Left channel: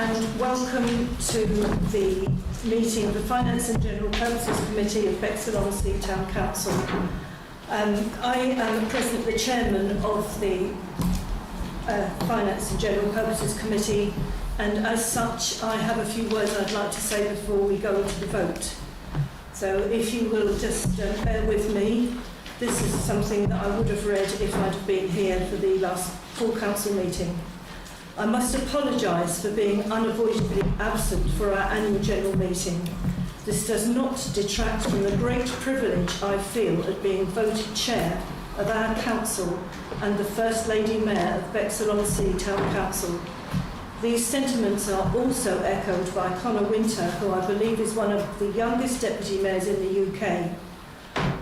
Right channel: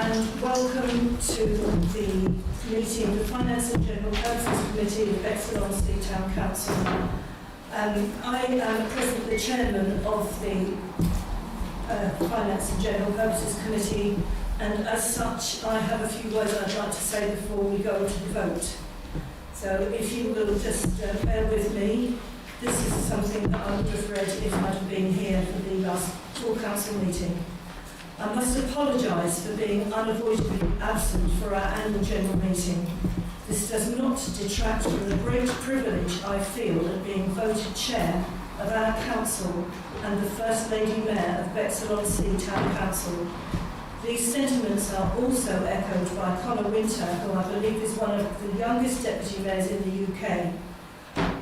and welcome to the meeting of the Finance and General Purposes Committee of Bexhill-on-Sea Town Council. I am presently the chairman of the Finance and General Purposes Committee, and as such I have a few words I'd like to say before we go to the vote. So if you will just bear with me, this is something that I would have read if I'd have been here for the last full council meeting. I must apologise for being unavoidably absent for our annual general meeting. This does not detract from the great privilege I feel at being voted chair of our council and the First Lady Mayor of Bexhill-on-Sea Town Council. These sentiments are also echoed by Conor Winter, who I believe is one of the youngest deputy mayors in the UK.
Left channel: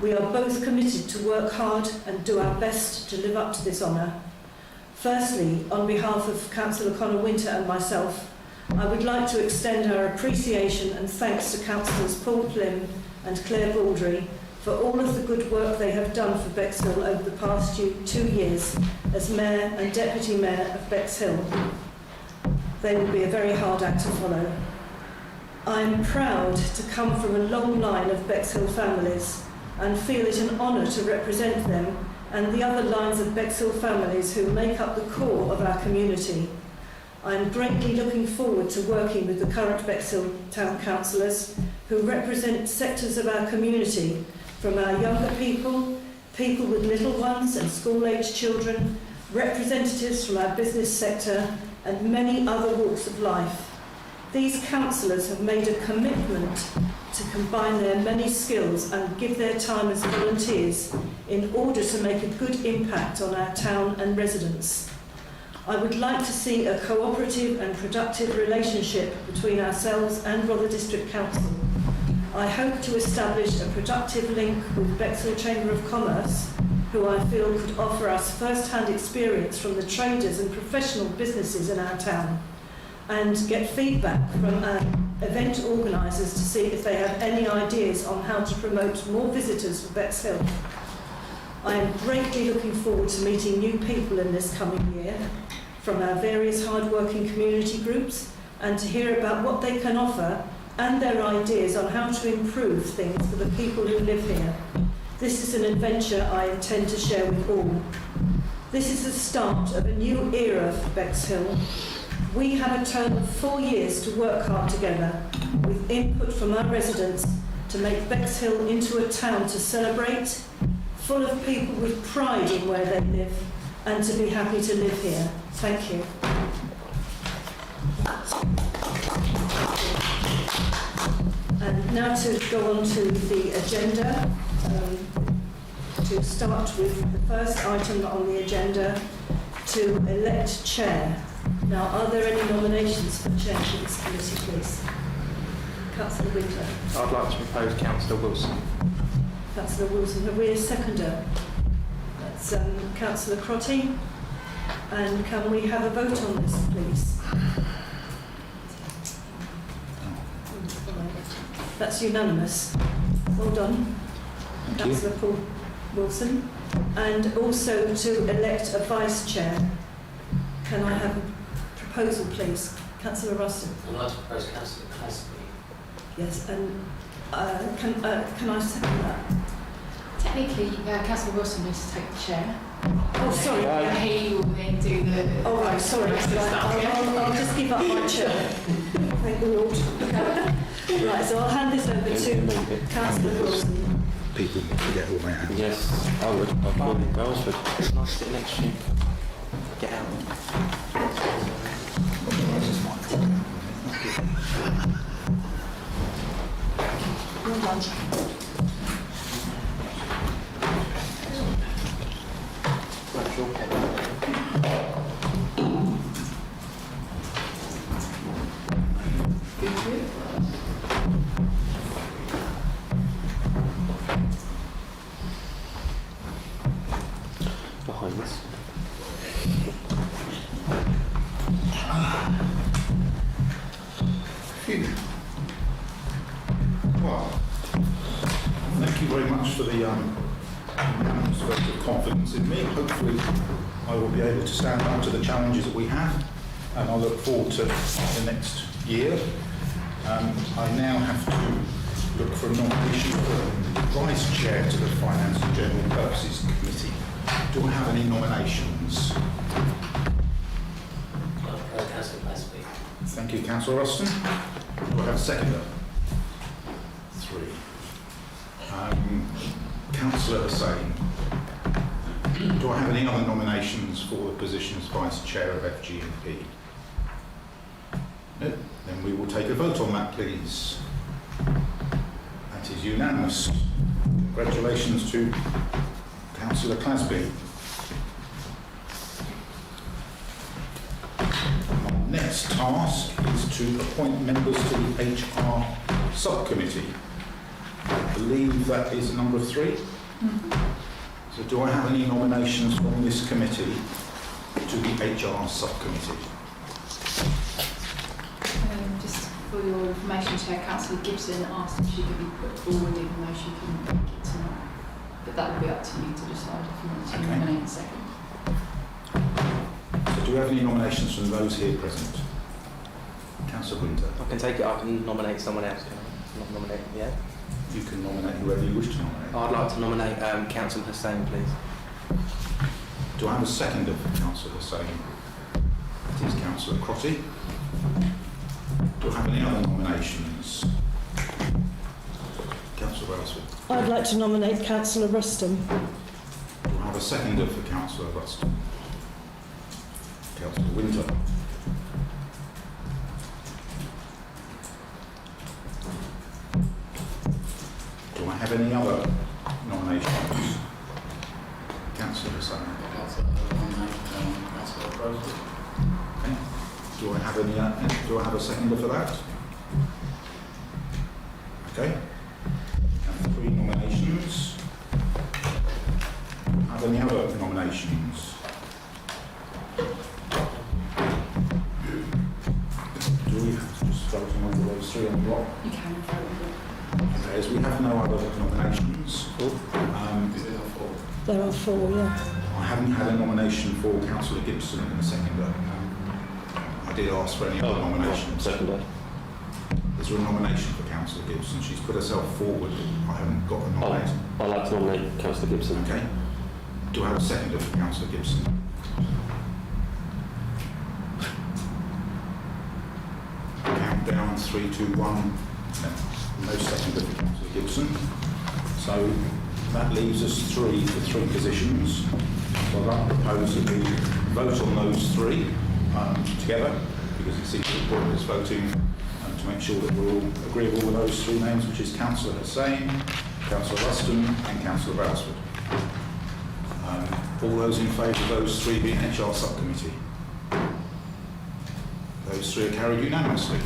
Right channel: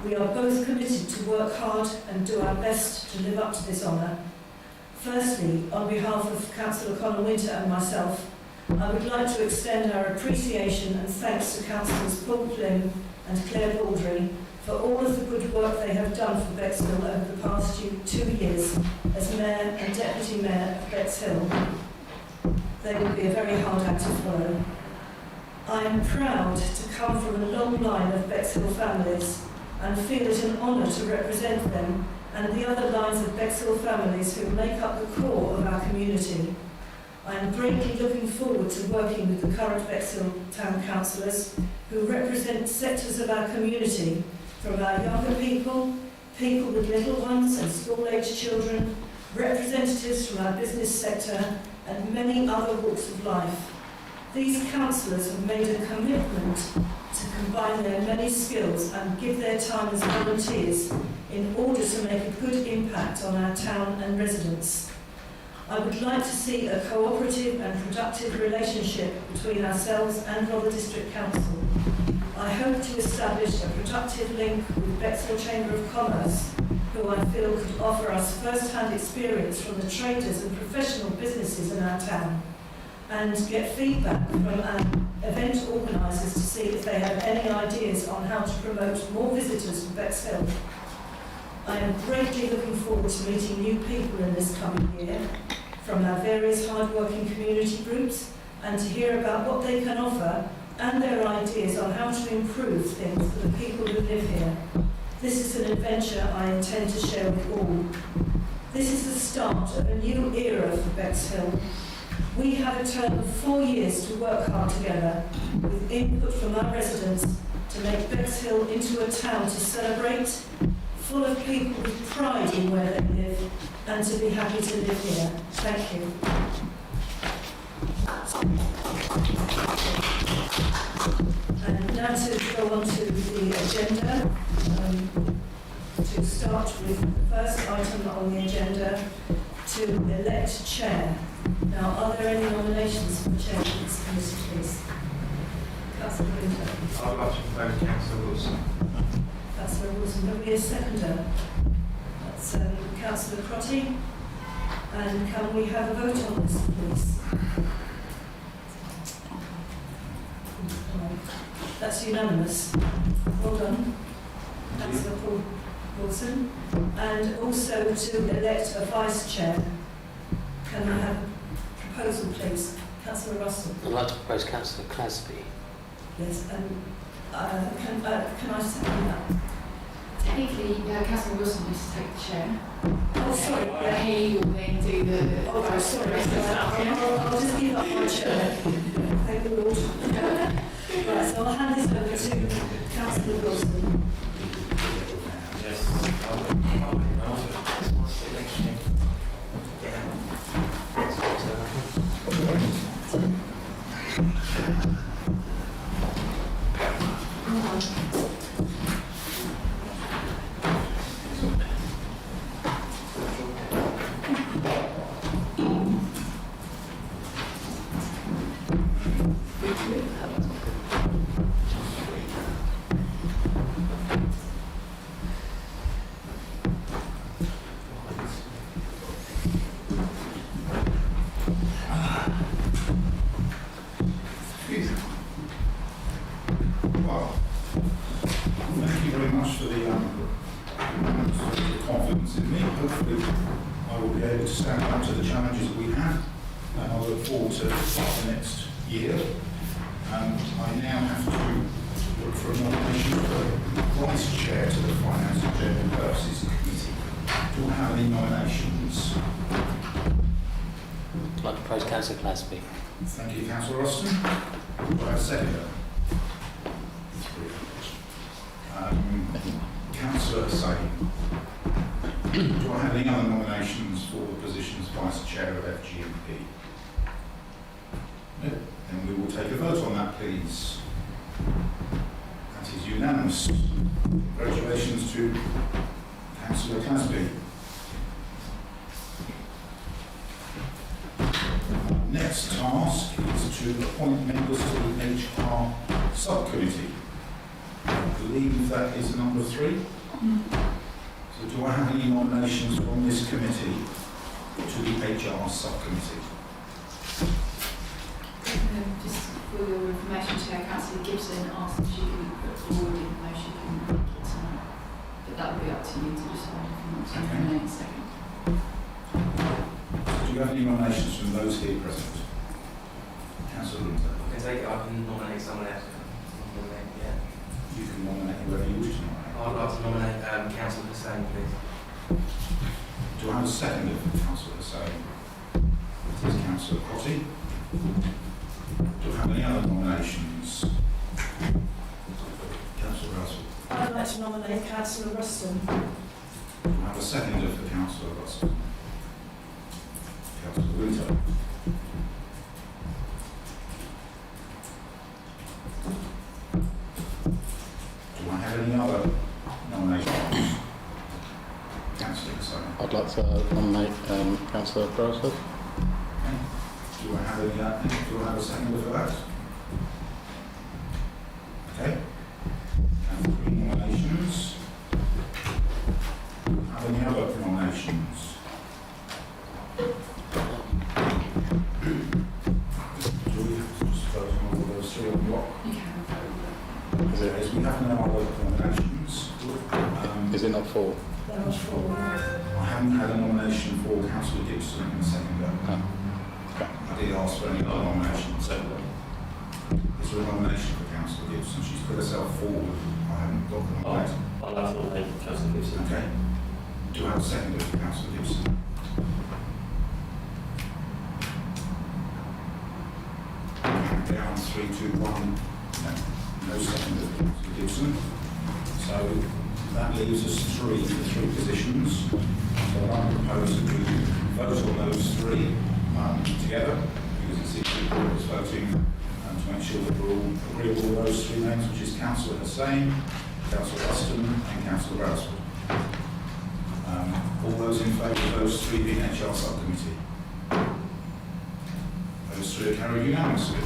We are both committed to work hard and do our best to live up to this honour. Firstly, on behalf of Councillor Conor Winter and myself, I would like to extend our appreciation and thanks to Councillors Paul Plim and Claire Baldry for all of the good work they have done for Bexhill over the past 2 years as Mayor and Deputy Mayor of Bexhill. They will be a very hard act to follow. I am proud to come from a long line of Bexhill families and feel it an honour to represent them and the other lines of Bexhill families who make up the core of our community. I am greatly looking forward to working with the current Bexhill Town Councillors who represent sectors of our community, from our younger people, people with little ones and school-aged children, representatives from our business sector and many other walks of life. These councillors have made a commitment to combine their many skills and give their time as volunteers in order to make a good impact on our town and residents. I would like to see a cooperative and productive relationship between ourselves and Rother District Council. I hope to establish a productive link with Bexhill Chamber of Commerce, who I feel could offer us first-hand experience from the traders and professional businesses in our town, and get feedback from our event organisers to see if they have any ideas on how to promote more visitors for Bexhill. I am greatly looking forward to meeting new people in this coming year from our various hard-working community groups and to hear about what they can offer and their ideas on how to improve things for the people who live here. This is an adventure I intend to share with all. This is the start of a new era for Bexhill. We have a term of 4 years to work hard together with input from our residents to make Bexhill into a town to celebrate, full of people with pride in where they live and to be happy to live here. Thank you. And now to go on to the agenda. To start with the first item on the agenda, to elect chair. Now, are there any nominations for chair for this committee, please? Councillor Winter. I'd like to propose Councillor Wilson. Councillor Wilson. Have we a seconder? That's Councillor Crotty. And can we have a vote on this, please? That's unanimous. Well done, Councillor Paul Wilson. And also to elect a vice chair. Can I have a proposal, please? Councillor Ruston. I'd like to propose Councillor Clasby. Yes, and can I second that? Technically, Councillor Wilson needs to take the chair. Oh, sorry. He will then do the... Oh, right, sorry. I'll just give up my chair. Thank the Lord. Right, so I'll hand this over to Councillor Wilson. People forget all my hands. Yes, I'll propose for last election. Get out. Well, thank you very much for the confidence in me. Hopefully I will be able to stand up to the challenges that we have and I look forward to the next year. I now have to look for a nomination for Vice Chair to the Finance and General Purposes Committee. Do I have any nominations? I propose Councillor Clasby. Thank you, Councillor Ruston. Do I have a seconder? 3. Councillor Hussain. Do I have any other nominations for the position as Vice Chair of FG&P? No. Then we will take a vote on that, please. That is unanimous. Congratulations to Councillor Clasby. Next task is to appoint members to the HR subcommittee. I believe that is number 3. So do I have any nominations from this committee to the HR subcommittee? Just for your information, Chair, Councillor Gibson asked if she could be put forward even though she couldn't make it tonight. But that will be up to you to decide if you want to nominate a second. So do we have any nominations from those here present? Councillor Winter. I can take it, I can nominate someone else. Yeah? You can nominate whoever you wish to nominate. I'd like to nominate Councillor Hussain, please. Do I have a seconder for Councillor Hussain? That is Councillor Crotty. Do I have any other nominations? Councillor Brailsford. I'd like to nominate Councillor Ruston. Do I have a seconder for Councillor Ruston? Councillor Winter. Do I have any other nominations? Councillor Hussain. I'd like to nominate Councillor Brailsford. Okay. Do I have any? Do I have a seconder for that? Okay. And 3 nominations. Do I have any other nominations? Do we have to just vote on all those 3 on block? You can vote on it. As we have no other nominations. Is it not 4? There are 4, yeah. I haven't had a nomination for Councillor Gibson in a seconder. I did ask for any other nominations. Second. Is there a nomination for Councillor Gibson? She's put herself forward. I haven't got the nomination. I'd like to nominate Councillor Gibson. Okay. Do I have a seconder for Councillor Gibson? Count down 3, 2, 1. No seconder for Councillor Gibson. So that leaves us 3 for 3 positions. So I propose that we vote on those 3 together, because it's equal as voting, to make sure that we're all agreeable with those 3 names, which is Councillor Hussain, Councillor Ruston and Councillor Brailsford. All those in favour of those 3 being HR subcommittee? Those 3 are carried unanimously.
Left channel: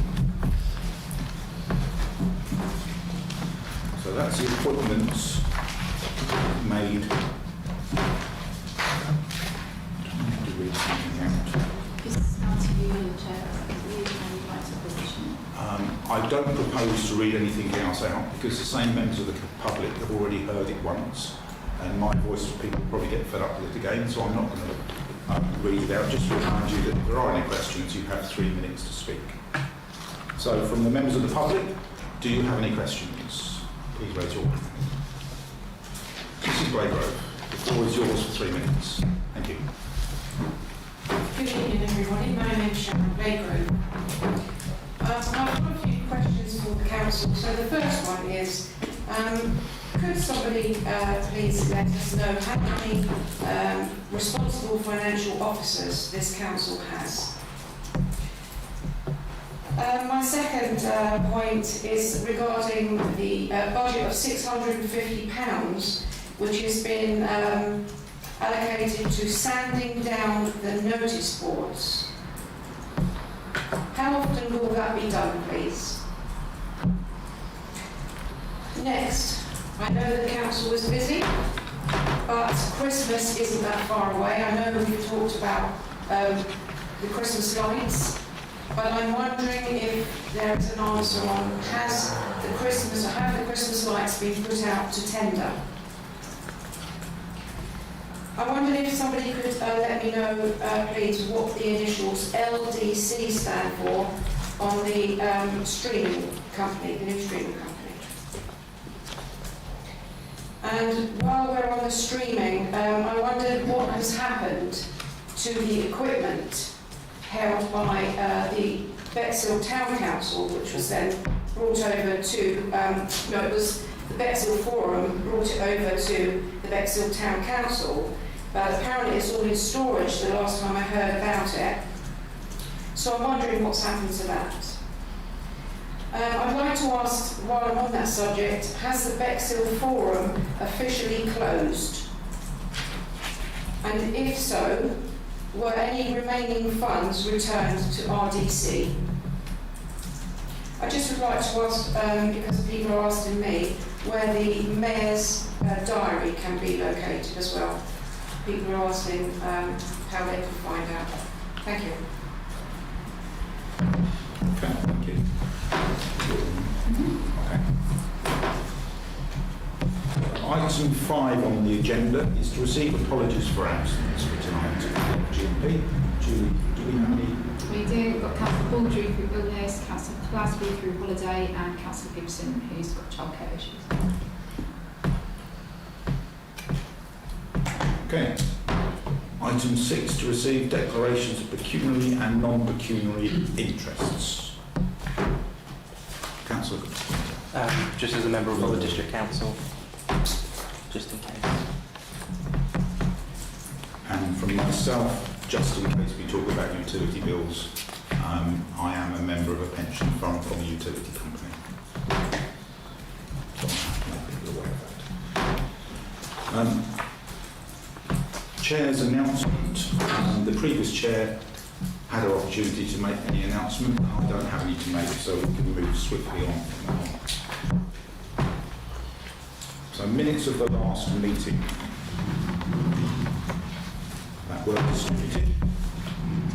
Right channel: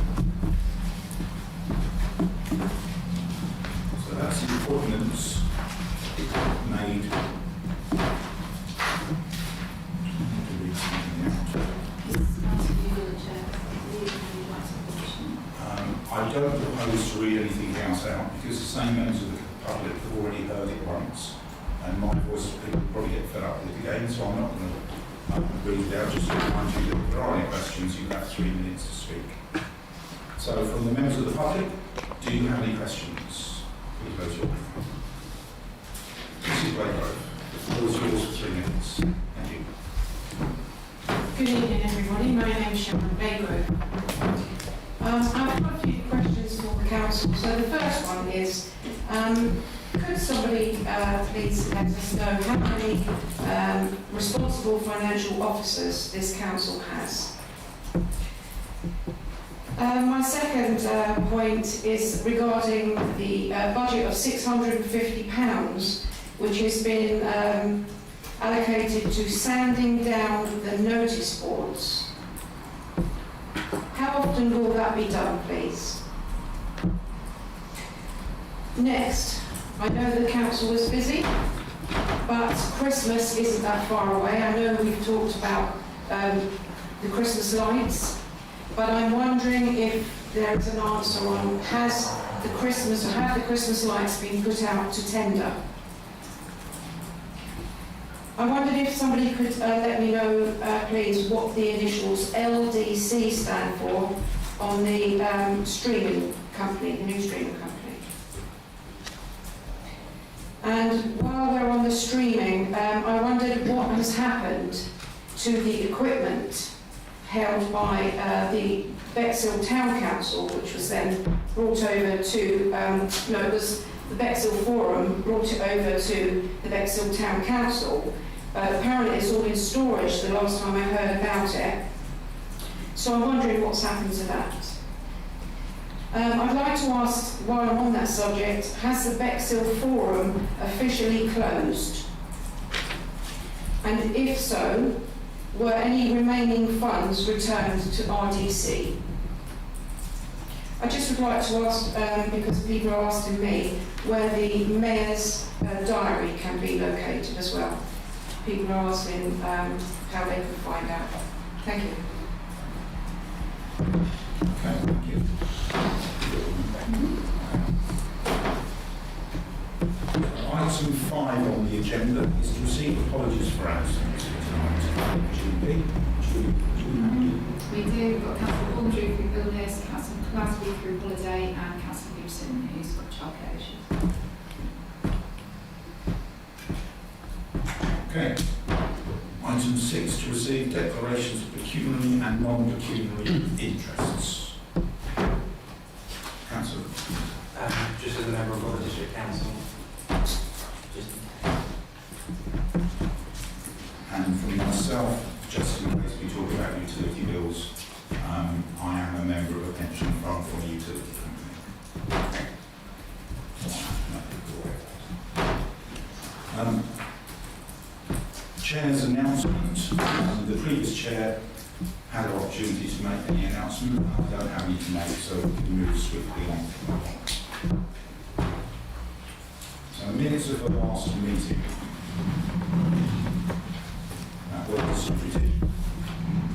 So that's the appointments made. To read something out. This is down to you, the Chair. You would like to position. I don't propose to read anything else out because the same members of the public have already heard it once, and my voice people probably get fed up with it again, so I'm not going to read it out. Just to remind you that if there are any questions, you have 3 minutes to speak. So from the members of the public, do you have any questions? Please raise your hand. Mrs. Braygrove, the floor is yours for 3 minutes. Thank you. Good evening, everybody. My name is Sharon Baygrove. I've got a few questions for the council. So the first one is, could somebody please let us know how many responsible financial officers this council has? My second point is regarding the budget of £650, which has been allocated to sanding down the notice boards. How often will that be done, please? Next, I know the council is busy, but Christmas isn't that far away. I know we've talked about the Christmas lights, but I'm wondering if there is an answer on have the Christmas lights been put out to tender? I wondered if somebody could let me know, please, what the initials LDC stand for on the streaming company, the new streaming company. And while we're on the streaming, I wondered what has happened to the equipment held by the Bexhill Town Council, which was then brought over to, it was the Bexhill Forum brought it over to the Bexhill Town Council. Apparently it's all in storage the last time I heard about it. So I'm wondering what's happened to that. I'd like to ask, while I'm on that subject, has the Bexhill Forum officially closed? And if so, were any remaining funds returned to RDC? I just would like to ask, because people are asking me, where the Mayor's diary can be located as well. People are asking how they can find out. Thank you. Okay, thank you. Item 5 on the agenda is to receive apologies for absence for tonight. GP, do we have any? We do. We've got Councillor Baldry through illness, Councillor Glasby through holiday, and Councillor Gibson, who's got childcare issues. Okay. Item 6 to receive declarations of pecuniary and non-pecuniary interests. Councillor. Just as a member of the District Council, just in case. And from myself, just in case we talk about utility bills, I am a member of a pension fund from a utility company. Chair's announcement. The previous chair had an opportunity to make any announcement. I don't have any to make, so we can move swiftly on. So minutes of the last meeting. That were distributed.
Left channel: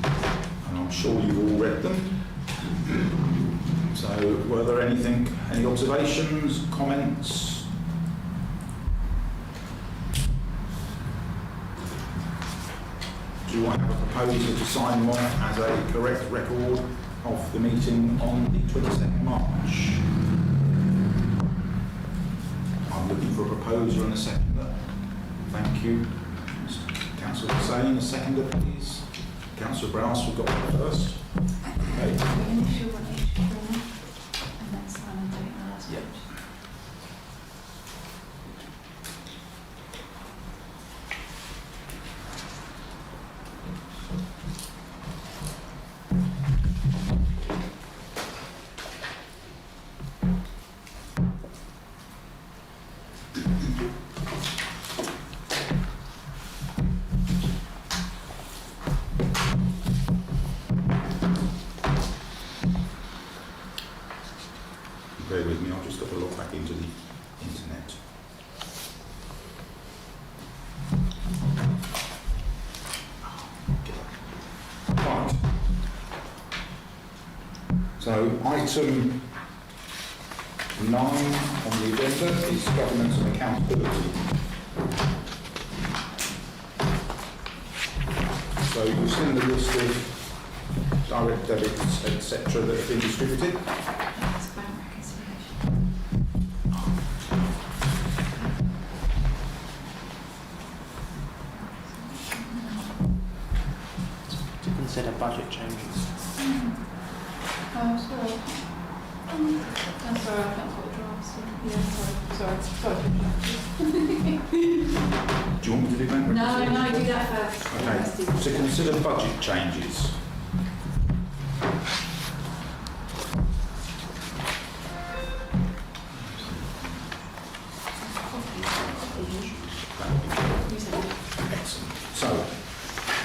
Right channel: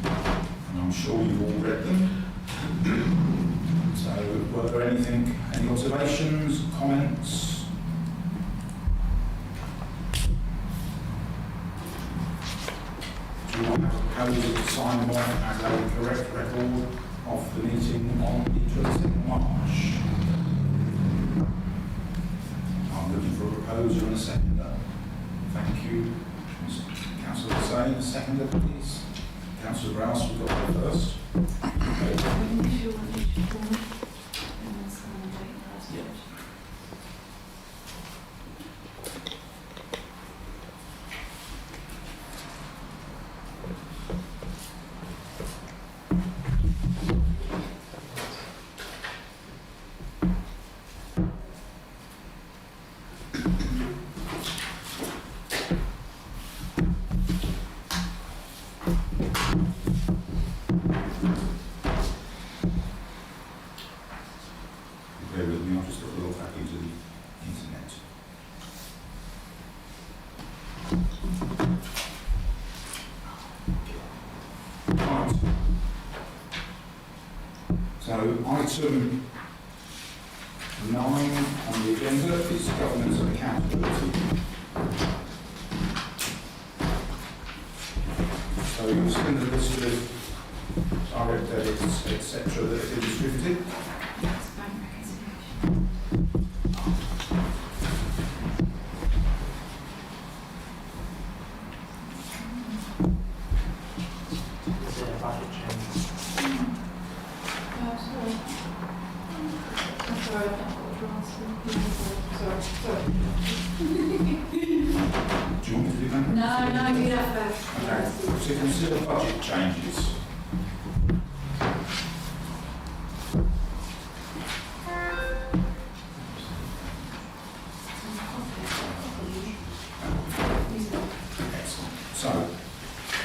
And I'm sure you've all read them. So were there any observations, comments? Do you want to propose to sign them off as a correct record of the meeting on the 22nd March? I'm looking for a proposer and a seconder. Thank you. Councillor Hussain, a seconder, please. Councillor Browse, we've got that first. Bear with me, I'll just have a log back into the internet. Right. So item 9 on the agenda is governance and accountability. So you've seen the list of direct debits, etc. that have been distributed. Consider budget changes. Oh, sorry. I'm sorry, I've not got drafts. Yeah, sorry. Do you want me to do that? No, do that first. Okay. So consider budget changes. Excellent. So,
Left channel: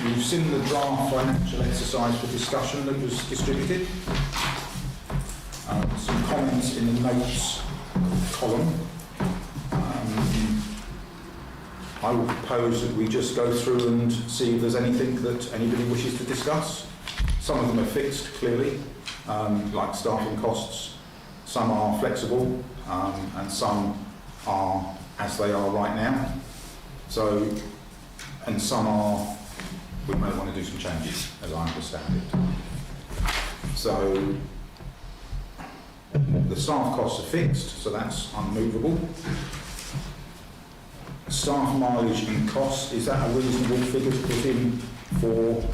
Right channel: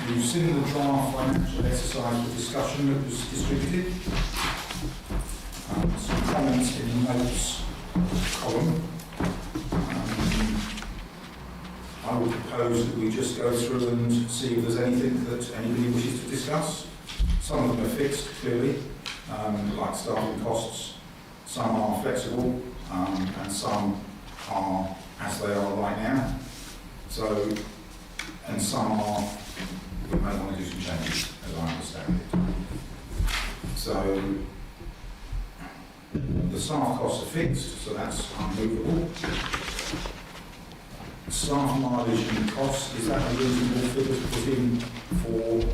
you've seen the draft financial exercise for discussion that was distributed. Some comments in the notes column. I would propose that we just go through and see if there's anything that anybody wishes to discuss. Some of them are fixed, clearly, like staffing costs. Some are flexible, and some are as they are right now. So and some are, we may want to do some changes, as I understand it. So, the staff costs are fixed, so that's unmovable. Staff mileage and costs, is that a reasonable figure to put in for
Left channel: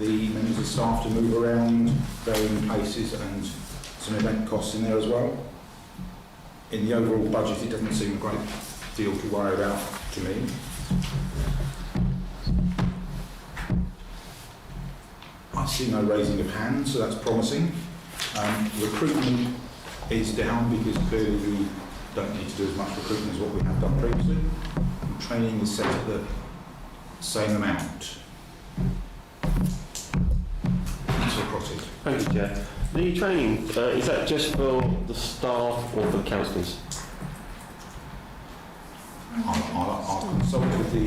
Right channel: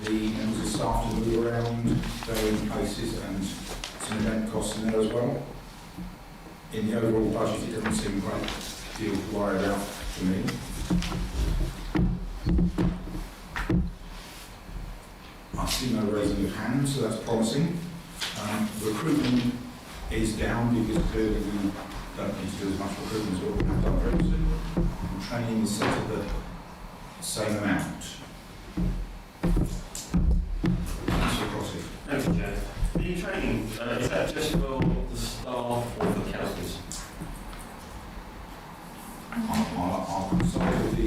the members of staff to move around, going places, and some event costs in there as well? In the overall budget, it doesn't seem a great deal to worry about to me. I see no raising of hands, so that's promising. Recruitment is down because clearly we don't need to do as much recruitment as what we have done previously. And training is set at the same amount. Councillor Crotty. Thank you, Chair. The training, is that just for the staff or the councillors? I'll consult with the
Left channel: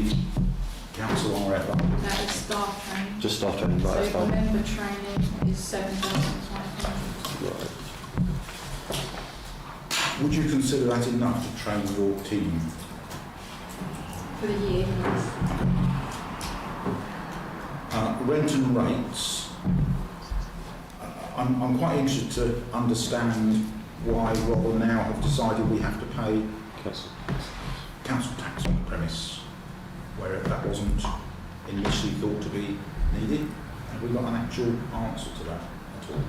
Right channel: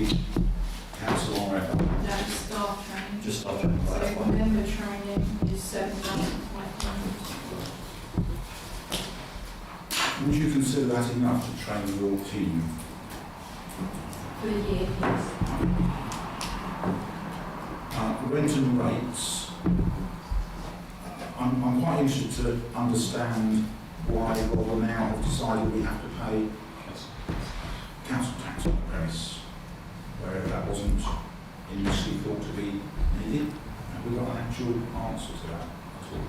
council RFO. That is staff training. Just staff training, right? That's So fine. member training is 7,500 Would you consider that enough to train your team? for the year. Yes. Rent and rates. I'm quite interested to understand why Royal now have decided we have to pay council tax on the premise, where that wasn't initially thought to be needed. Have we got an actual answer to that at all?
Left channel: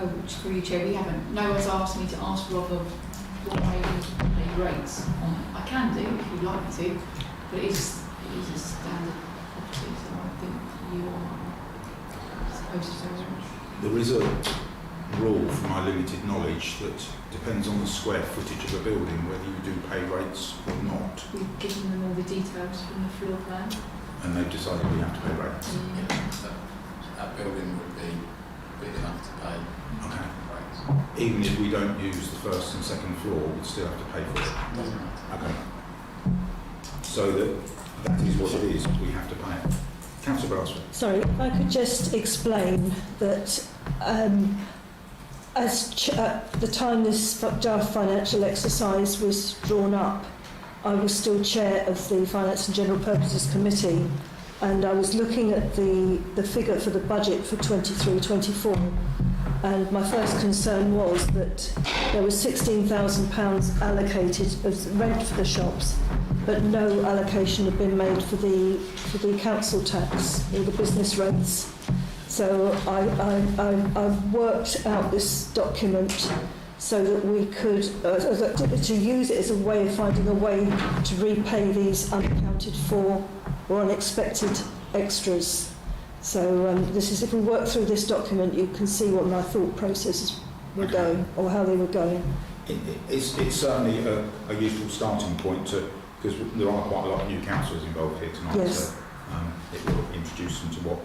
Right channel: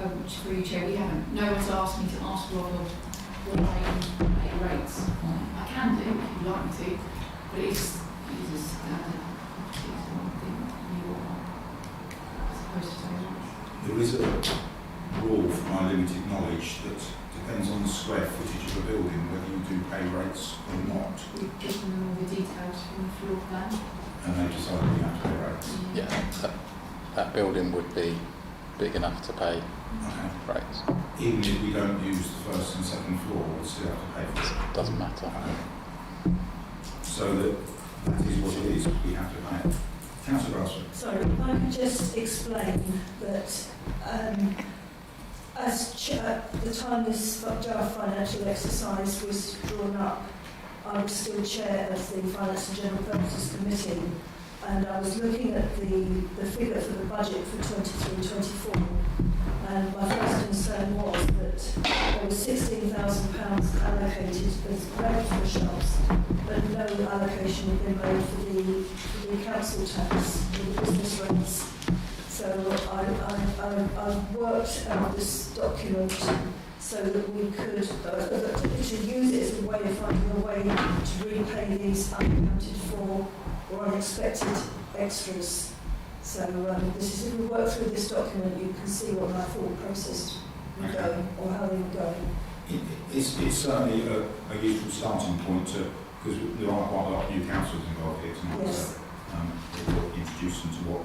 Oh, which for you, Chair, we haven't. No one's asked me to ask Rob what they rates on it. I can do if you'd like me to, but it is a standard property, so I think you are supposed to do. There is a rule, from my limited knowledge, that depends on the square footage of a building whether you do pay rates or not, We've given them all the details from the floor plan. and they've decided we have to pay rates. Yeah, that building would be big enough to pay Okay. rates. Even if we don't use the first and second floor, we'll still have to pay for it. Doesn't matter. Okay. So that is what it is, we have to pay it. Councillor Brassford. Sorry, if I could just explain that at the time this draft financial exercise was drawn up, I was still chair of the Finance and General Purposes Committee, and I was looking at the figure for the budget for 23-24, and my first concern was that there was £16,000 allocated as rent for the shops, but no allocation had been made for the council tax or the business rates. So I worked out this document so that we could to use it as a way of finding a way to repay these unaccounted for or unexpected extras. So this is, if we work through this document, you can see what my thought process were going, or how they were going. It's certainly a useful starting point, because there are quite a lot of new councillors involved here tonight, Yes. so it will introduce them to what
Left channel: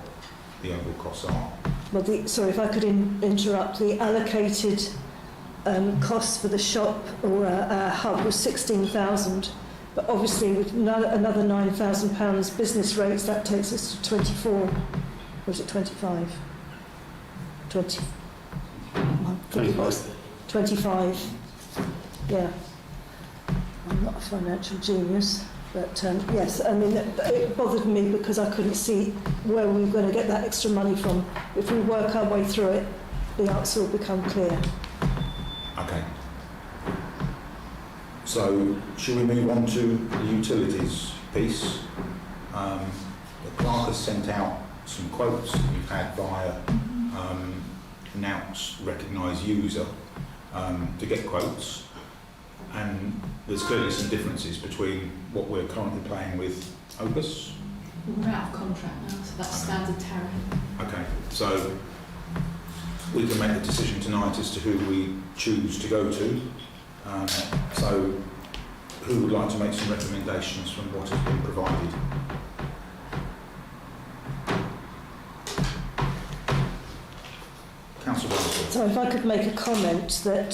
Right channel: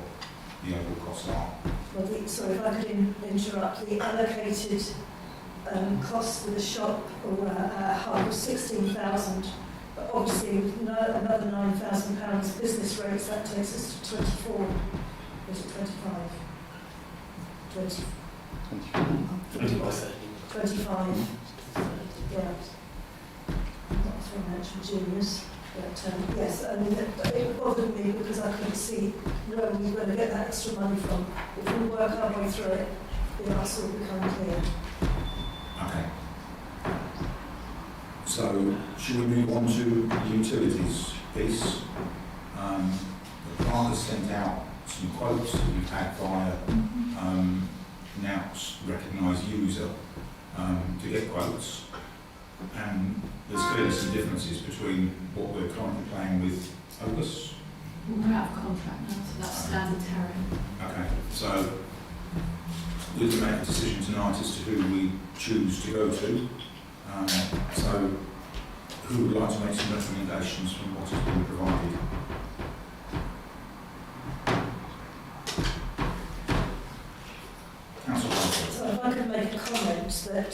the overall costs are. Well, sorry, if I could interrupt, the allocated costs for the shop or hub was 16,000, but obviously with another £9,000 business rates, that takes us to 24. Or is it 25? 20. 25. 25. Yeah. I'm not a financial genius, but yes, I mean, it bothered me because I couldn't see where we were going to get that extra money from. If we work our way through it, the answer will become clear. Okay. So, should we move on to the utilities piece? The clerk has sent out some quotes that we've had via NOUT's recognised user to get quotes, and there's clearly some differences between what we're currently paying with Opus. We're out of contract now, so that's standard tariff. Okay, so we can make a decision tonight as to who we choose to go to. So who would like to make some recommendations from what has been provided? Councillor Walker. So if I could make a comment that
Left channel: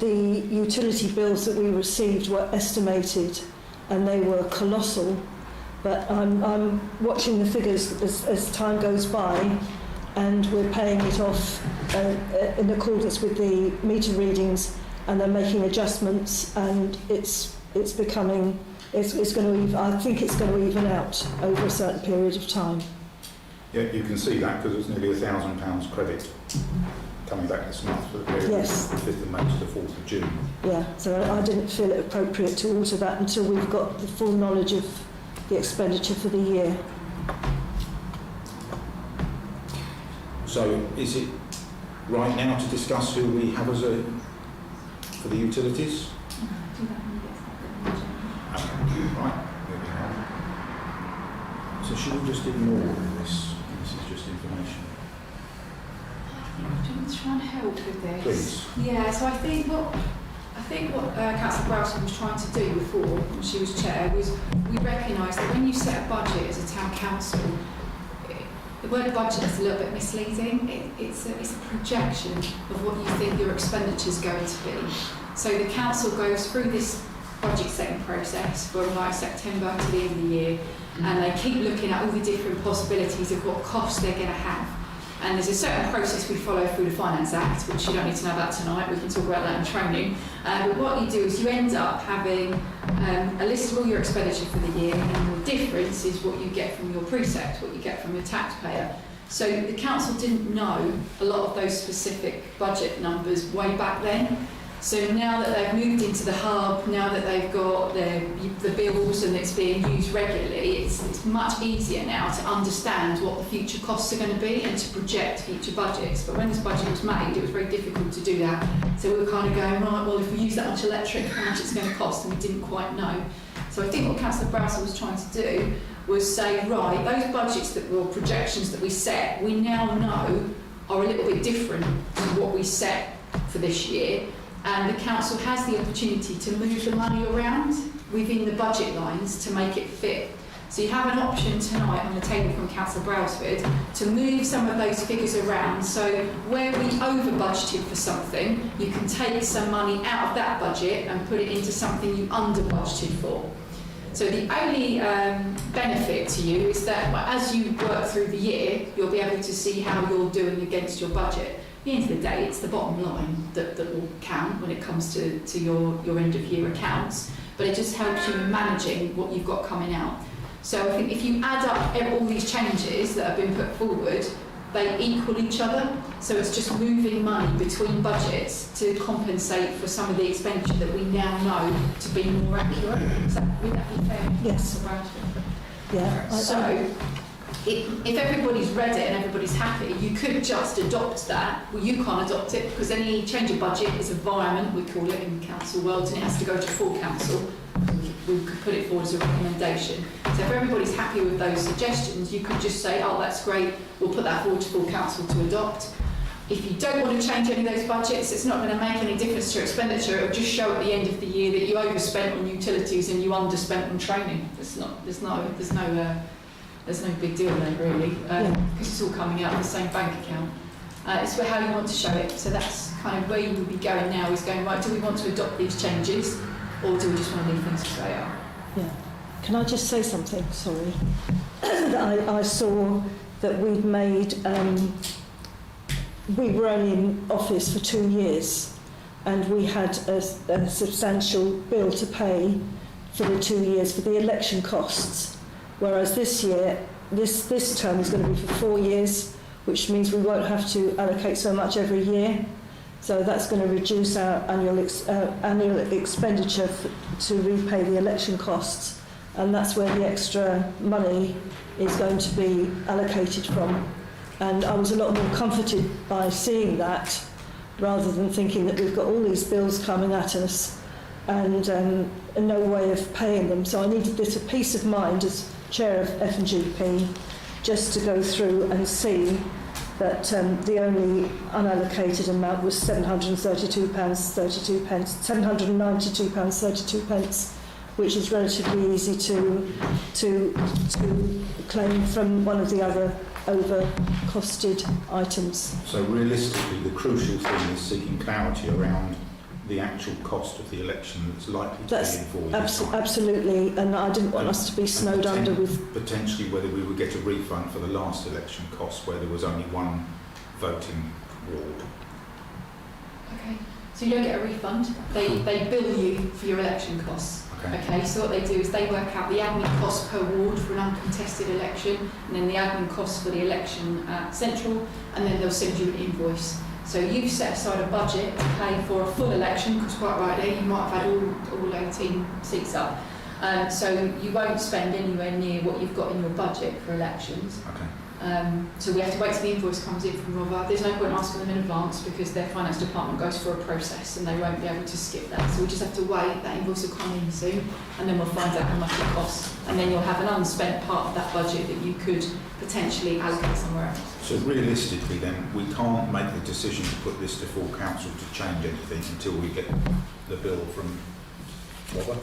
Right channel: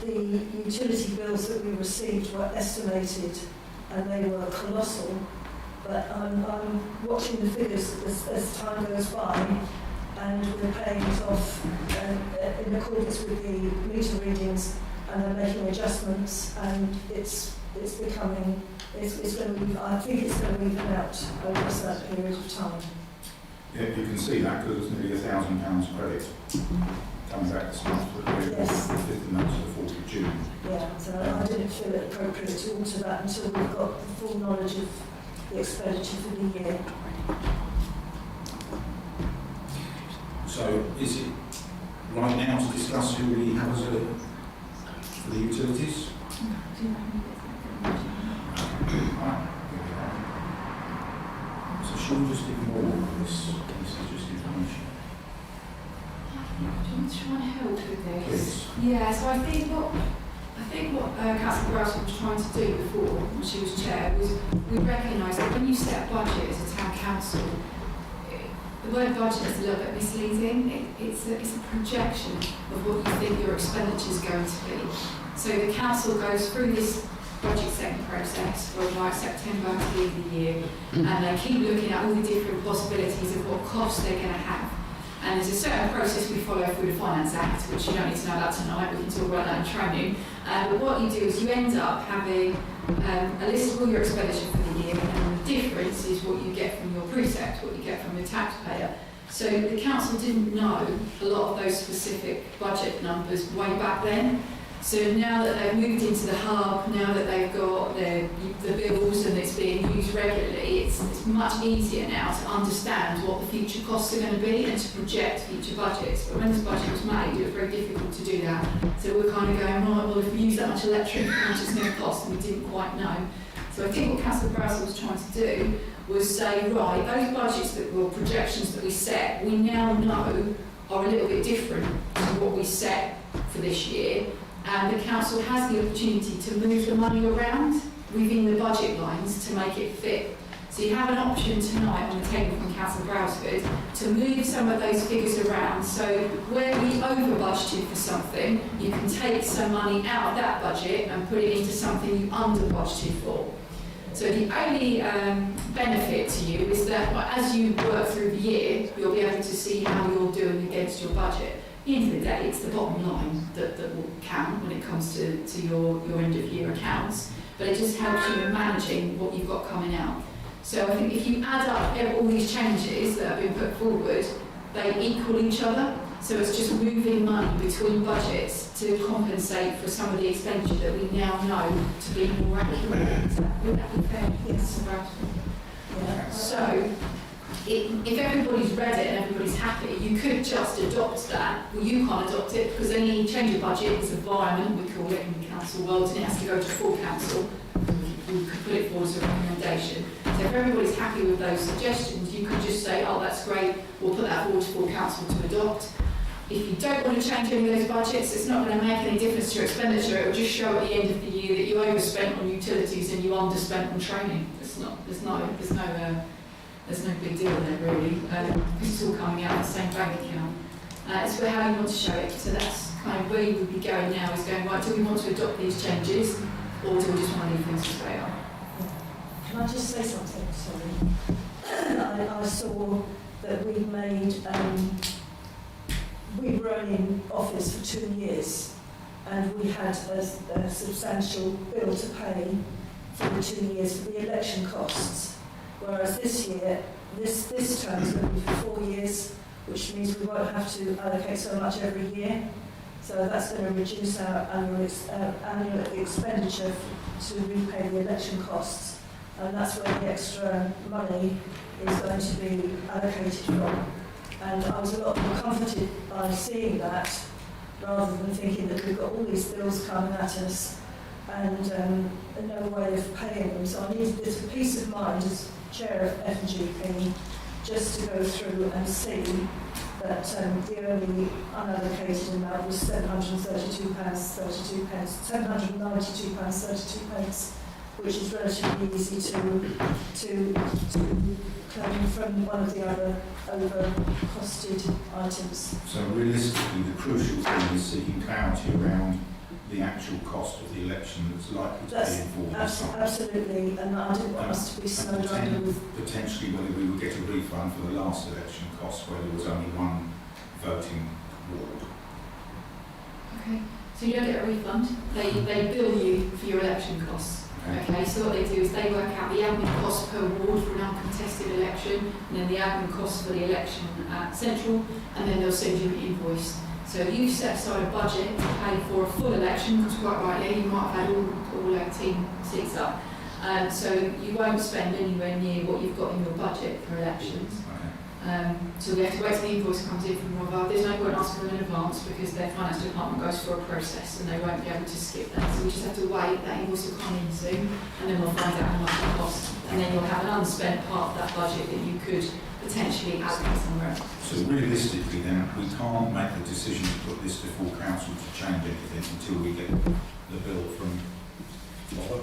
the utility bills that we received were estimated and they were colossal, but I'm watching the figures as time goes by, and we're paying it off in accordance with the meter readings, and they're making adjustments, and it's becoming, it's going to, I think it's going to even out over a certain period of time. Yeah, you can see that because it's nearly £1,000 credit coming back this month, but we're Yes. the 5th of May to the 4th of June. Yeah, so I didn't feel it appropriate to alter that until we've got the full knowledge of the expenditure for the year. So is it right now to discuss who we have as a, for the utilities? Okay, right, there we are. So should we just ignore all this? This is just information. Do you want to try and help with this? Please. Yeah, so I think what Councillor Browson was trying to do before, when she was chair, was we recognise that when you set a budget as a town council, the word budget is a little bit misleading. It's a projection of what you think your expenditure is going to be. So the council goes through this budget setting process from like September to the end of the year, and they keep looking at all the different possibilities of what costs they're going to have. And there's a certain process we follow through the Finance Act, which you don't need to know about tonight, we can talk about that in training. But what you do is you end up having a list of all your expenditure for the year, and then the difference is what you get from your precept, what you get from your taxpayer. So the council didn't know a lot of those specific budget numbers way back then. So now that they've moved into the hub, now that they've got the bills and it's being used regularly, it's much easier now to understand what the future costs are going to be and to project future budgets. But when this budget was made, it was very difficult to do that. So we were kind of going, right, well, if we use that much electric, how much it's going to cost, and we didn't quite know. So I think what Councillor Browser was trying to do was say, right, those budgets or projections that we set, we now know are a little bit different to what we set for this year. And the council has the opportunity to move the money around within the budget lines to make it fit. So you have an option tonight on the table from Councillor Brailsford to move some of those figures around. So where we over budgeted for something, you can take some money out of that budget and put it into something you under budgeted for. So the only benefit to you is that as you work through the year, you'll be able to see how you're doing against your budget. At the end of the day, it's the bottom line that will count when it comes to your end of year accounts, but it just helps you in managing what you've got coming out. So I think if you add up all these changes that have been put forward, they equal each other. So it's just moving money between budgets to compensate for some of the expenditure that we now know to be more accurate. Would that be fair? Yes. Yeah. So if everybody's read it and everybody's happy, you could just adopt that. Well, you can't adopt it because any change of budget is a environment, we call it in the council world, and it has to go to full council. We could put it forward as a recommendation. So if everybody's happy with those suggestions, you could just say, oh, that's great, we'll put that forward to full council to adopt. If you don't want to change any of those budgets, it's not going to make any difference to your expenditure. It will just show at the end of the year that you overspent on utilities and you underspent on training. There's no big deal there really, because it's all coming out of the same bank account. It's for how you want to show it. So that's kind of where you would be going now, is going, right, do we want to adopt these changes, or do we just want to leave things as they are? Yeah. Can I just say something? Sorry. I saw that we'd made, we were only in office for 2 years, and we had a substantial bill to pay for the 2 years for the election costs. Whereas this year, this term is going to be for 4 years, which means we won't have to allocate so much every year. So that's going to reduce our annual expenditure to repay the election costs, and that's where the extra money is going to be allocated from. And I was a lot more comforted by seeing that, rather than thinking that we've got all these bills coming at us and no way of paying them. So I needed a bit of peace of mind as Chair of F&GP, just to go through and see that the only unallocated amount was £732.32, £792.32, which is relatively easy to claim from one of the other over-costed items. So realistically, the crucial thing is seeking clarity around the actual cost of the election that's likely to be in 4 years' time. Absolutely, and I didn't want us to be snowed under with... Potentially whether we would get a refund for the last election costs where there was only one voting ward. Okay, So you don't get a refund. They bill you for your election costs. Okay, so what they do is they work out the admin cost per ward for an uncontested election, and then the admin costs for the election at Central, and then they'll send you an invoice. So you've set aside a budget to pay for a full election, because quite rightly you might have had all 18 seats up. So you won't spend anywhere near what you've got in your budget for elections. So we have to wait till the invoice comes in from Rover. There's no point asking them in advance because their finance department goes for a process and they won't be able to skip that. So we just have to wait. That invoice will come in soon, and then we'll find out how much it costs. And then you'll have an unspent part of that budget that you could potentially allocate somewhere else. So realistically then, we can't make the decision to put this to full council to change anything until we get the bill from Rover?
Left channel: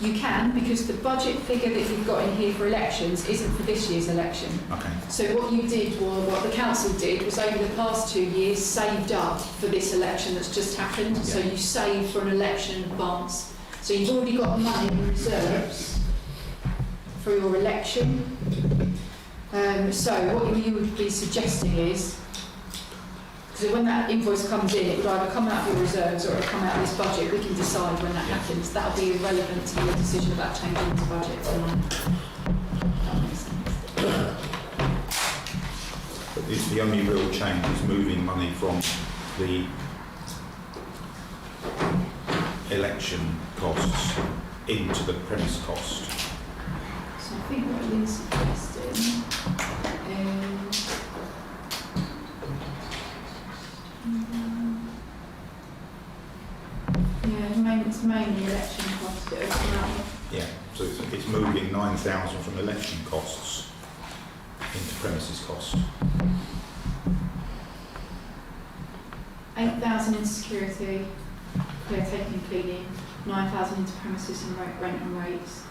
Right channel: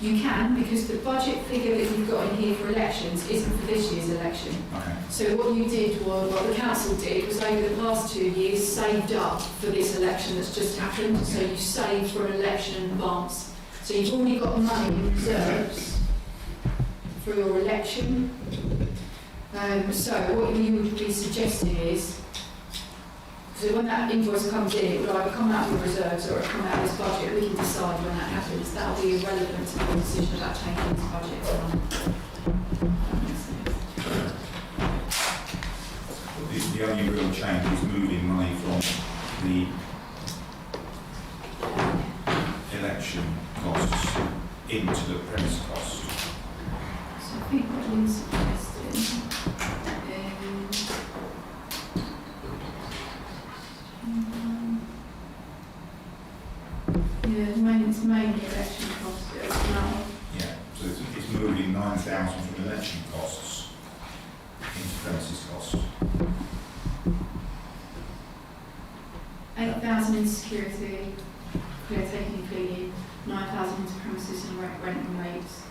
You can, because the budget figure that you've got in here for elections isn't for this year's election. Okay. So what you did, was, what the council did, was over the past 2 years saved up for this election that's just happened. Yeah. So you saved for an election in advance. So you've already got money in reserves for your election. So what you would be suggesting is, so when that invoice comes in, it would either come out of your reserves or it will come out of this budget. We can decide when that happens. That will be irrelevant to your decision about changing the budget or not. That makes sense. The only real change is moving money from the election costs into the premise cost. So I think what Lynn's suggesting it's mainly election costs that have come out. Yeah, so it's moving 9,000 from election costs into premises costs. 8,000 in security, caretaking and cleaning, 9,000 into premises and rent and rates.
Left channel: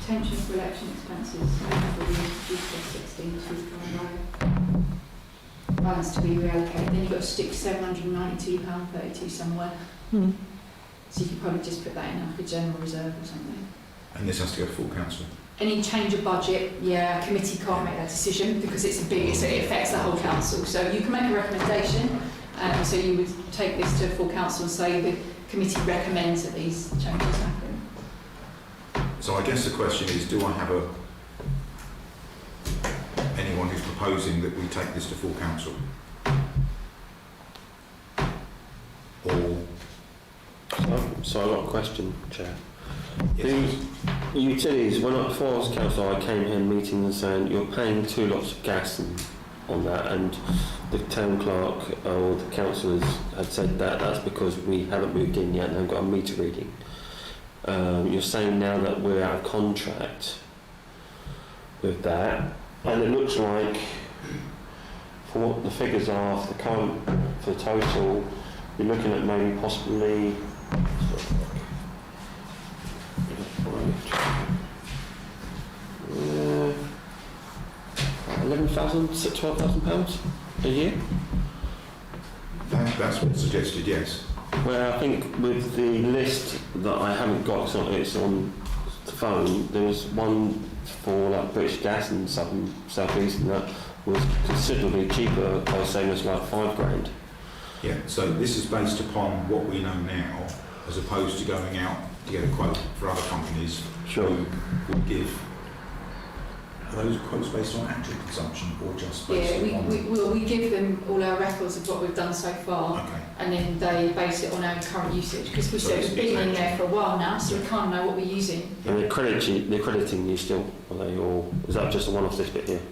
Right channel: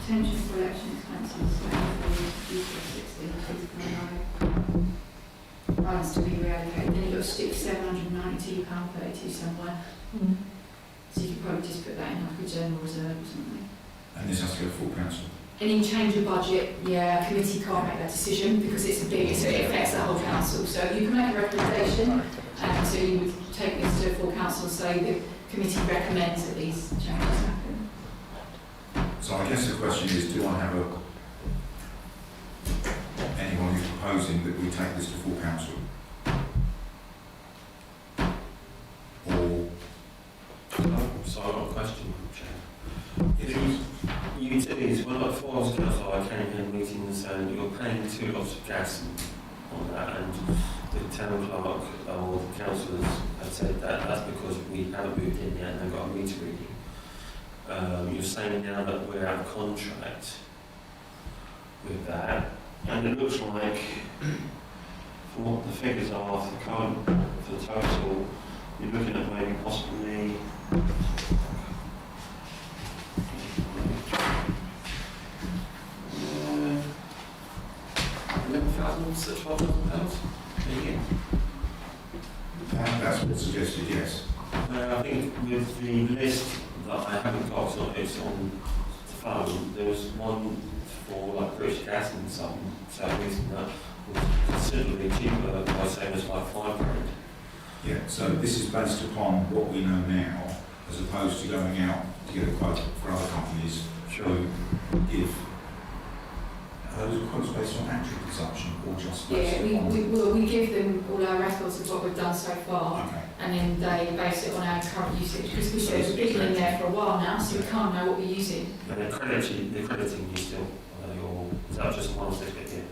Detention for election expenses, balance to be reallocated. Then you've got to stick £792.32 somewhere. So you could probably just put that in like a general reserve or something. And this has to go to full council? Any change of budget, a committee can't make that decision because it affects the whole council. So you can make a recommendation, so you would take this to full council and say the committee recommends that these changes happen. So I guess the question is, do I have anyone who's proposing that we take this to full council? Or... So I've got a question, Chair. Yes. The utilities, when I before I was councillor, I came here meeting and saying you're paying 2 lots of gas on that, and the town clerk or the councillors had said that that's because we haven't moved in yet and haven't got a meter reading. You're saying now that we're out of contract with that, and it looks like, from what the figures are for the total, you're looking at maybe possibly 11,000 to 12,000 pounds a year. That's what's suggested, yes. Well, I think with the list that I haven't got, it's on the phone, there was one for like British Gas and South East, and that was considerably cheaper. They were saying it's like £5,000. Yeah, so this is based upon what we know now, as opposed to going out to get a quote for other companies who would give. Are those quotes based on actual consumption or just based on... we give them all our records of what we've done so far, Okay. and then they base it on our current usage, because we've been in there for a while now, so we kind of know what we're using. And they're crediting you still, are they, or is that just a one-off this bit here?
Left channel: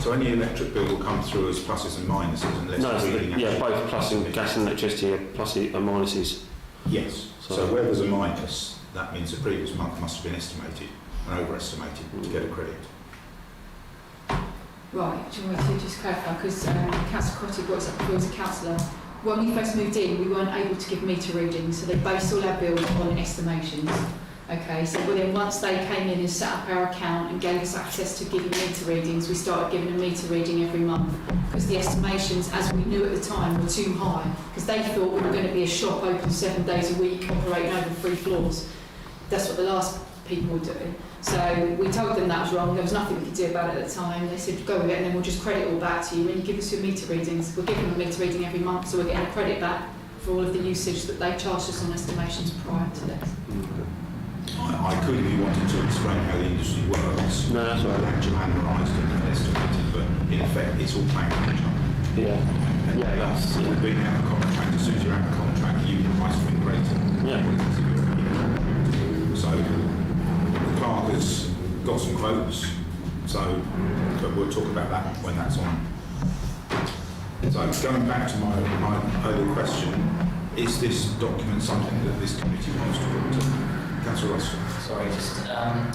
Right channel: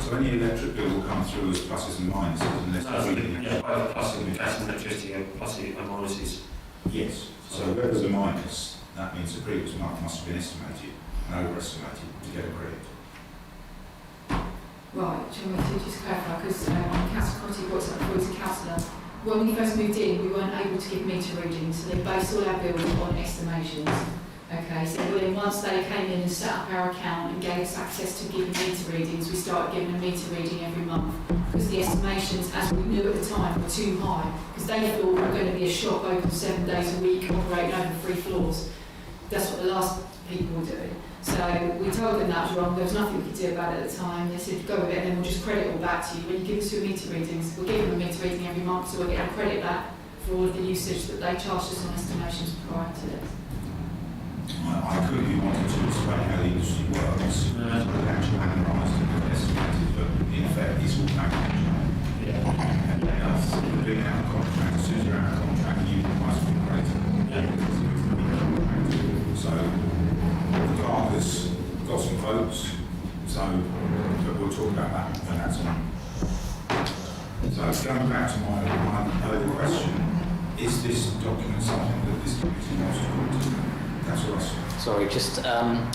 So any electric bill will come through as pluses and minuses unless... No, both plus and gas and electricity are pluses and minuses. Yes, so where there's a minus, that means the previous month must have been estimated and overestimated to get a credit. Right, do you want me to just clarify, because Councillor Cotty brought up before as a councillor. When we first moved in, we weren't able to give meter readings, so they based all our bills on estimations. Okay, so then once they came in and set up our account and gave us access to giving meter readings, we started giving a meter reading every month, because the estimations, as we knew at the time, were too high, because they thought we were going to be a shop open 7 days a week, operating over 3 floors. That's what the last people were doing. So we told them that was wrong. There was nothing we could do about it at the time. They said, go with it and then we'll just credit all back to you. When you give us your meter readings, we're giving them a meter reading every month, so we're getting a credit back for all of the usage that they charged us on estimations prior to this. I could, if you wanted to explain how the industry works. No, that's right. Actual analysed and estimated, but in effect, it's all paying attention. Yeah. And that's being out of contract. As soon as you're out of contract, you must be greater. Yeah. So the clerk has got some quotes. So, but we'll talk about that when that's on. So going back to my earlier question, is this document something that this committee wants to put to? Councillor Ross. Sorry, just the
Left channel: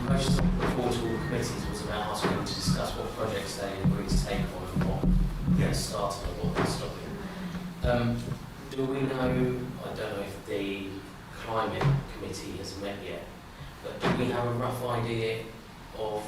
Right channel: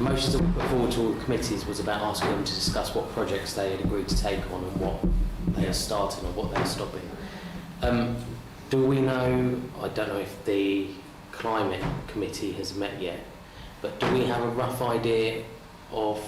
motion to put forward to all the committees was about asking them to discuss what projects they had agreed to take on and what they're starting and what they're stopping. Do we know, I don't know if the climate committee has met yet, but do we have a rough idea of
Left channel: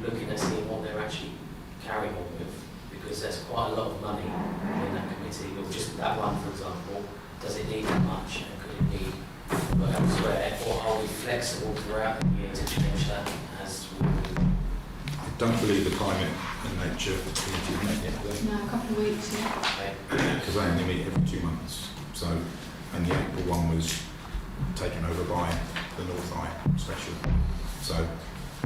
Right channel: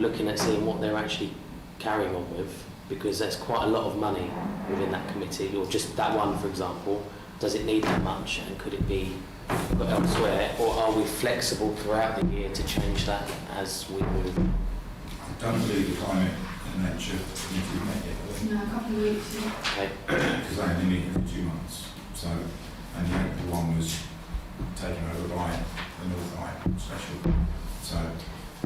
looking at seeing what they're actually carrying on with? Because there's quite a lot of money within that committee, or just that one, for example. Does it need that much, and could it be put elsewhere, or are we flexible throughout the year to change that as we would? I don't believe the climate and nature committee have met yet, do No, a couple of weeks, yeah. Okay. they? Because they only meet every 2 months. So, and the April one was taken over by the North Eye special. So,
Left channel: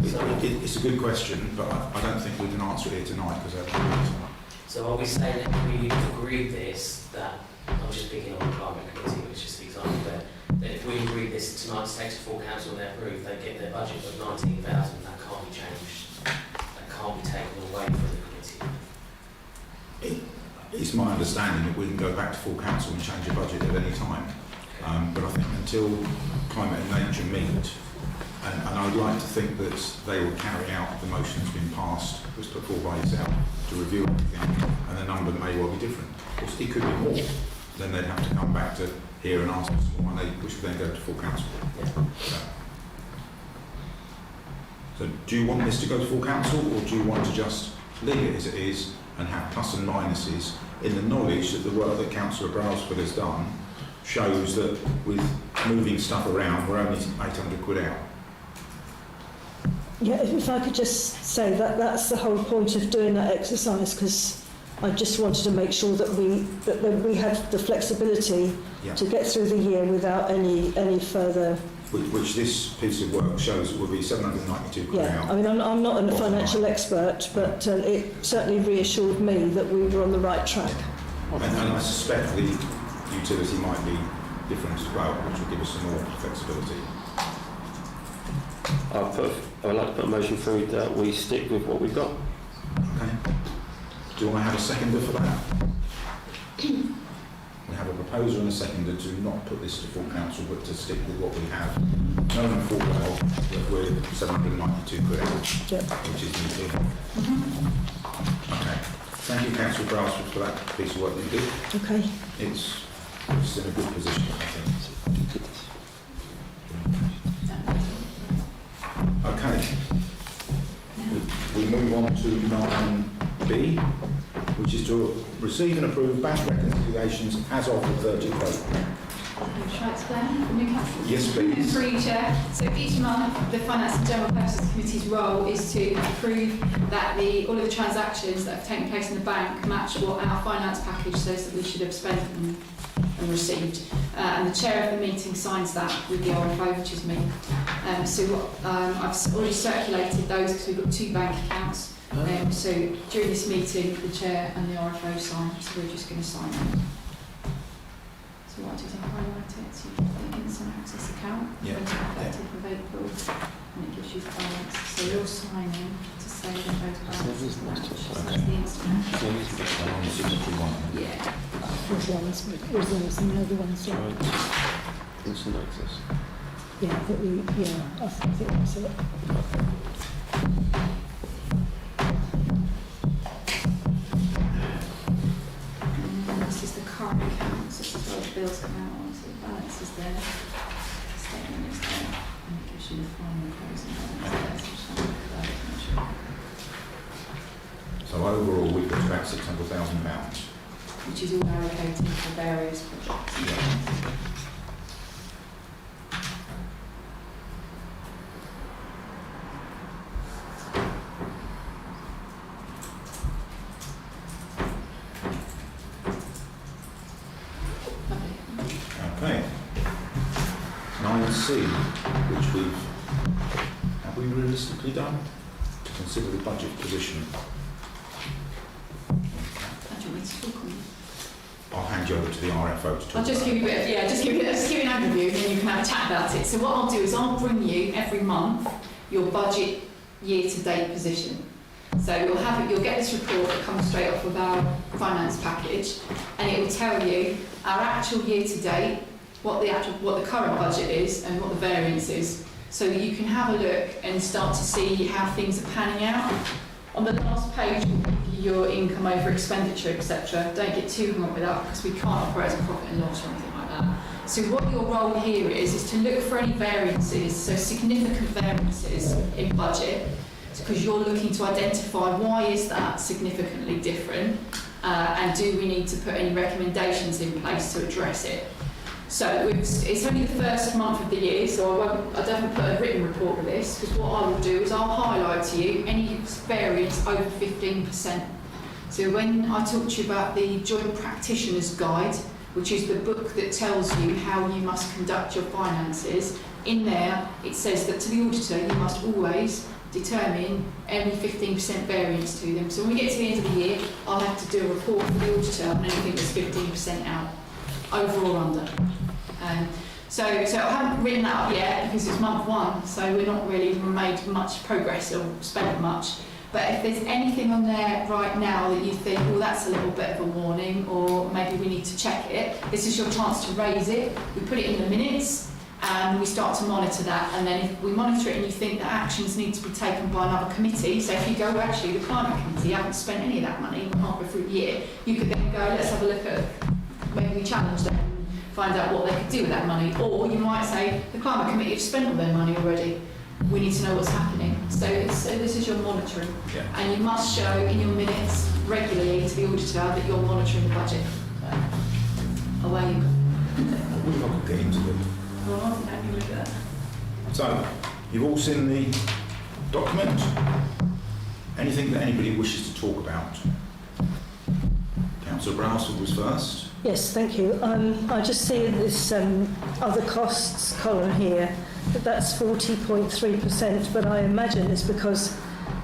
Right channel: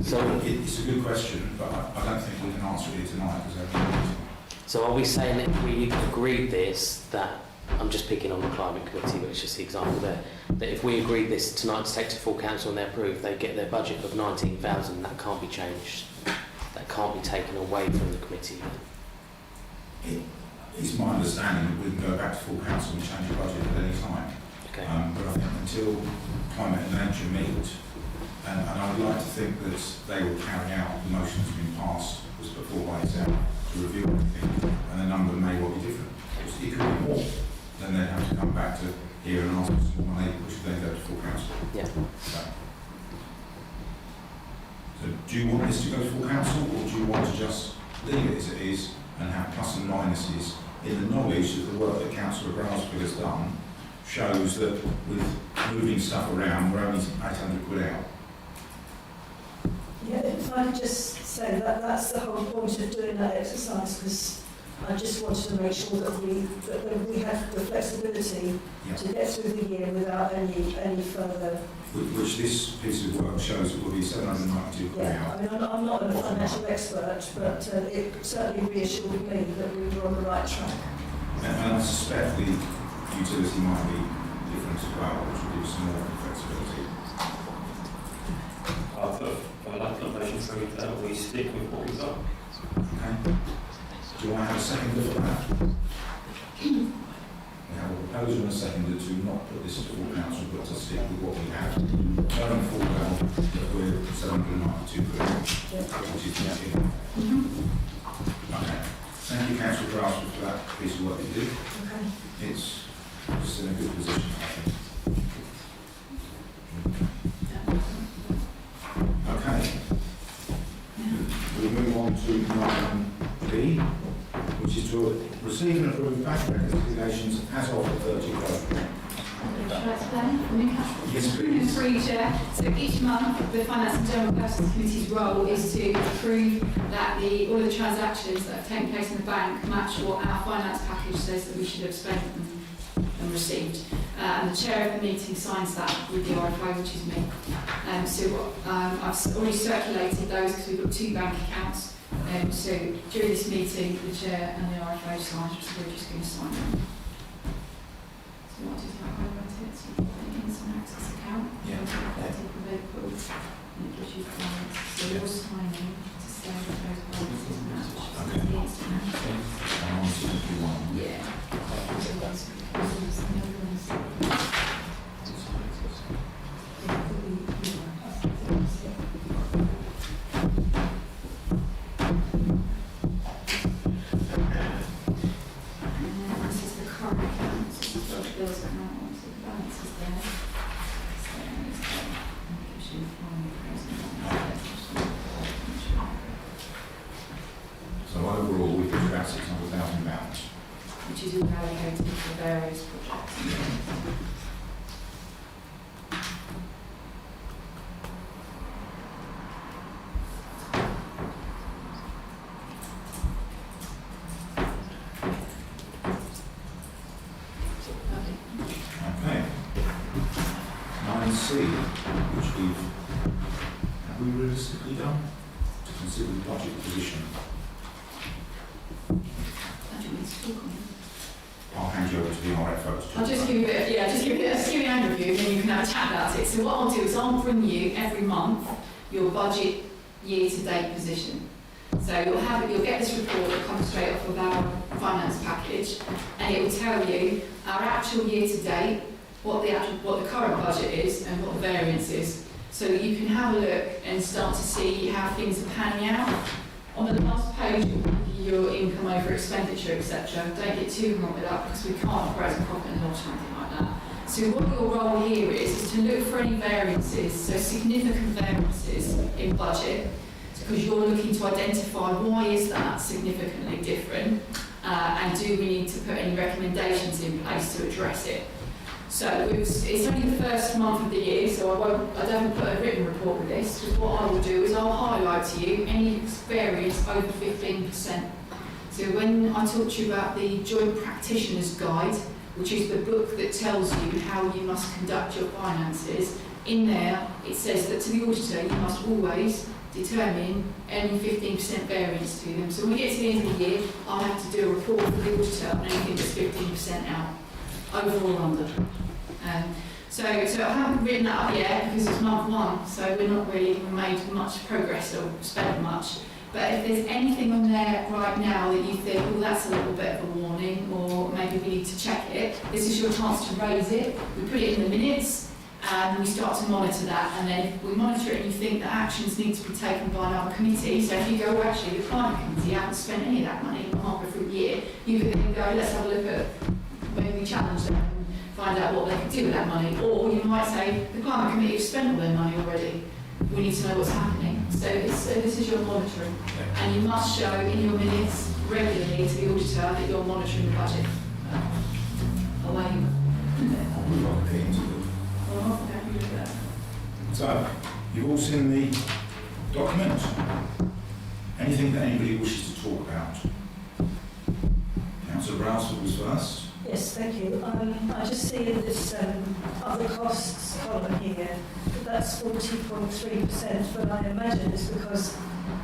it's a good question, but I don't think we can answer it here tonight because they're meeting. So are we saying that if we agreed this, that, I'm just picking on the climate committee, which is the example there, that if we agreed this tonight to take to full council and they approve, they get their budget of 19,000, that can't be changed, that can't be taken away from the committee. It's my understanding that we can go back to full council and change the budget at any time. Okay. But I think until climate and nature meet, and I'd like to think that they will carry out the motion that's been passed, was put forward by yourself, to review everything, and the number may well be different. It could be more. Then they'd have to come back to here and ask us more, and which would then go to full council. Yeah. So do you want this to go to full council, or do you want to just leave it as it is and have plus and minuses in the knowledge that the work that Councillor Brailsford has done shows that with moving stuff around, we're only 800 quid out? Yeah, if I could just say that that's the whole point of doing that exercise, because I just wanted to make sure that we have the flexibility Yeah. to get through the year without any further. Which this piece of work shows will be 792 quid Yeah, out. I mean, I'm not a financial expert, but it certainly reassured me that we were on the right track. And I suspect the utility might be different as well, which will give us some more flexibility. I'd like to put a motion through that we stick with what we've got. Okay. Do you want to have a seconder for that? We have a proposer and a seconder to not put this as full council, but to stick with what we have. Knowing full well that we're 792 quid, which is not here. Okay. Thank you, Councillor Brailsford, for that piece of work that you did. Okay. It's in a good position, I think. Okay. We move on to 9B, which is to receive and approve bank reconciliations as of the 30th of April. Shall I explain from Newcastle? Yes, please. Through you, Chair. So each month, the Finance and General Purposes Committee's role is to approve that all of the transactions that have taken place in the bank match what our finance package says that we should have spent and received. And the chair of the meeting signs that with the RFO, which is me. I've already circulated those because we've got 2 bank accounts. So during this meeting, the chair and the RFO sign, so we're just going to sign them. So what I do is I highlight it, so you can put it in some access account, Yeah. 30th of April, and it gives you the balance. So you're signing to say that those balances match. So Okay. the instant match. I'm on the signature one. Yeah. Instant access. Yeah, I think that's it. And this is the current account, this is where the bills come out on, so the balance is there. Statement is there, and it gives you the final closing balance there, so just want to put that in, sure. So overall, we've got about £600,000. Which is all allocated for various projects. Bexhill-on-Sea, which have we realistically done to consider the budget position? I don't want me to talk on that. I'll hand you over to the RFO to talk I'll just about give you a bit, just give you an overview, and then you can have a chat about it. So what I'll do is I'll bring you every month your budget year-to-date position. So you'll get this report that comes straight off of our finance package, and it will tell you our actual year-to-date, what the current budget is, and what the variance is, so that you can have a look and start to see how things are panning out. On the last page, we'll give you your income over expenditure, etc. Don't get too hung up with that, because we can't operate as a profit and loss or anything like that. So what your role here is to look for any variances, so significant variances in budget, because you're looking to identify why is that significantly different, and do we need to put any recommendations in place to address it. So it's only the first month of the year, so I don't put a written report with this, because what I will do is I'll highlight to you any variance over 15%. So when I talk to you about the Joint Practitioner's Guide, which is the book that tells you how you must conduct your finances, in there it says that to the auditor you must always determine any 15% variance to them. So when we get to the end of the year, I'll have to do a report for the auditor on anything that's 15% out, over or under. So I haven't written that up yet because it's month one, so we're not really made much progress or spent much. But if there's anything on there right now that you think, well, that's a little bit of a warning, or maybe we need to check it, this is your chance to raise it. We put it in the minutes and we start to monitor that, and then if we monitor it and you think that actions need to be taken by another committee, so if you go, well, actually the climate committee haven't spent any of that money halfway through the year, you could then go, let's have a look at, maybe we challenge them, find out what they could do with that money. Or you might say, the climate committee have spent all their money already, we need to know what's happening. So this is your monitoring, and you must show in your minutes regularly to the auditor that you're monitoring the budget. Away you go. I'm not getting into it. Well, I can look at that. So, you've all seen the document. Anything that anybody wishes to talk about? Councillor Browsford was first. Yes, thank you. I just see in this other costs column here that that's 40.3%, but I imagine it's because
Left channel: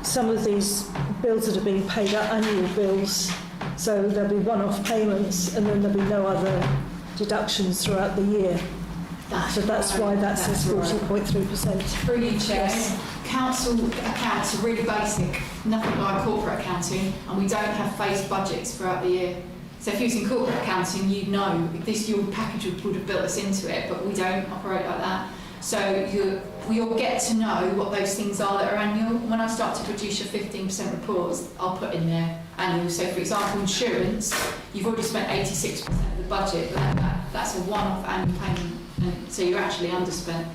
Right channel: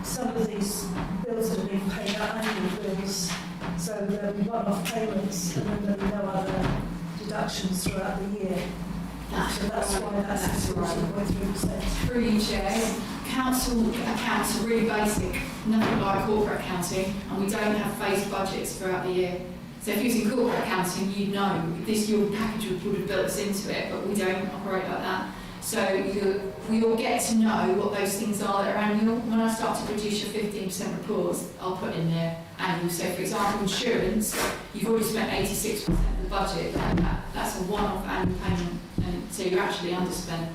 some of these bills that are being paid are annual bills, so there'll be one-off payments and then there'll be no other deductions throughout the year. So that's why that's 40.3%. Through you, Chair. Council accounts are really basic, nothing like corporate accounting, and we don't have phased budgets throughout the year. So if you was in corporate accounting, you'd know this, your package would have built us into it, but we don't operate like that. So we all get to know what those things are that are annual. When I start to produce your 15% reports, I'll put in there annual. So for example, insurance, you've already spent 86% of the budget, but that's a one-off annual payment, and so you're actually underspent.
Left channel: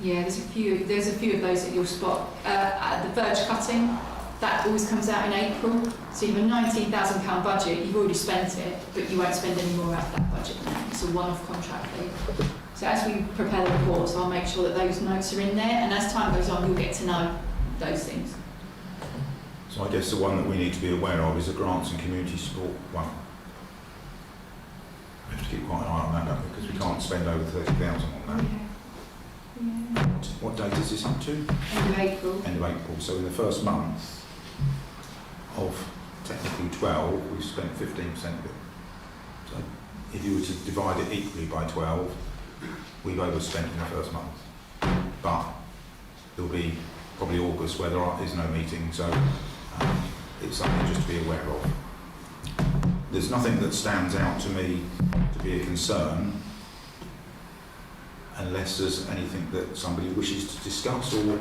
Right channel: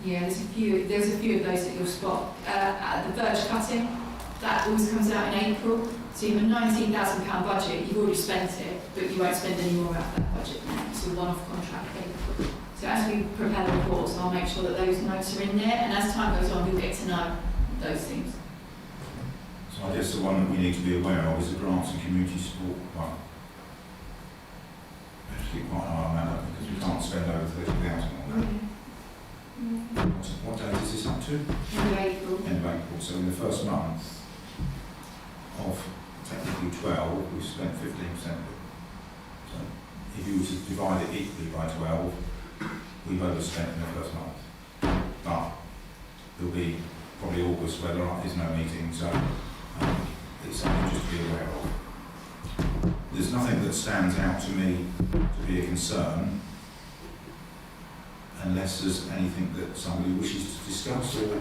There's a few of those that you'll spot. The verge cutting, that always comes out in April. So you have a £19,000 budget, you've already spent it, but you won't spend any more out of that budget now. It's a one-off contract fee. So as we prepare the reports, I'll make sure that those notes are in there, and as time goes on, you'll get to know those things. So I guess the one that we need to be aware of is the grants and community support one. We have to keep quite an eye on that, don't we? Because we can't spend over 30,000 on that. Yeah. What date is this up to? End of April. End of April. So in the first month of technically 12, we've spent 15% of it. So if you were to divide it equally by 12, we've overspent in the first month. But there'll be probably August where there is no meeting, so it's something just to be aware of. There's nothing that stands out to me to be a concern, unless there's anything that somebody wishes to discuss or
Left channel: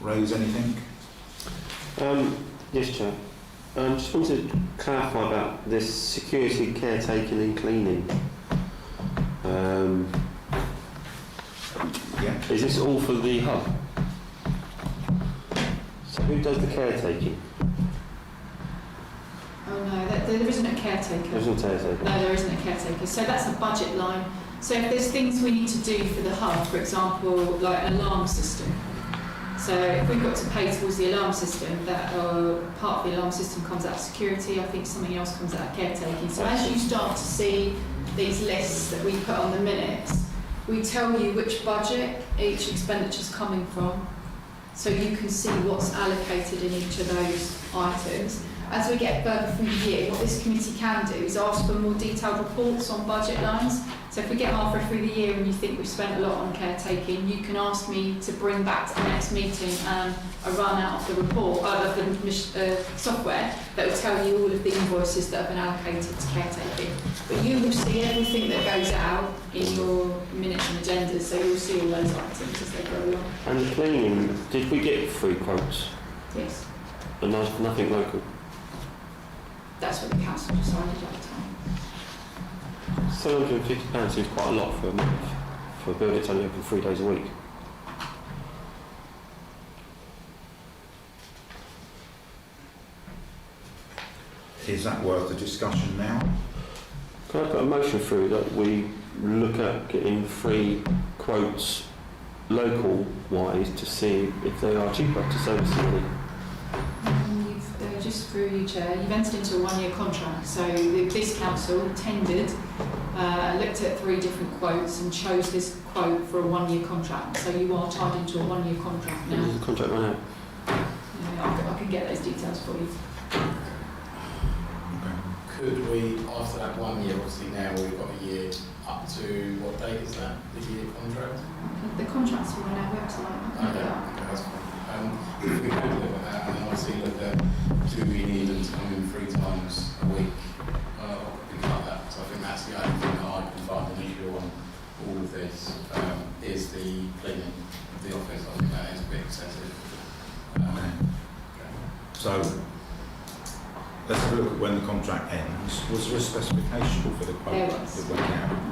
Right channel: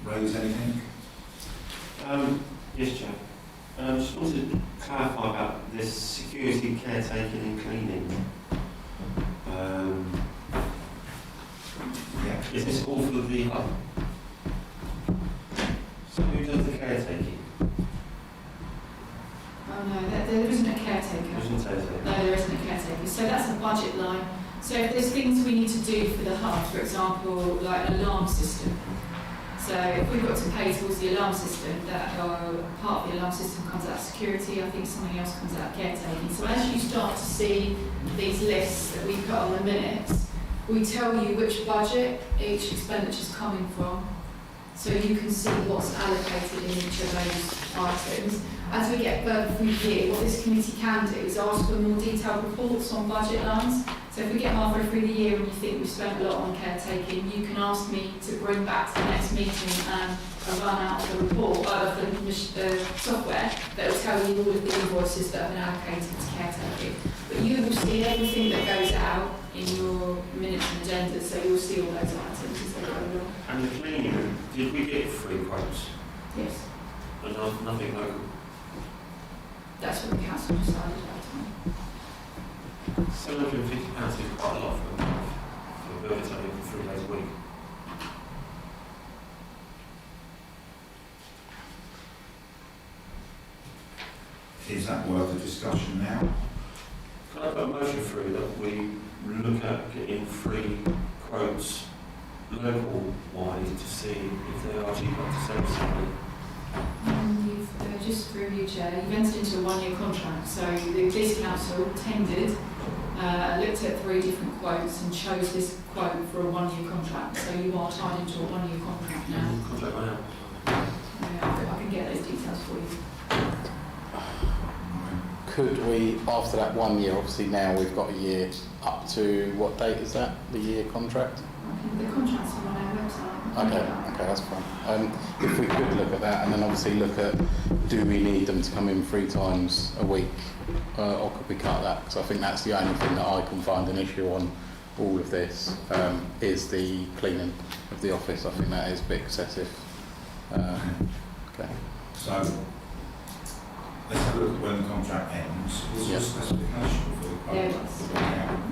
raise anything. Yes, Chair. Just wanted to clarify about this security, caretaking and cleaning. Yeah. Is this all for the hub? So who does the caretaking? Oh no, there isn't a caretaker. There isn't a caretaker. No, there isn't a caretaker. So that's a budget line. So if there's things we need to do for the hub, for example, like an alarm system. So if we've got to pay towards the alarm system, that part of the alarm system comes out of security, I think something else comes out of caretaking. So as you start to see these lists that we put on the minutes, we tell you which budget each expenditure is coming from, so you can see what's allocated in each of those items. As we get further through the year, what this committee can do is ask for more detailed reports on budget lines. So if we get halfway through the year and you think we've spent a lot on caretaking, you can ask me to bring back to the next meeting a run out of the report, of the software that will tell you all of the invoices that have been allocated to caretaking. But you will see everything that goes out in your minutes and agendas, so you'll see all those items as they go along. And the cleaning, did we get 3 quotes? Yes, And there's nothing local? that's what the council decided at the time. £750 seems quite a lot for a month, for a bill that's only open 3 days a week. Is that worth a discussion now? Can I put a motion through that we look at getting 3 quotes local-wise to see if they are cheaper to save something? You've just through you, Chair, you've entered into a 1-year contract. So this council tendered, looked at 3 different quotes and chose this quote for a 1-year contract. So you are tied into a 1-year contract now. The contract went out. I can get those details for you. Could we, after that 1 year, obviously now we've got a year, up to what date is that, the year contract? The contracts are on our website. Okay, that's fine. If we could look at that and then obviously look at, do we need them to come in 3 times a week, or could we cut that? So I think that's the only thing that I can find an issue on all of this, is the cleaning of the office. I think that is a bit excessive. Okay. So, let's have a look at when the contract ends. Was there a specification for the quote? There was.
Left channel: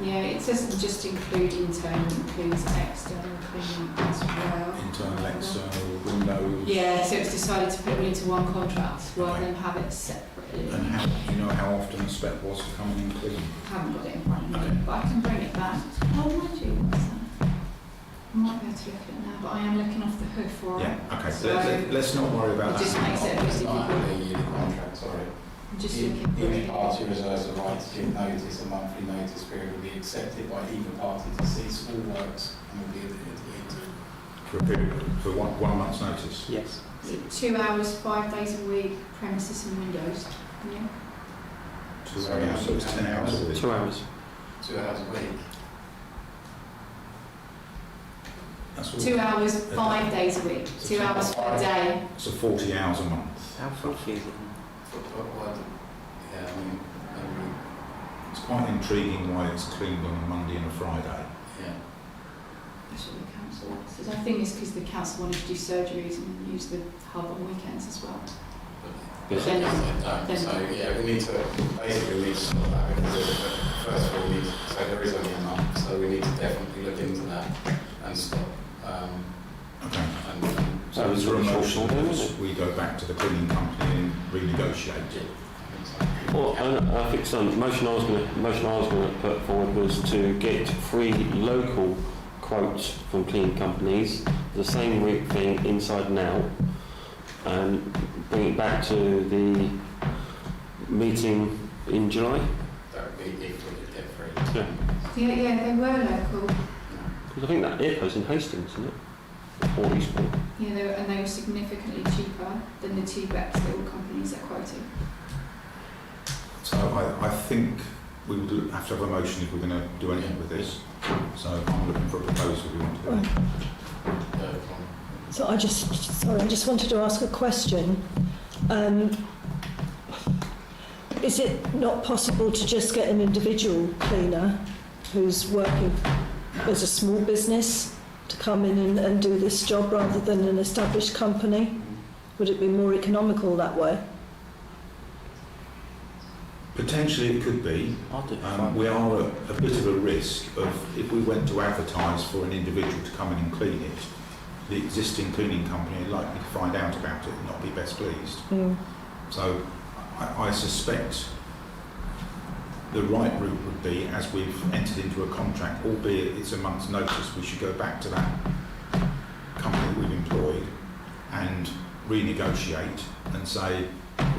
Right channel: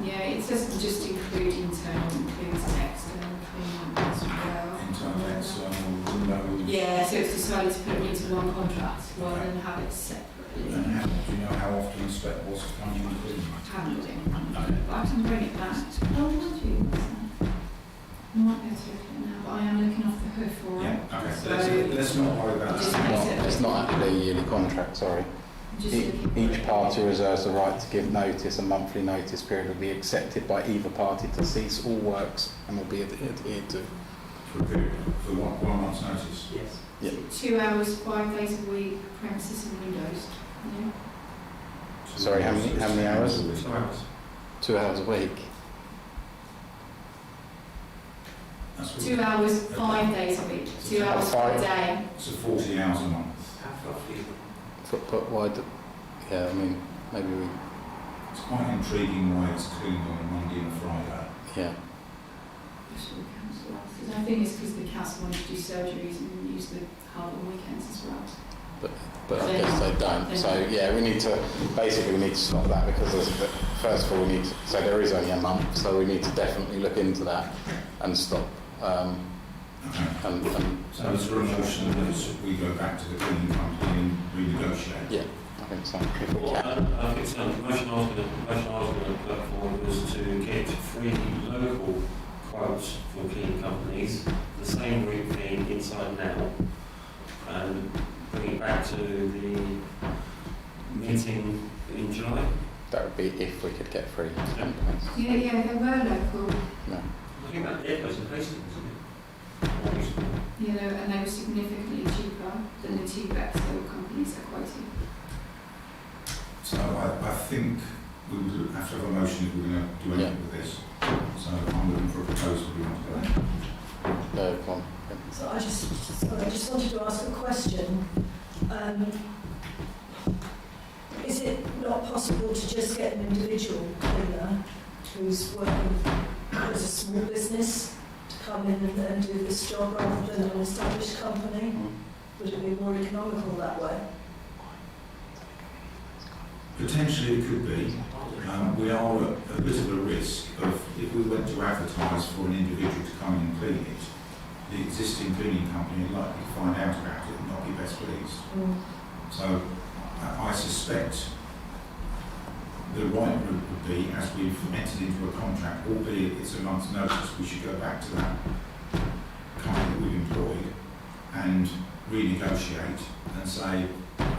Yeah, it doesn't just include internal, it includes external cleaning as well. Internal, external, windows? Yeah, so it's decided to put them into one contract rather than have it separately. And how, do you know how often the spec was for coming in clean? I haven't got it in front of Okay. me, but I can bring it back. Oh, mind you, what's that? I might be able to look at it now, but I am looking off the hood for it. Yeah, okay. So Let's not worry about it just that. makes it It's not a yearly contract, sorry. I'm just looking for Each it. party reserves the right to give notice. A monthly notice period will be accepted by either party to cease all works and will be adhered to. For a period, for one month's notice? Yes. So 2 hours, 5 days a week, premises and windows. Yeah. Sorry, how many hours? a week? 2 hours. 2 hours a week. That's all. 2 hours, 5 days a week. So 2 hours per day. So 40 hours a month. But why do, yeah, I mean, maybe It's quite intriguing why it's cleaned on a Monday and a Friday. yeah. That's what the council asked. I think it's because the council wanted to do surgeries and use the hub on weekends as well. But Then- they don't. then- So yeah, we need to stop that because first of all, we need to, so there is only a month, so we need to definitely look into that and stop. Okay. So and is there a motion that we go back to the cleaning company and renegotiate? yeah, I think so. Well, I think so. The motion I was going to put forward was to get 3 local quotes from cleaning companies, the same week thing inside and out, and bring it back to the meeting in July. That would be if we could get free. Yeah. Yeah, they were local. No. Because I think that airpost in Hastings, isn't it? Or Eastbourne. Yeah, they were significantly cheaper than the 2 Bexhill companies are quoting. So I think we will have to have a motion if we're going to do anything with this. So I'm looking for a proposal we want to do. Come on. So I just wanted to ask a question. Is it not possible to just get an individual cleaner who's working as a small business to come in and do this job rather than an established company? Would it be more economical that way? Potentially it could be. We are at a bit of a risk of, if we went to advertise for an individual to come in and clean it, the existing cleaning company are likely to find out about it and not be best pleased. So I suspect the right route would be, as we've entered into a contract, albeit it's a month's notice, we should go back to that company that we've employed and renegotiate and say,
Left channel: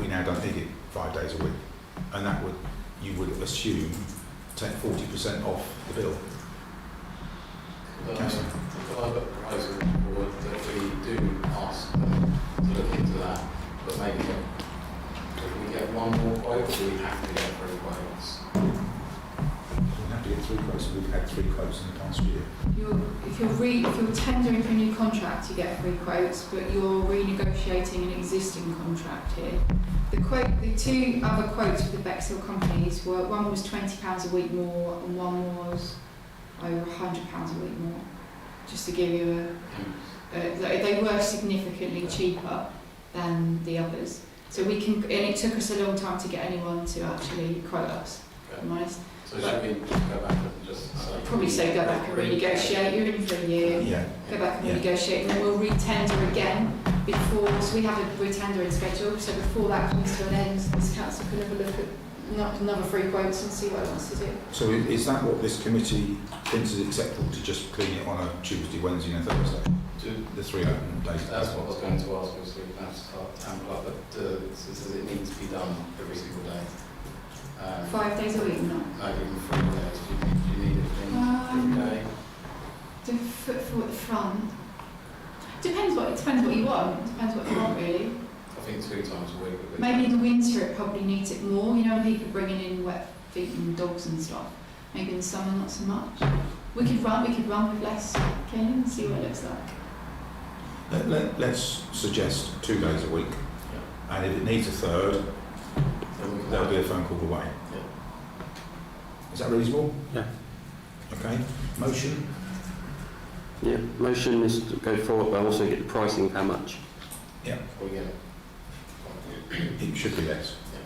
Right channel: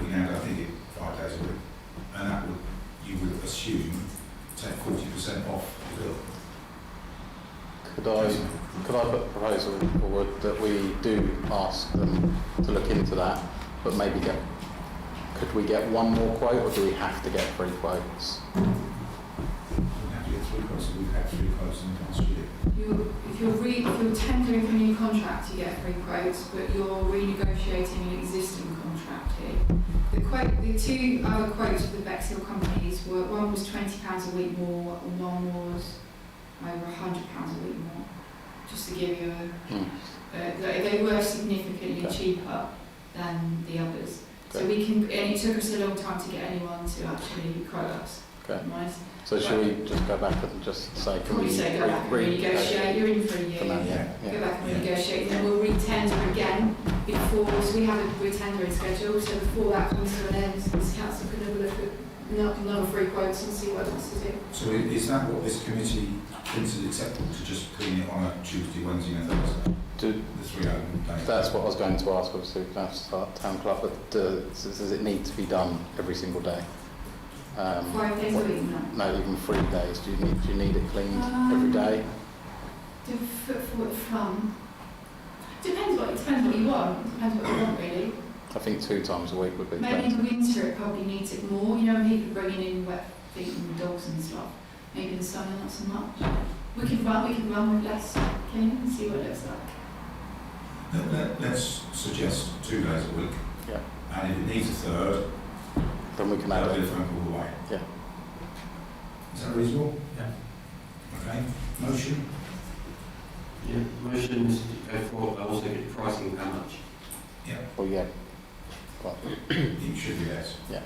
we now don't need it 5 days a week. And that would, you would assume, take 40% off the bill. Could I put a proposal forward that we do ask them to look into that, but maybe if we get one more quote, or do we have to get 3 quotes? We'll have to get 3 quotes, and we've had 3 quotes in the past year. If you're tendering for a new contract, you get 3 quotes, but you're renegotiating an existing contract here. The 2 other quotes with the Bexhill companies were, one was £20 a week more, and one was over £100 a week more. Just to give you they were significantly cheaper than the others. So we can, and it took us a long time to get anyone to actually quote us. Okay. I'm honest. So should we just go back and just say... Probably say go back and renegotiate. You're in for a year. Go back and renegotiate, and then we'll re-tender again before. So we have a re-tendering schedule. So before that comes to an end, this council can have a look at another 3 quotes and see what it wants to do. So is that what this committee thinks is acceptable, to just clean it on a Tuesday, Wednesday and a Thursday? The 3 open days? That's what I was going to ask, obviously, we can have to start 10 o'clock, but does it need to be done every single day? 5 days a week, no. No, even 3 days. Do you need it cleaned every day? Do footfall at the front. Depends what you want. Depends what you want, really. I think 2 times a week would be Maybe in the winter it probably needs it more. You know, people bringing in wet feet and dogs and stuff. Maybe in the summer not so much. We could run with less cleaning and see what it looks like. Let's suggest 2 days a week. Yeah. And if it needs a third, Then we can that'll have be a phone call away. Yeah. Is that reasonable? Yeah. Okay. Motion? Yeah, motion is to go forward, but also get the pricing of how much. Yeah. Well, yeah. It should be less. Yeah.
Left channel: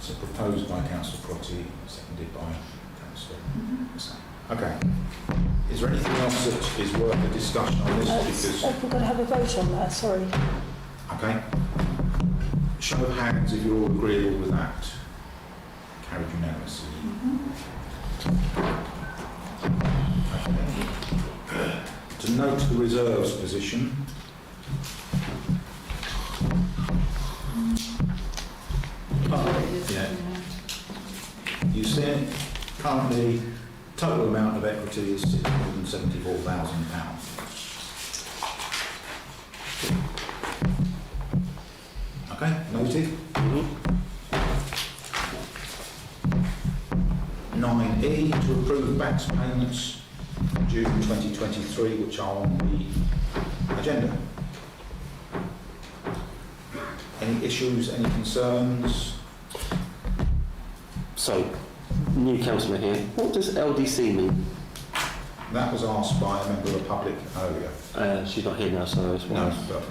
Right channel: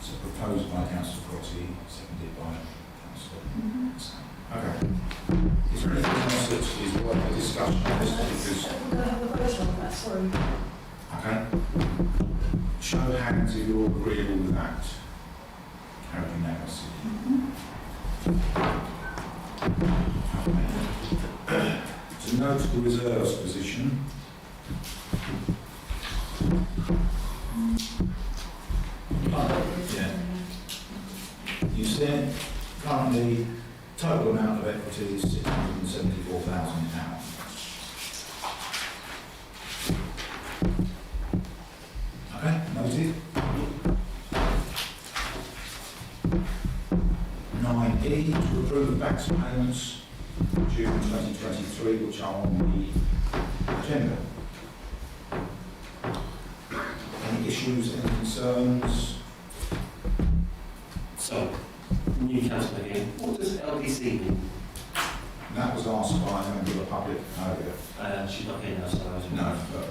So proposed by Councillor Crotty, seconded by Councillor. Okay. Is there anything else that is worth a discussion on this? Because We're going to have a vote on that, sorry. okay. Show of hands if you're all agreeable with that. Carried unanimously. Okay. To note the reserves position. Yeah. You see, currently, total amount of equity is £674,000. Okay, noted. 9E, to approve the back payments June 2023, which are on the agenda. Any issues, any concerns? So, new councillor here. What does LDC mean? That was asked by a member of the public earlier. She's not here now, so I just No, want but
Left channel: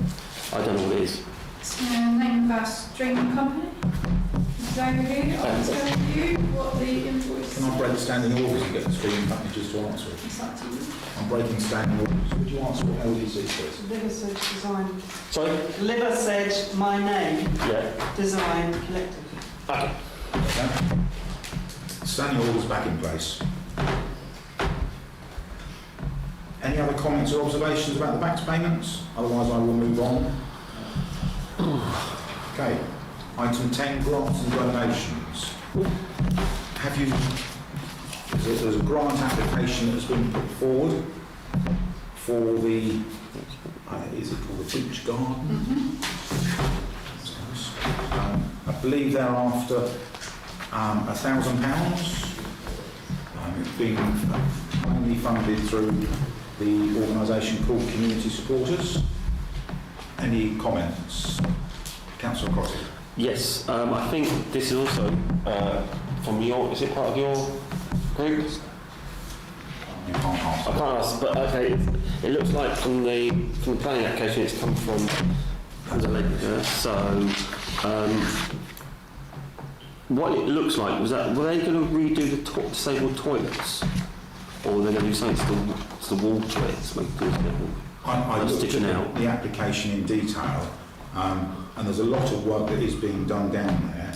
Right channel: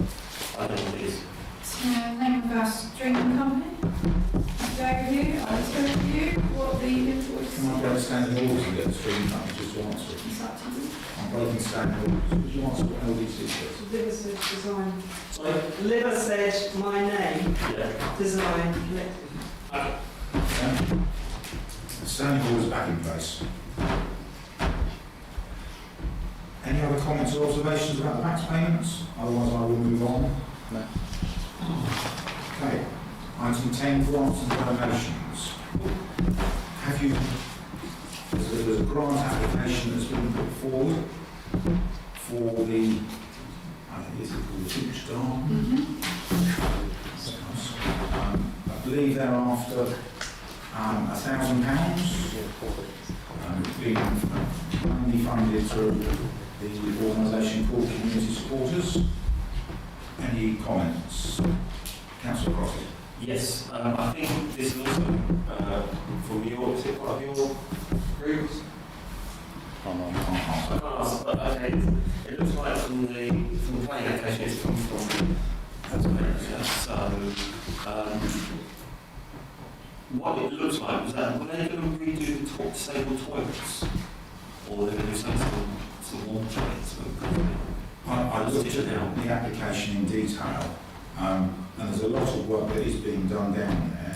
I don't know what it is. It's the name of our streaming company. I'll go with you. I'll go with you. What the invoice can I break standing orders and get the streaming company just to answer it? is up to you. I'm breaking standing orders. Would you answer what LDC says? Liversedge Design. Sorry? Liversedge, my name, Yeah. Design Collective. Okay. Okay. Standing orders back in place. Any other comments or observations about the back payments? Otherwise I will move on. Okay. Item 10, grants and donations. Have you, there's a grant application that's been put forward for the, is it called the beach garden? That's nice. I believe they're after £1,000. It's been only funded through the organisation called Community Supporters. Any comments? Councillor Crosby. Yes, I think this is also from your, is it part of your group? I can't ask, but okay, it looks like from the planning application it's come from, so what it looks like was that, were they going to redo the disabled toilets? Or were they going to do something to the wall toilets? I looked at the application in detail, and there's a lot of work that is being done down there,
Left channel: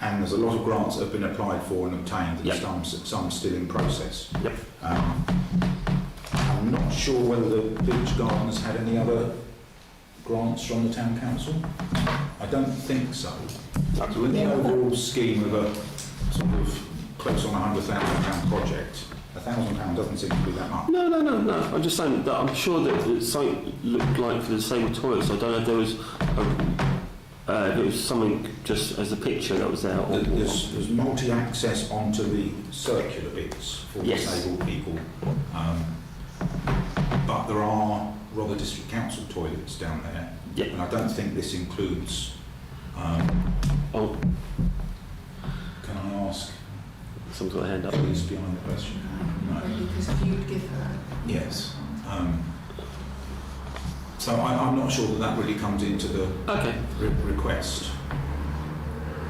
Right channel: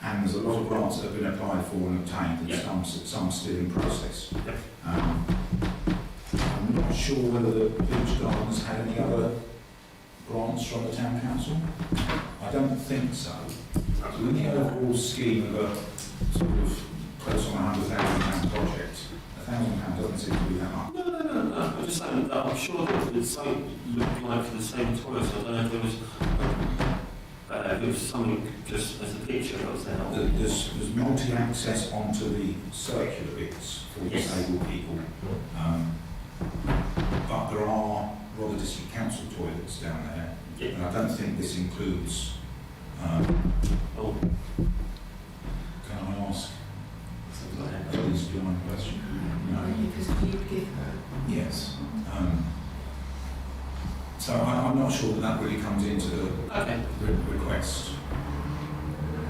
and there's a lot of grants that have been applied for and obtained, and some still in process. Yep. I'm not sure whether the beach gardens had any other grants from the town council. I don't think so. So in the overall scheme of a sort of close on £100,000 project, £1,000 doesn't doesn't seem to be that much. No. I'm just saying that I'm sure that it's something looked like for the same toilets. I don't know if there was it was something just as a picture that was there. Or, There's multi-access onto the circular bits for disabled people, but there are Rother District Council toilets down there, and I don't think this includes. Can I ask? Some sort of hand up. Please do another question. No. Because if you'd give her... Yes. So I'm not sure that really comes into the request.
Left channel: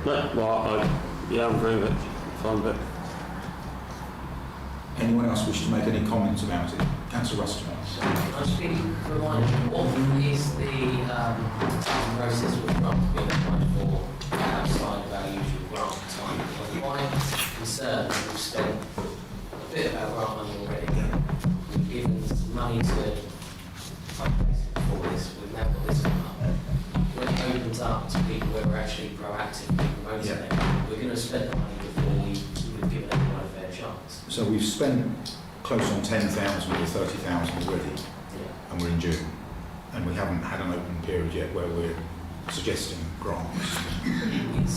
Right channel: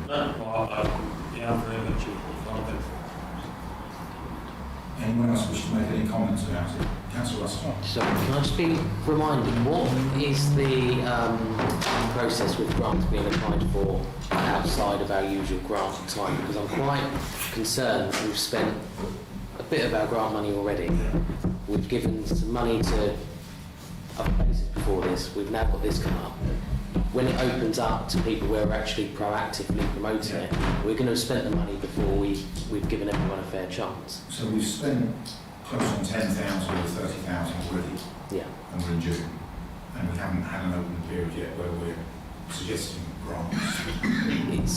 No, well, I'm very much fine with it. Anyone else wish to make any comments about it? Councillor Ruston. So can I just be reminded, what is the process with grants being applied for outside of our usual grant time? Because I'm quite concerned that we've spent a bit of our grant money already. We've given some money to updates before this. We've now got this come up. When it opens up to people who are actually proactively promoting it, we're going to spend the money before we've given everyone a fair chance. So we've spent close on 10,000 or 30,000 already, and we're in June, and we haven't had an open period yet where we're suggesting grants.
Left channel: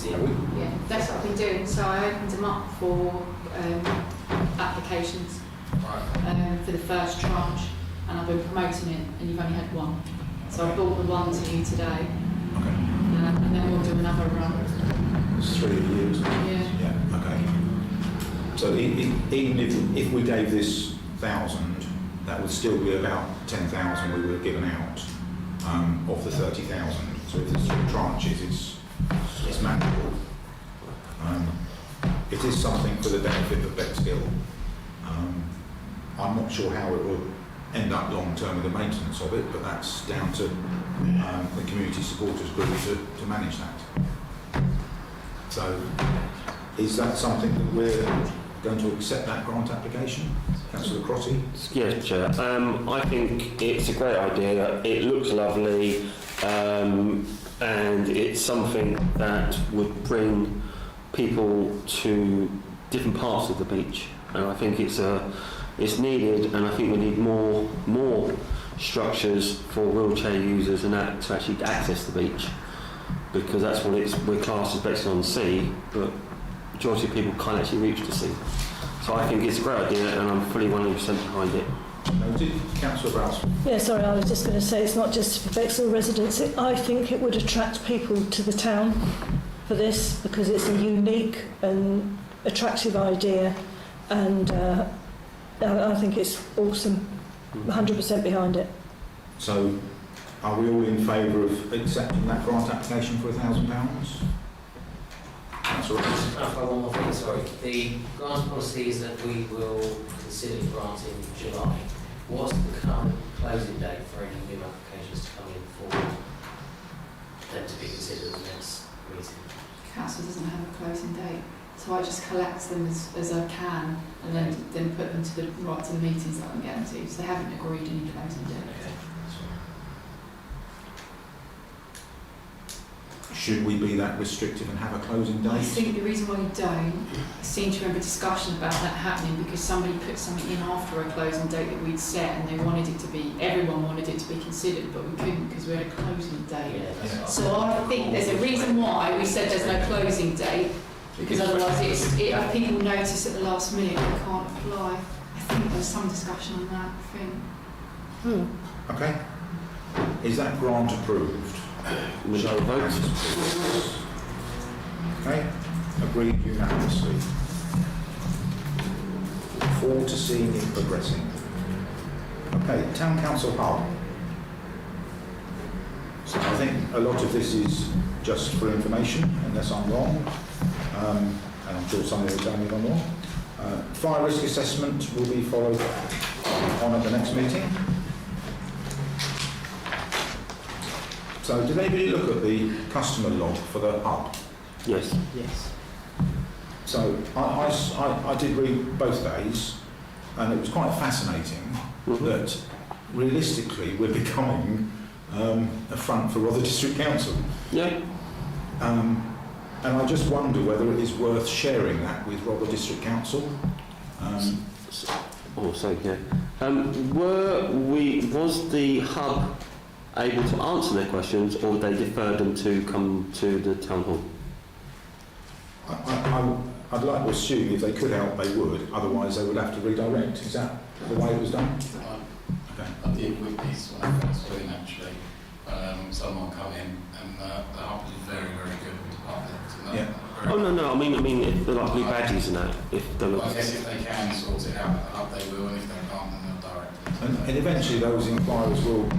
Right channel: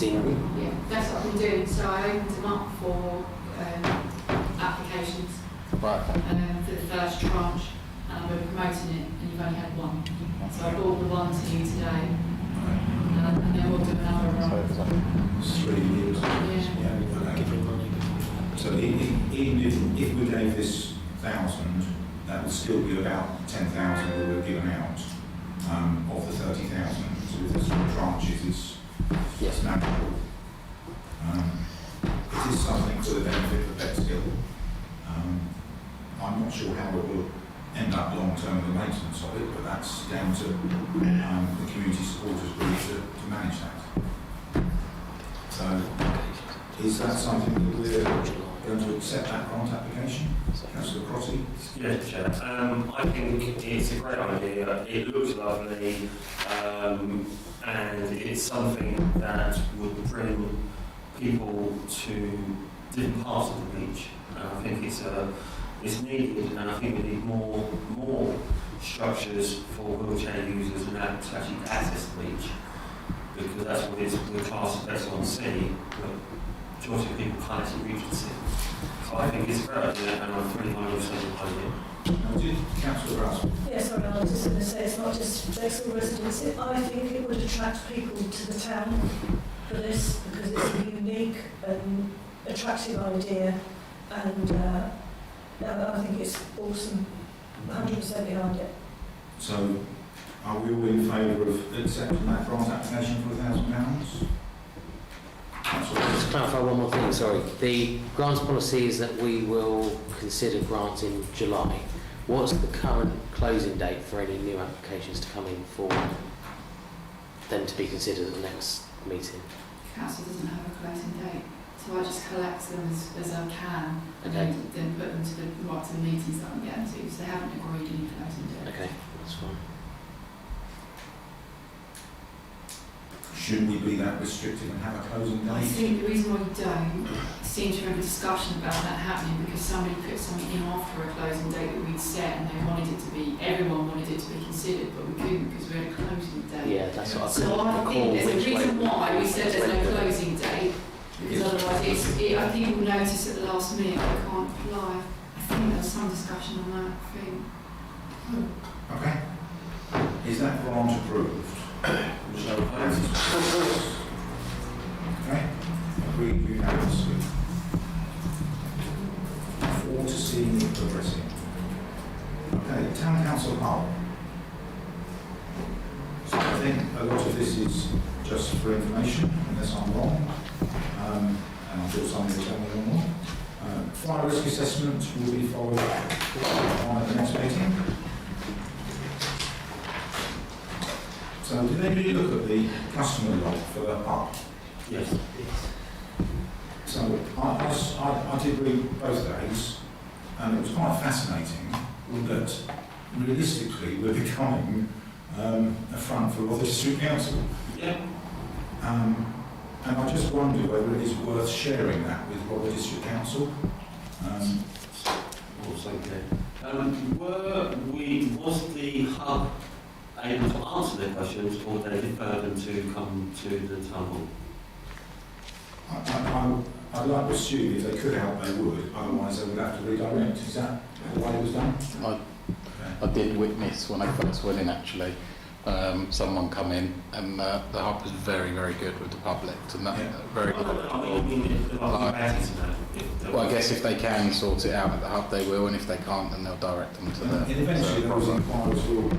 Yeah, that's what I've been doing. So I opened them up for applications for the first tranche, and I've been promoting it, and you've only had one. So I brought the one to you today, and then we'll do another run. It's 3 years. Yeah. Okay. So even if we gave this 1,000, that would still be about 10,000 we were given out of the 30,000. So if there's 3 tranches, it's manageable. It is something for the benefit of Bexhill. I'm not sure how it will end up long term with the maintenance of it, but that's down to the community supporters group to manage that. So, is that something that we're going to accept that grant application? Councillor Crotty? Yes, Chair. I think it's a great idea. It looks lovely, and it's something that would bring people to different parts of the beach. And I think it's needed, and I think we need more structures for wheelchair users and that to actually access the beach, because that's what we're classed as Bexhill-on-Sea, but majority of people can't actually reach the sea. So I think it's a great idea, and I'm fully 100% behind it. Councillor Browse. Yeah, sorry, I was just going to say it's not just for Bexhill residents. I think it would attract people to the town for this, because it's a unique and attractive idea, and I think it's awesome. 100% behind it. So, are we all in favour of accepting that grant application for £1,000? Just to clarify one more thing, sorry. The grants policy is that we will consider grants in July. What's the current closing date for any new applications to come in for them to be considered at the next meeting? Council doesn't have a closing date, so I just collect them as I can, and then put them to the meetings that I'm getting to. So they haven't agreed any closing date. Okay, that's fine. Should we be that restrictive and have a closing date? I think the reason why you don't, I seem to remember a discussion about that happening because somebody put something in after a closing date that we'd set, and they wanted it to be, everyone wanted it to be considered, but we couldn't because we had a closing date. Yeah, that's what So I think there's a reason why we said there's no closing date, because otherwise people notice at the last minute they can't apply. I think there was some discussion on that, I think. Okay. Is that grant approved? Shall we vote? Okay. Agreed unanimously. Look forward to seeing it progressing. Okay, Town Council Hub. So I think a lot of this is just for information, unless I'm wrong. And I'm sure somebody will tell me I'm wrong. Fire risk assessment will be followed on at the next meeting. So did anybody look at the customer log for the hub? Yes. So I did read both days, and it was quite fascinating that realistically we're becoming a front for Rother District Council. Yeah. And I just wonder whether it is worth sharing that with Rother District Council. Also, thank you. Was the hub able to answer their questions, or they deferred them to come to the town hall? I'd like to assume if they could help, they would. Otherwise, they would have to redirect. Is that the way it was done? I did witness when I first went in, actually, someone come in, and the hub was very, very good with the public. And that, very Oh no, I mean, if they're like blue badges and that. If they well, I guess if they can sort it out at the hub, they will, and if they can't, then they'll direct them to And eventually, those inquiries will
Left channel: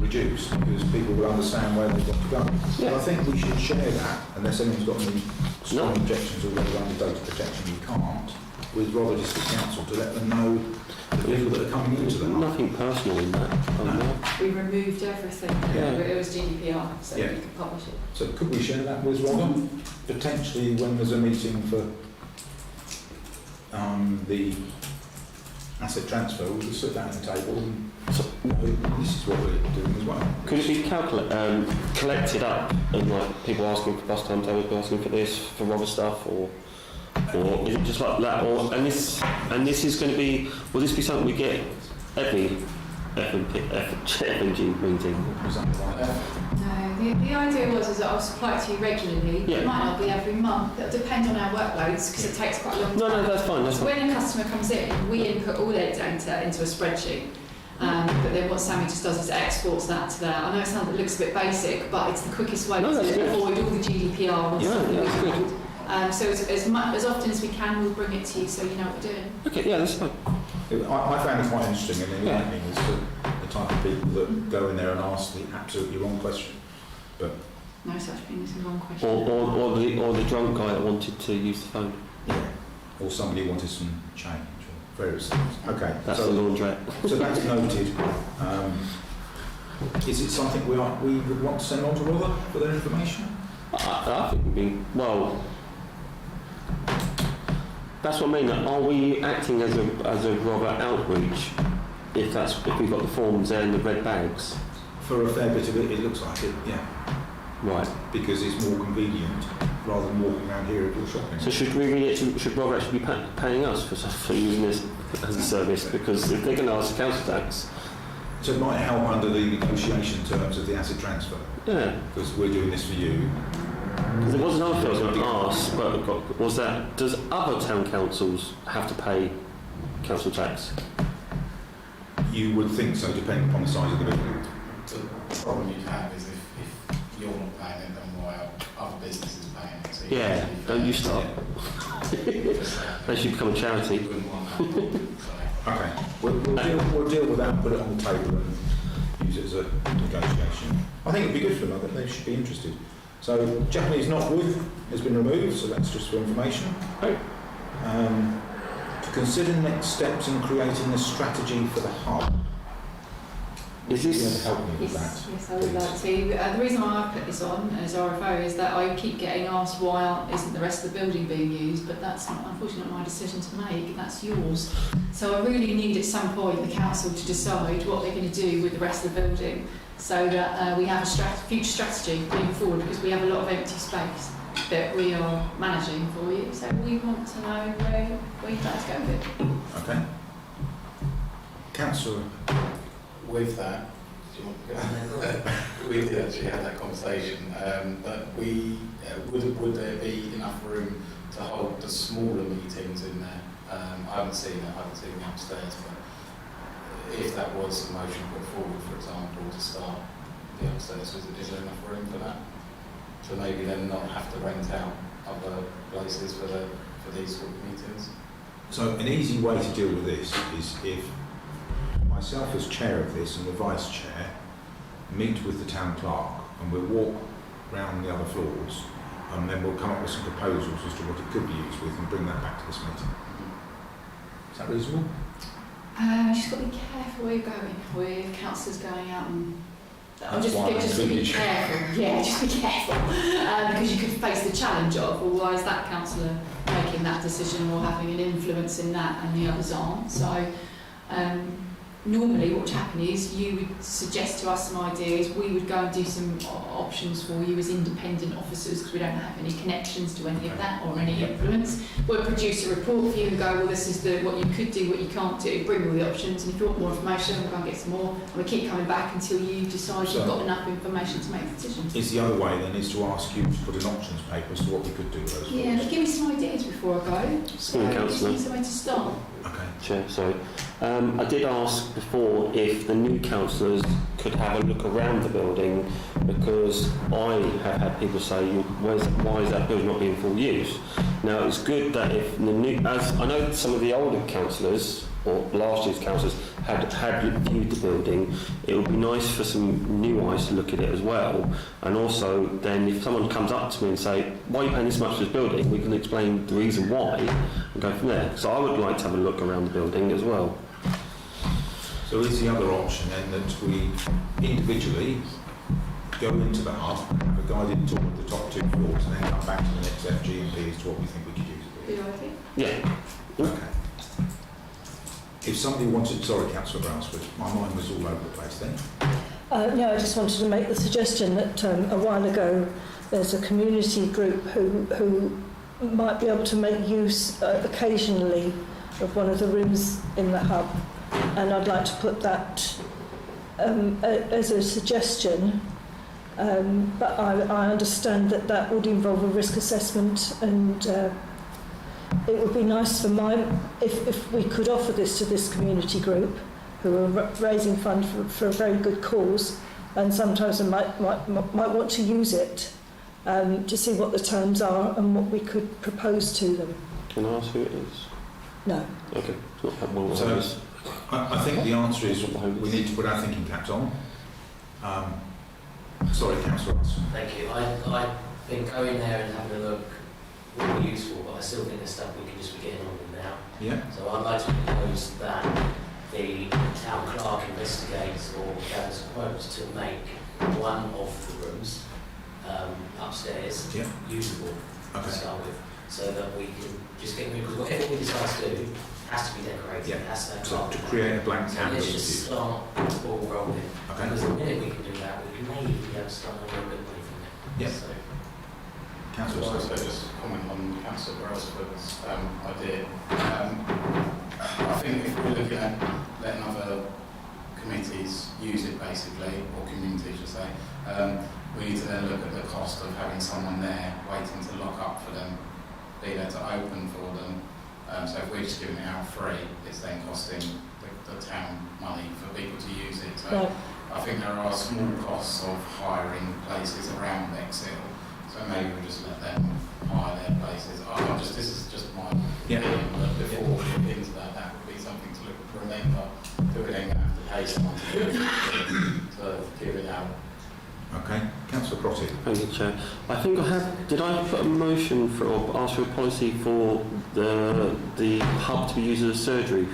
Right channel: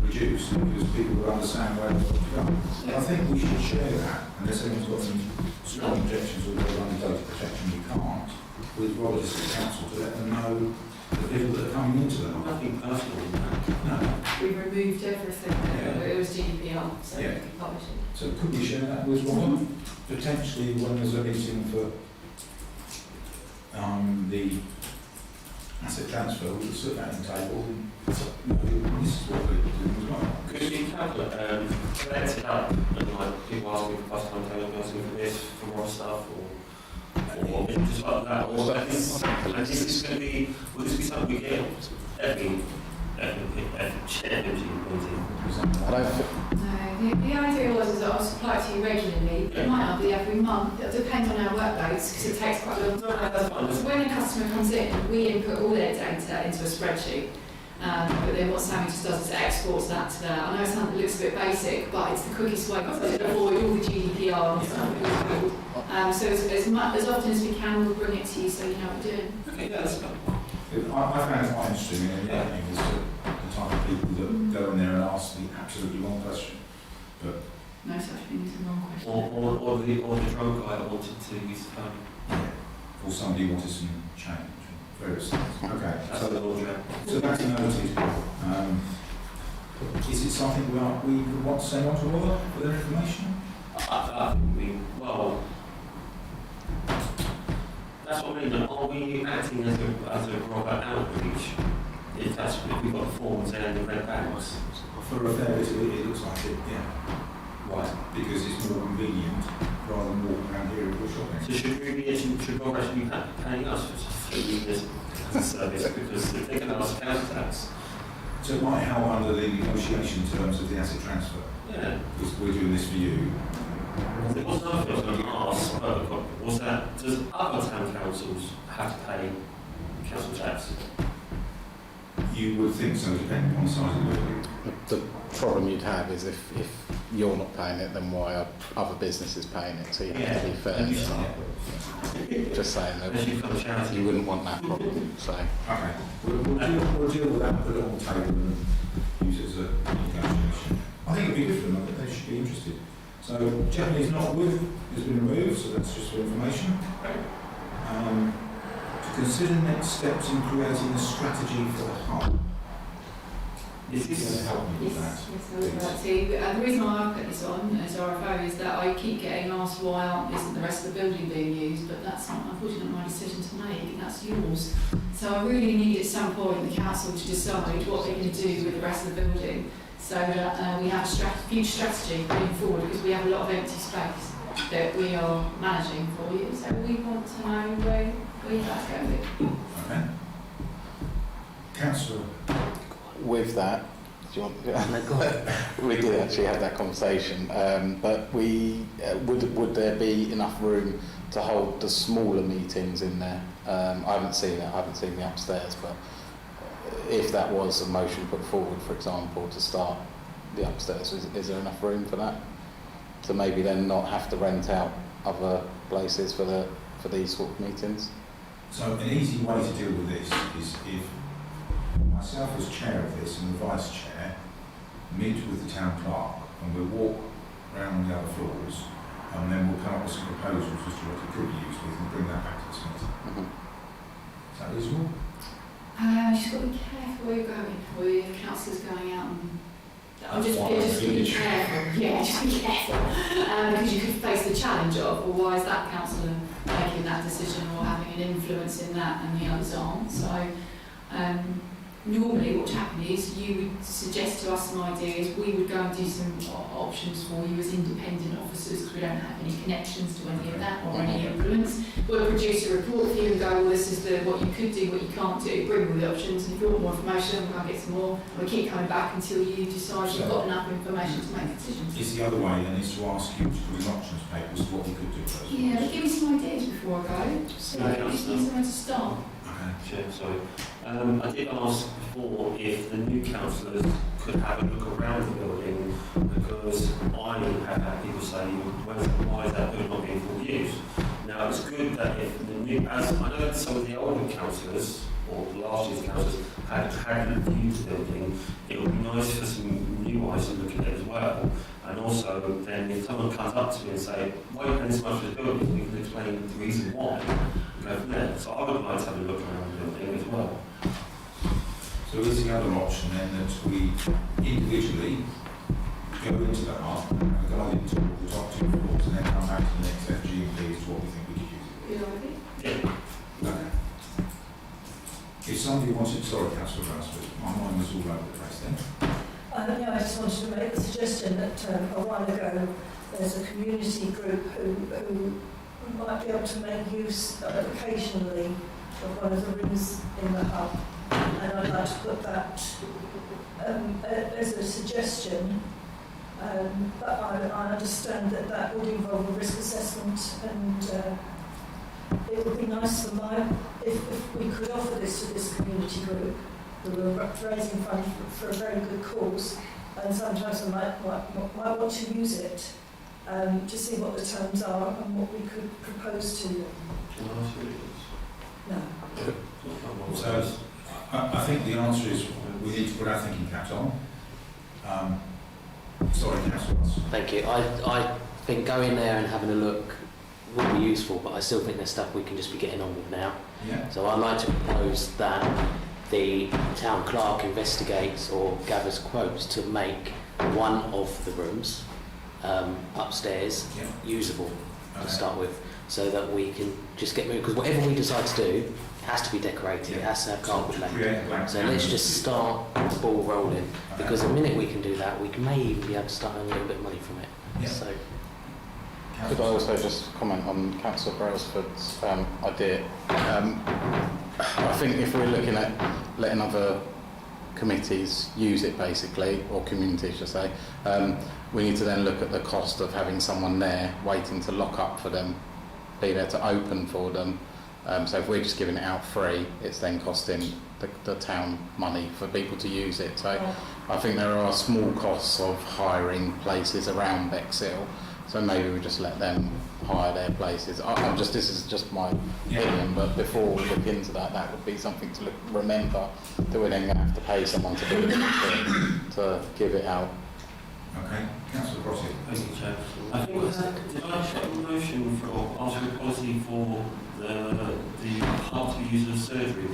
reduce because people will understand where they've got to go. But I think we should share that, unless anyone's got any strong objections or whether under data protection you can't, with Robert District Council to let them know the people that are coming into them. Nothing personal in that. No. We removed everything. Yeah. It was GDPR, so Yeah. we could publish it. So could we share that with Robert? Potentially when there's a meeting for the asset transfer, we'll just sit down at the table and this is what we're doing as well. Could it be collected up and like people asking for bus timetables, asking for this, for other stuff, or is it just like that? Or and this is going to be, will this be something we get every FNG meeting? No, the idea was that I'll supply it to you regularly. Yeah. It might not be every month. It'll depend on our workloads because it takes quite a long time. No, that's fine. That's So fine. when a customer comes in, we input all their data into a spreadsheet. But then what Sammy just does is exports that to there. I know it looks a bit basic, but it's the quickest way No, that's to good. avoid all the GDPR and Yeah, stuff that that's we good. need. So as often as we can, we'll bring it to you so you know what we're doing. Okay, yeah, that's fine. I found it quite interesting and enlightening as to the type of people that go in there and ask the absolutely wrong question. But No such thing as a wrong question. Or the drunk guy that wanted to use the phone. yeah, or somebody wanted some change or various things. Okay, That's the laundrette. so that's noted. Is it something we would want to send on to Robert for their information? I think we'd be, well, that's what I mean. Are we acting as a Robert outreach if we've got the forms there and the red bags? For a fair bit of it, it looks like it, yeah. Right. Because it's more convenient rather than walking around here and do shopping. So should Robert actually be paying us for using this as a service? Because if they're going to ask the council tax, So it might help under the negotiation terms of the asset transfer, yeah. because we're doing this for you. There was another thing I was going to ask, but was that does other town councils have to pay council tax? You would think so, depending upon the size of the building. The problem you'd have is if you're not paying it, then why are other businesses paying it? So you have to be fair. and you start. Just saying. Unless you become a charity. You wouldn't want that. So. Okay, we'll deal with that, put it on the table and use it as a negotiation. I think it'd be good for them, I think they should be interested. So Japanese knotwood has been removed, so that's just for information. To consider next steps in creating a strategy for the hub. Is You this? help me with that? Yes, I would like to. The reason why I put this on as RFO is that I keep getting asked why isn't the rest of the building being used, but that's not, unfortunately, not my decision to make, that's yours. So I really need at some point the council to decide what they're going to do with the rest of the building so that we have a future strategy moving forward, because we have a lot of empty space that we are managing for you. So we want to know where you'd like to go with it. Okay. Councillor. With that, do you want, we did actually have that conversation, but we would there be enough room to hold the smaller meetings in there? I haven't seen it. I haven't seen the upstairs, but if that was a motion put forward, for example, to start the upstairs, is there enough room for that? To maybe then not have to rent out other places for these sort of meetings? So an easy way to deal with this is if myself as chair of this and the vice chair meet with the town clerk and we'll walk round the other floors and then we'll come up with some proposals as to what it could be used with and bring that back to this meeting. Is that reasonable? You just got to be careful where you're going with councillors going out and just be careful. Yeah, just be careful. Because you could face the challenge of, well, why is that councillor making that decision or having an influence in that and the others aren't? So normally what would happen is you would suggest to us some ideas, we would go and do some options for you as independent officers because we don't have any connections to any of that or any influence. We'll produce a report for you and go, well, this is what you could do, what you can't do, bring all the options, and if you want more information, we'll go and get some more, and we'll keep coming back until you decide you've got enough information to make decisions. Is the other way then is to ask you to put an options paper as to what we could do with those? Yeah, but give me some ideas before I go. So it just needs somewhere to start. Chair, so I did ask before if the new councillors could have a look around the building, because I have had people say, why is that building not being full use? Now it's good that if the new, as I know some of the older councillors or last year's councillors had viewed the building, it would be nice for some new eyes to look at it as well. And also then if someone comes up to me and say, why are you paying this much for this building, we can explain the reason why and go from there. So I would like to have a look around the building as well. So is the other option then that we individually go into the hub, have a guided tour of the top 2 floors, and then come back to the next FG&P as to what we think we could use? Yeah. Okay. If somebody wanted, sorry, Councillor Brailsford, my mind was all over the place then. No, I just wanted to make the suggestion that a while ago there's a community group who might be able to make use occasionally of one of the rooms in the hub, and I'd like to put that as a suggestion, but I understand that would involve a risk assessment, and it would be nice for if we could offer this to this community group who are raising funds for a very good cause, and sometimes they might want to use it to see what the terms are and what we could propose to them. Can I ask who it is? No. Okay. Not that one. So I think the answer is we need to put our thinking caps on. Sorry, Councillor Ross. Thank you. I think going there and having a look would be useful, but I still think there's stuff we can just be getting on with now. Yeah. So I'd like to propose that the town clerk investigates or gathers quotes to make one of the rooms upstairs usable to start with, so that we can just get rid of, because whatever we decide to do has to be decorated, it has to have carpet. To create a blank So canvas. let's just start the ball rolling, because the minute we can do that, we may even be able to start earning a little bit of money from it. Yeah. So, Could I also just comment on Councillor Brailsford's idea? I think if we're looking at letting other committees use it basically, or communities just say, we need to then look at the cost of having someone there waiting to lock up for them, be there to open for them. So if we're just giving it out free, it's then costing the town money for people to use it. So Right. I think there are small costs of hiring places around Bexhill. So maybe we just let them hire their places. This is just my opinion, but before we look into that, that would be something to remember that we're then going to have to pay someone to do it, to give it out. Okay, Councillor Crotty. Thank you, Chair. I think I have. Did I put a motion for or ask for a policy for the hub to be used as a surgery?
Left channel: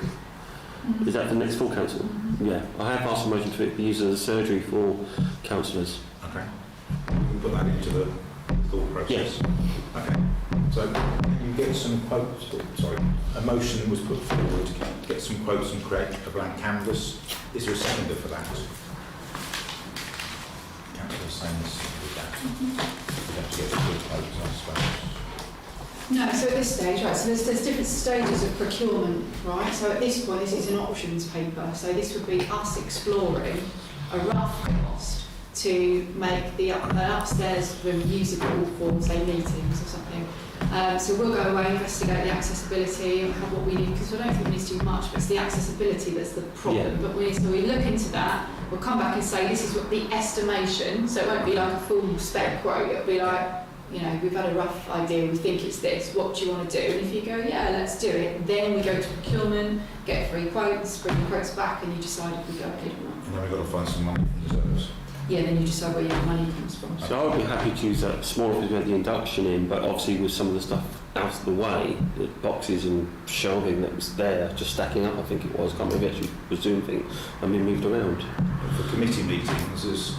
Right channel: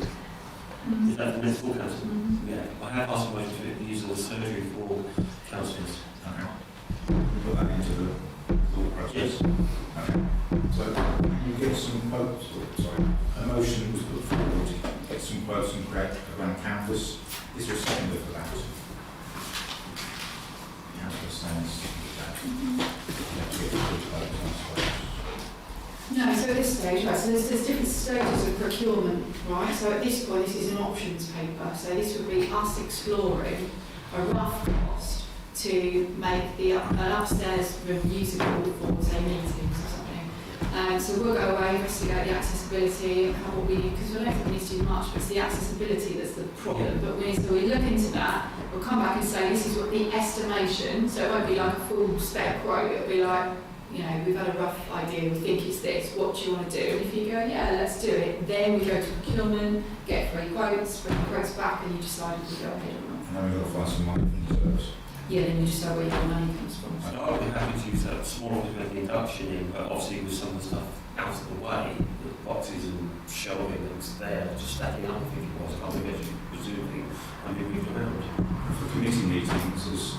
Is that the next full council? Yeah, I have asked a motion for it to be used as a surgery for councillors. Okay. We put that into the thought process. Yes. Okay. So you get some quotes. Sorry, a motion was put forward to get some quotes and create a blank canvas. Is there a seconder for that? Councillor Sands did that. We have to get the quotes, I suppose. No, so at this stage, right, so there's different stages of procurement, right? So at this point, this is an options paper. So this would be us exploring a rough cost to make an upstairs room usable for, say, meetings or something. So we'll go away, investigate the accessibility and what we need, because we don't think we need to do much, but it's the accessibility that's the problem. Yeah. But we look into that, we'll come back and say this is what the estimation, so it won't be like a full spec quote, it'll be like, you know, we've had a rough idea, we think it's this, what do you want to do? And if you go, yeah, let's do it, then we go to procurement, get free quotes, bring the quotes back, and you decide if we go ahead or not. And then we've got to find some money from reserves. Yeah, then you decide where your money comes from. So I'd be happy to use that smaller if we had the induction in, but obviously with some of the stuff out of the way, the boxes and shelving that was there, just stacking up, I think it was, can't remember actually the Zoom thing, and being moved around. For committee meetings,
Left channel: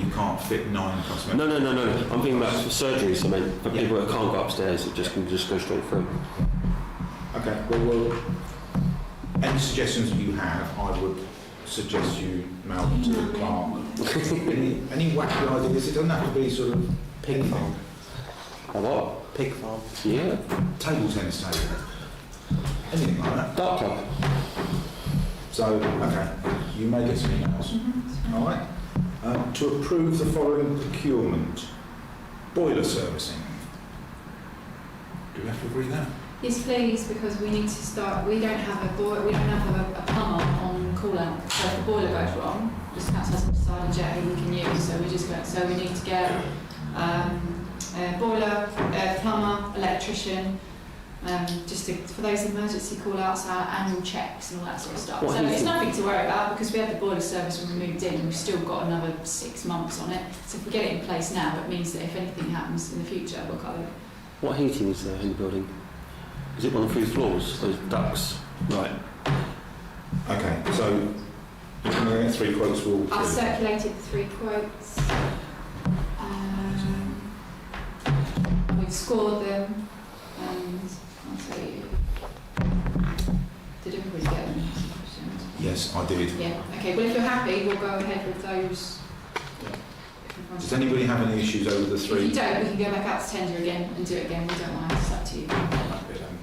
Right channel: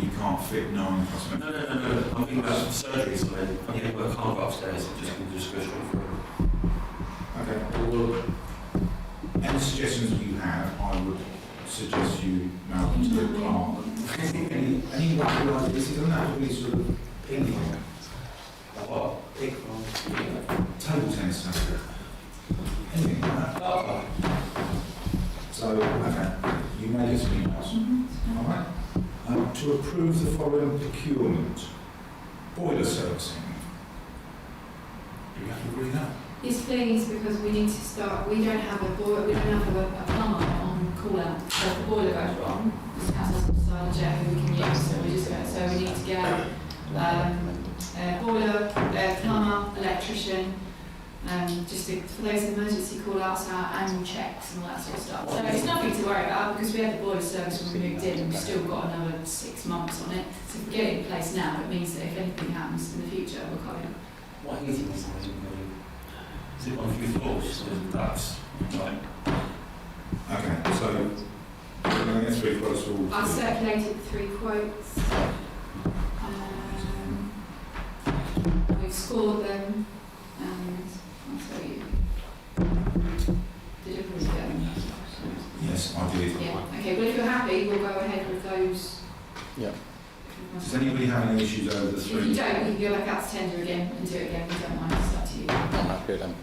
you can't fit 9 plus members. No. I'm thinking about surgeries, I mean, for people that can't go upstairs, it just can just go straight through. Okay, well, any any suggestions that you have, I would suggest you mail them to the clerk. Any wacky ideas? It doesn't have to be sort of ping pong. A what? Pig farm. Yeah. Table tennis table. Anything like that. Dark club. So, okay, you may get something else. Mm-hmm. All right. To approve the following procurement. Boiler servicing. Do we have to agree that? Yes, please, because we need to start. We don't have a plumber on call out. So if the boiler goes wrong, the council hasn't decided yet who we can use. So we need to get a boiler, plumber, electrician. For those emergency call-outs, our annual checks and all that sort of stuff. So it's nothing to worry about because we had the boiler service when we moved in and we've still got another 6 months on it. So if we get it in place now, it means that if anything happens in the future, we'll cover it. What heating is there in the building? Is it on 3 floors? Those ducts? Right. Okay, so I'm going to get 3 quotes for all I've 3. circulated 3 quotes. We've scored them and I'll tell you. Did everybody get them? Yes, I did. Yeah, okay, well if you're happy, we'll go ahead with those. Yeah. Does anybody have any issues over the If 3? you don't, we can go back out to tender again and do it again, we don't mind, it's up to you. Happy then.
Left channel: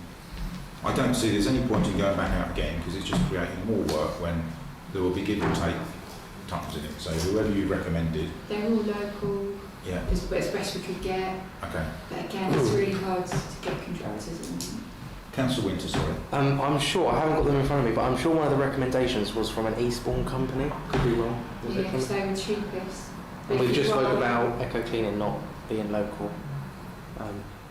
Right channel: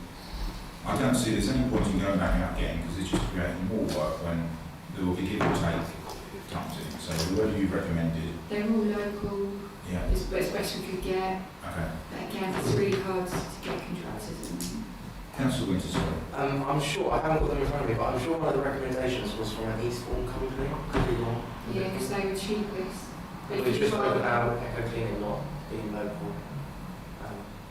I don't see there's any point in going back out again because it's just creating more work when there will be give and take times in it. So whoever you recommended, They're all local, yeah, it's best we could get, okay. but again, it's really hard to get contractors in. Councillor Winter, sorry. I'm sure, I haven't got them in front of me, but I'm sure one of the recommendations was from an Eastbourne company. Could be wrong. Yeah, because they were cheapest. But We if just you spoke rather, about Echo Cleaning not being local.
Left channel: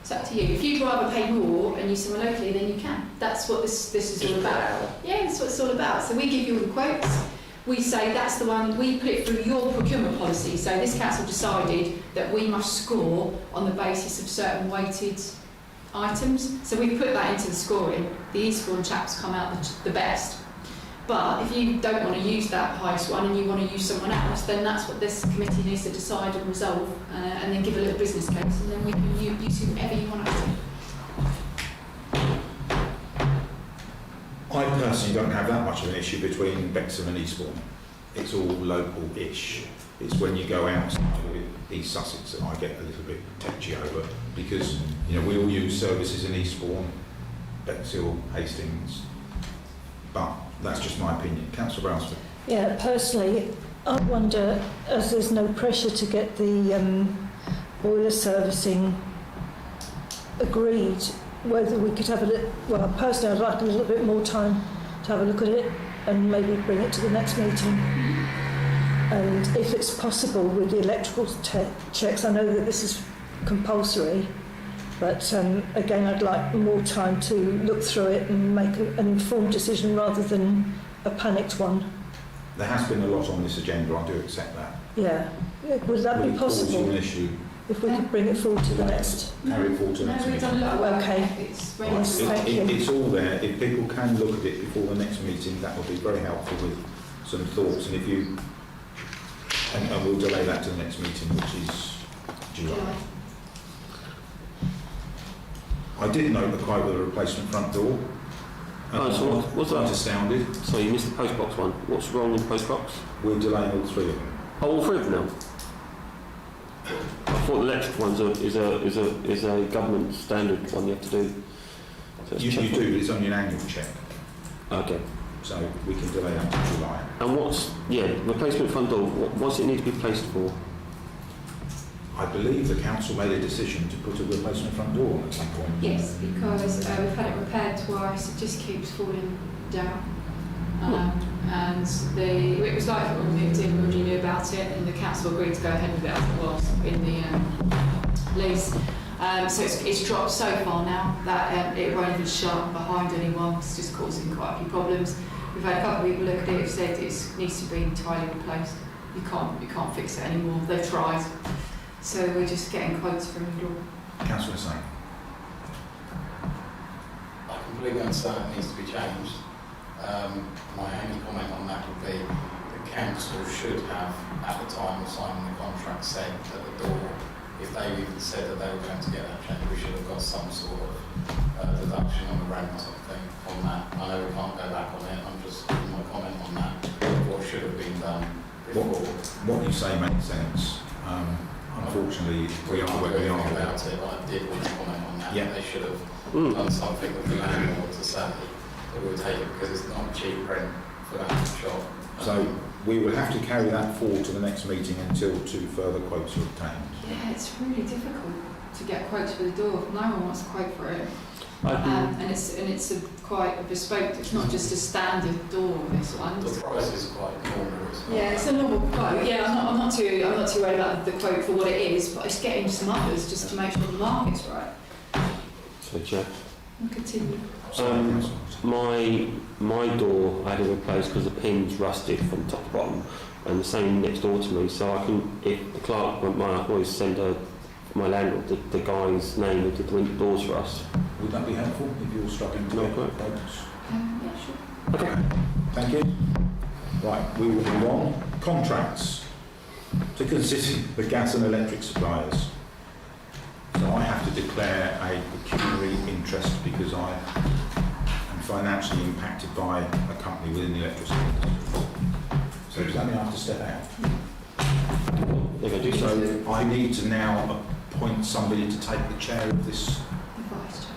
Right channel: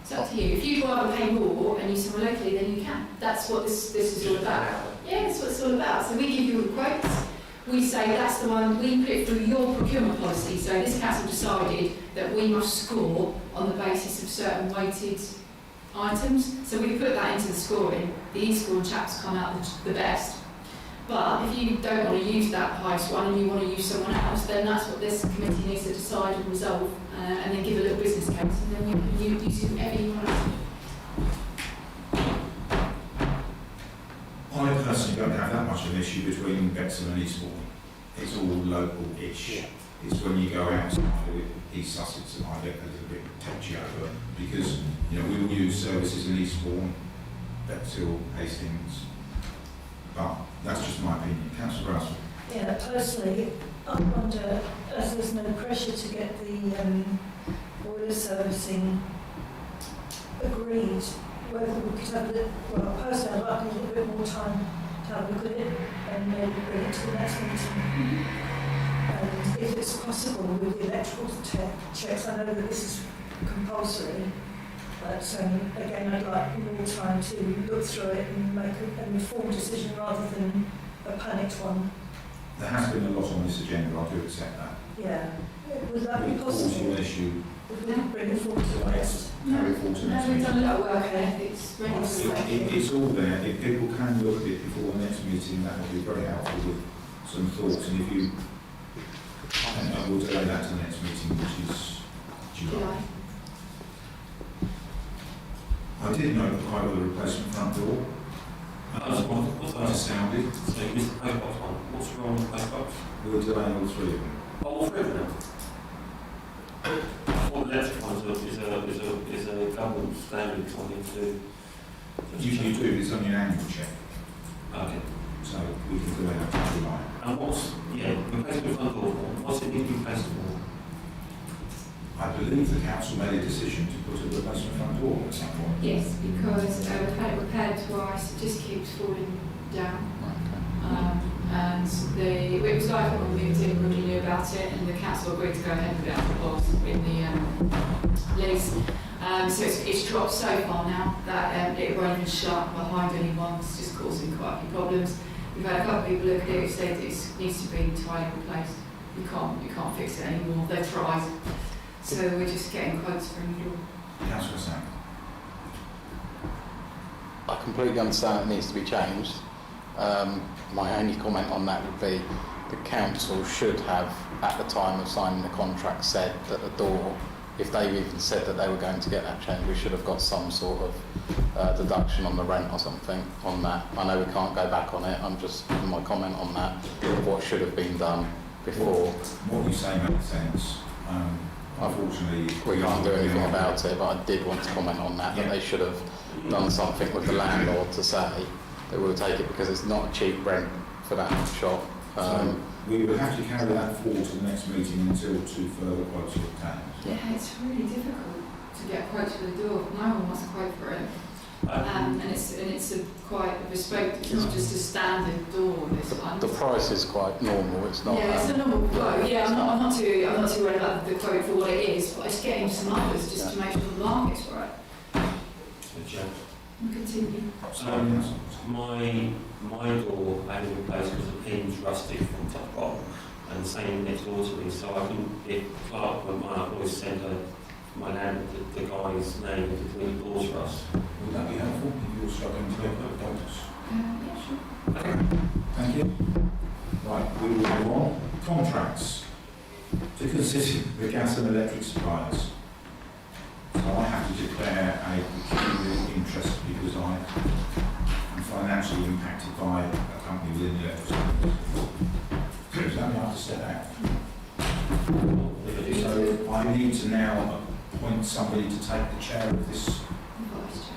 it's up to you. If you'd rather pay more and use someone locally, then you can. That's what this is all about. Yeah, that's what it's all about. So we give you all the quotes. We say that's the one, we put it through your procurement policy. So this council decided that we must score on the basis of certain weighted items. So we put that into the scoring. The Eastbourne chaps come out the best. But if you don't want to use that highest one and you want to use someone else, then that's what this committee needs to decide and resolve and then give a little business case and then we can use whoever you want us to. I personally don't have that much of an issue between Bexhill and Eastbourne. It's all local-ish. It's when you go out to East Sussex that I get a little bit touchy over because we all use services in Eastbourne, Bexhill, Hastings, but that's just my opinion. Councillor Bransford. Yeah, personally, I wonder, as there's no pressure to get the boiler servicing agreed, whether we could have a little, well, personally I'd like a little bit more time to have a look at it and maybe bring it to the next meeting. And if it's possible with the electrical checks, I know that this is compulsory, but again I'd like more time to look through it and make an informed decision rather than a panicked one. There has been a lot on this agenda, I do accept that. Yeah, would that Will be it cause you possible an issue? if we could bring it forward to the next? Carry forward to the next No, we've meeting. done a lot of work. Okay. It's ready to Yes. go. Thank you. It's all there. If people can look at it before the next meeting, that would be very helpful with some thoughts. And if you, and we'll delay that to the next meeting, which is July. I did note the quote with a replacement front door. Oh, so what's that? Quite astounded. So you missed the postbox one. What's wrong with the postbox? We're delaying all 3 of them. Oh, all 3 of them. I thought the electric one's is a government standard one you have to do. So it's You checked. do, it's only an annual check, Okay. so we can delay that to July. And replacement front door, what's it need to be placed for? I believe the council made a decision to put a replacement front door at some point. Yes, because we've had it repaired twice, it just keeps falling down. And it was like when we moved in, we already knew about it, and the council agreed to go ahead with it as it was in the lease. So it's dropped so far now that it won't even shut behind anyone, it's just causing quite a few problems. We've had a couple of people look at it who've said it needs to be entirely replaced. You can't fix it anymore, they've tried. So we're just getting quotes from you all. Councillor Sang. I completely understand it needs to be changed. My only comment on that would be the council should have, at the time of signing the contract, said that the door if they even said that they were going to get that change, we should have got some sort of deduction on the rent or something on that. I know we can't go back on it, I'm just giving my comment on that, what should have been done before. What you say makes sense. Unfortunately, We can't do anything about it, but I did want to comment on that. Yeah. They should have done something with the landlord to say that we'll take it because it's not cheap rent for that shop. So we will have to carry that forward to the next meeting until 2 further quotes are obtained. Yeah, it's really difficult to get quotes for the door. No one wants a quote for it. And it's quite a bespoke. It's not just a standard door. This one. The price is quite normal. It's not. Yeah, it's a normal quote. Yeah, I'm not too worried about the quote for what it is, but it's getting some others just to make sure the market's right. So, Jeff, We'll continue. my door I had to replace because the pin's rusted from top to bottom, and the same next door to me. So I can, if the clerk went by, I can always send my landlord the guy's name of the doors for us. Would that be helpful if you're struggling to get quotes? Yeah, sure. Okay. Thank you. Right, we will move on. Contracts. To consider the gas and electric suppliers. So I have to declare a pecuniary interest because I am financially impacted by a company within the electricity industry. So does that mean I have to step out? So I need to now appoint somebody to take the chair of this, The vice chair.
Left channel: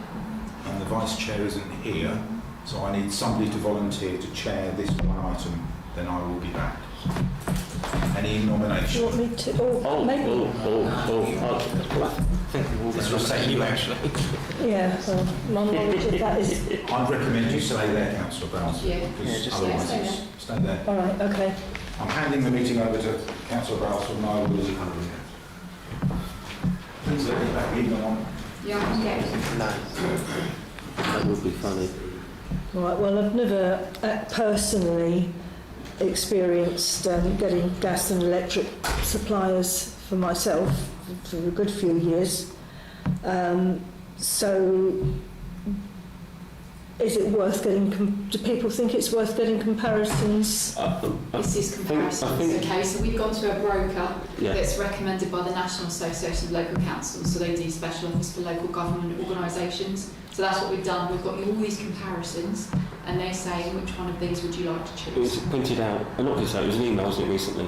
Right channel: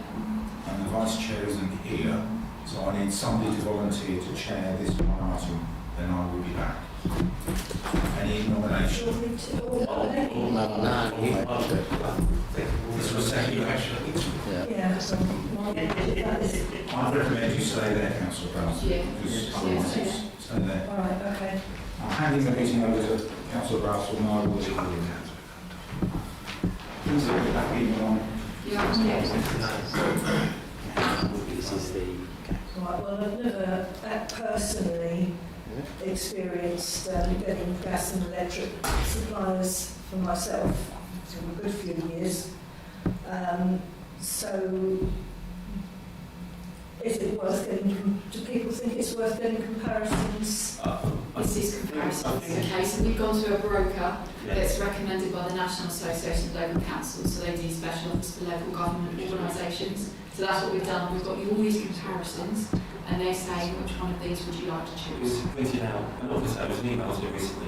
and the vice chair isn't here, so I need somebody to volunteer to chair this one item, then I will be back. Any Do you nomination? want me to? This will save you actually. Yeah, so my knowledge that is. I'd recommend you stay there, Councillor Brown, Yeah. because Yeah, otherwise stay it's, stay there. All right, okay. I'm handing the meeting over to Councillor Brown, and I will please look at that email on. Yeah, yeah. That would be funny. Right, well, I've never personally experienced getting gas and electric suppliers for myself for a good few years. So, is it worth getting, do people think it's worth getting comparisons? This is comparisons. Okay, so we've gone to a broker Yeah. that's recommended by the National Association of Local Councils, so they do special offers for local government organisations. So that's what we've done. We've got you all these comparisons, and they're saying which one of these would you like to It was choose. printed out, not just that, it was an email, wasn't it, recently,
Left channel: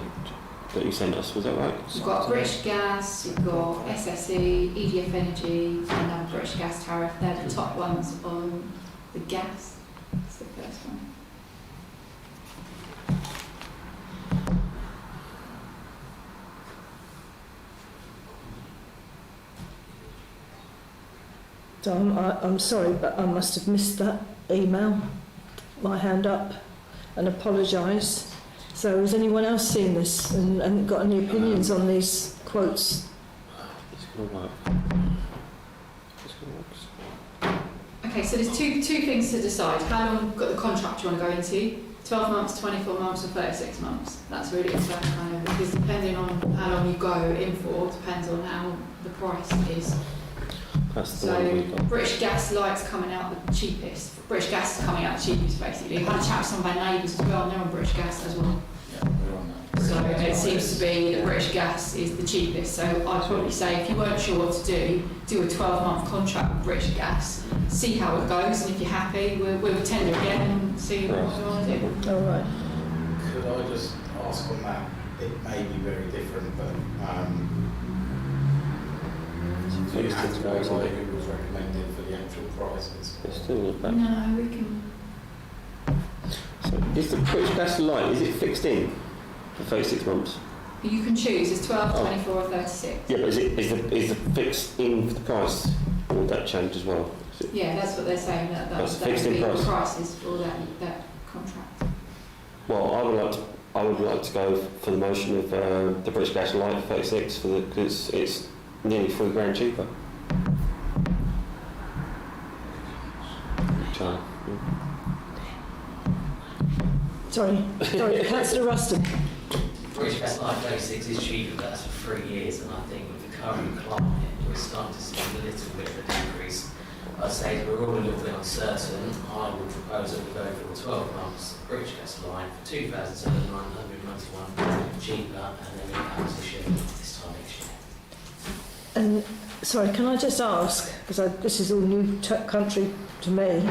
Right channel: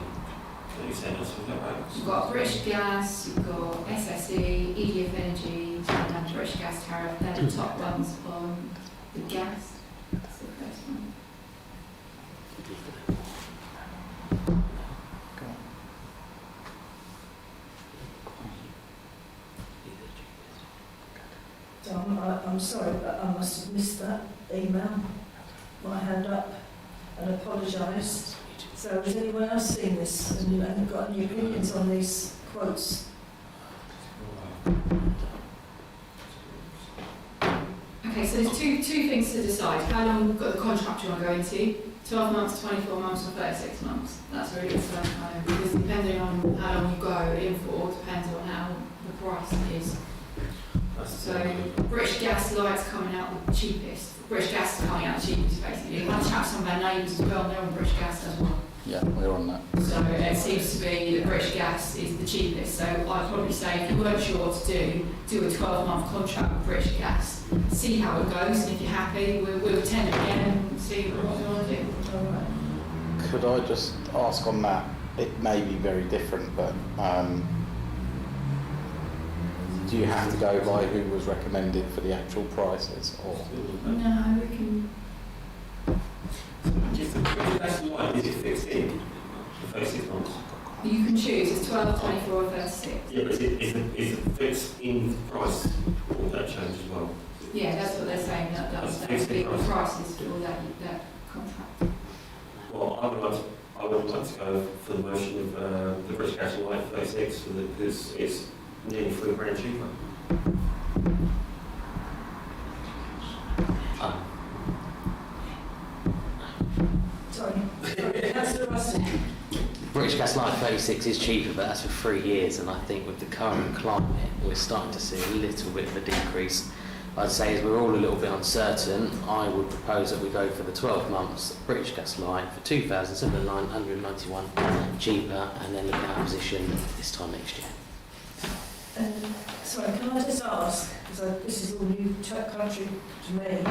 that you sent us, was that right? You've got British Gas, you've got SSE, EDF Energy, and then British Gas Tariff. They're the top ones on the gas. That's the first one. So I'm sorry, but I must have missed that email. My hand up and apologise. So has anyone else seen this and got any opinions on these quotes? It's going to work. Okay, so there's two things to decide. How long the contract you want to go into? 12 months, 24 months or 36 months? That's really the kind of, because depending on how long you go in for, depends on how the price is. That's the So one we've got. British Gas Light's coming out the cheapest. British Gas is coming out the cheapest basically. I had a chat with some of our neighbours as well, and they're on British Gas as well. Yeah, we're on that. So it seems to be that British Gas is the cheapest. So I'd probably say if you weren't sure what to do a 12-month contract with British Gas, see how it goes, and if you're happy, we'll tender again and see what you want to do. All right. Could I just ask on that? It may be very different, but do you have to go by who was recommended for the actual prices? Or? Still not bad. No, we can. So is the British Gas Light, is it fixed in for 36 months? You can choose. It's 12, 24 or 36. Yeah, but is it fixed in the price? Or will that change as well? Yeah, that's what they're saying. That That's would fixed be in the price. prices for that contract. Well, I would like to go for the motion of the British Gas Light 36 because it's nearly £3,000 cheaper. Sorry, Councillor Ruston. British Gas Light 36 is cheaper, but that's for 3 years, and I think with the current climate, we're starting to see a little bit of a decrease. I'd say as we're all a little bit uncertain, I would propose that we go for the 12 months British Gas Light for £2,991 cheaper, and then look at our position this time next year. And sorry, can I just ask, because this is all new country to me,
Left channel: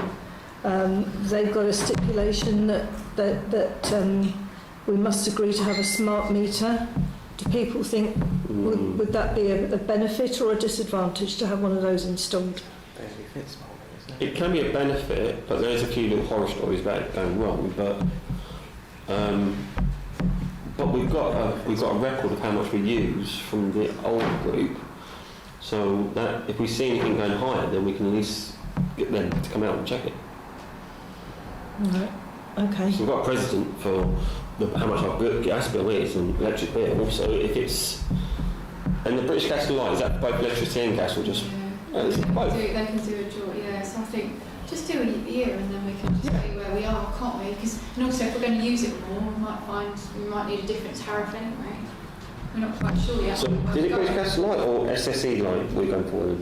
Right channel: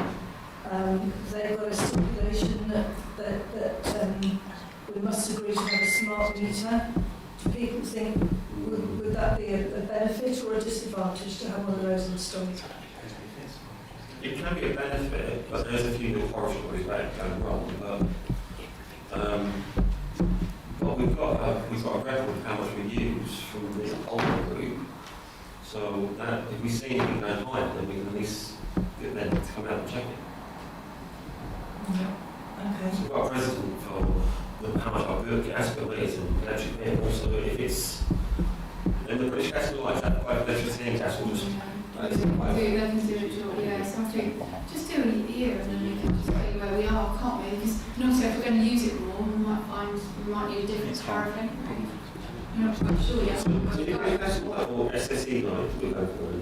they've got a stipulation that we must agree to have a smart meter. Do people think, would that be a benefit or a disadvantage to have one of those installed? It can be a benefit, but there's a few little horror stories about it going wrong. But we've got a record of how much we use from the old group. So that if we see anything going higher, then we can at least get them to come out and check it. Right. Okay. So we've got a precedent for how much our gas bill is and electric bill. So if it's and the British Gas and Light, is that both electricity and gas or just? They can do a job, yeah. So I think just do a year and then we can just see where we are, can't we? Because and also if we're going to use it more, we might need a different tariff anyway. We're not quite sure yet. So did it British Gas and Light or SSE Light we're going for then?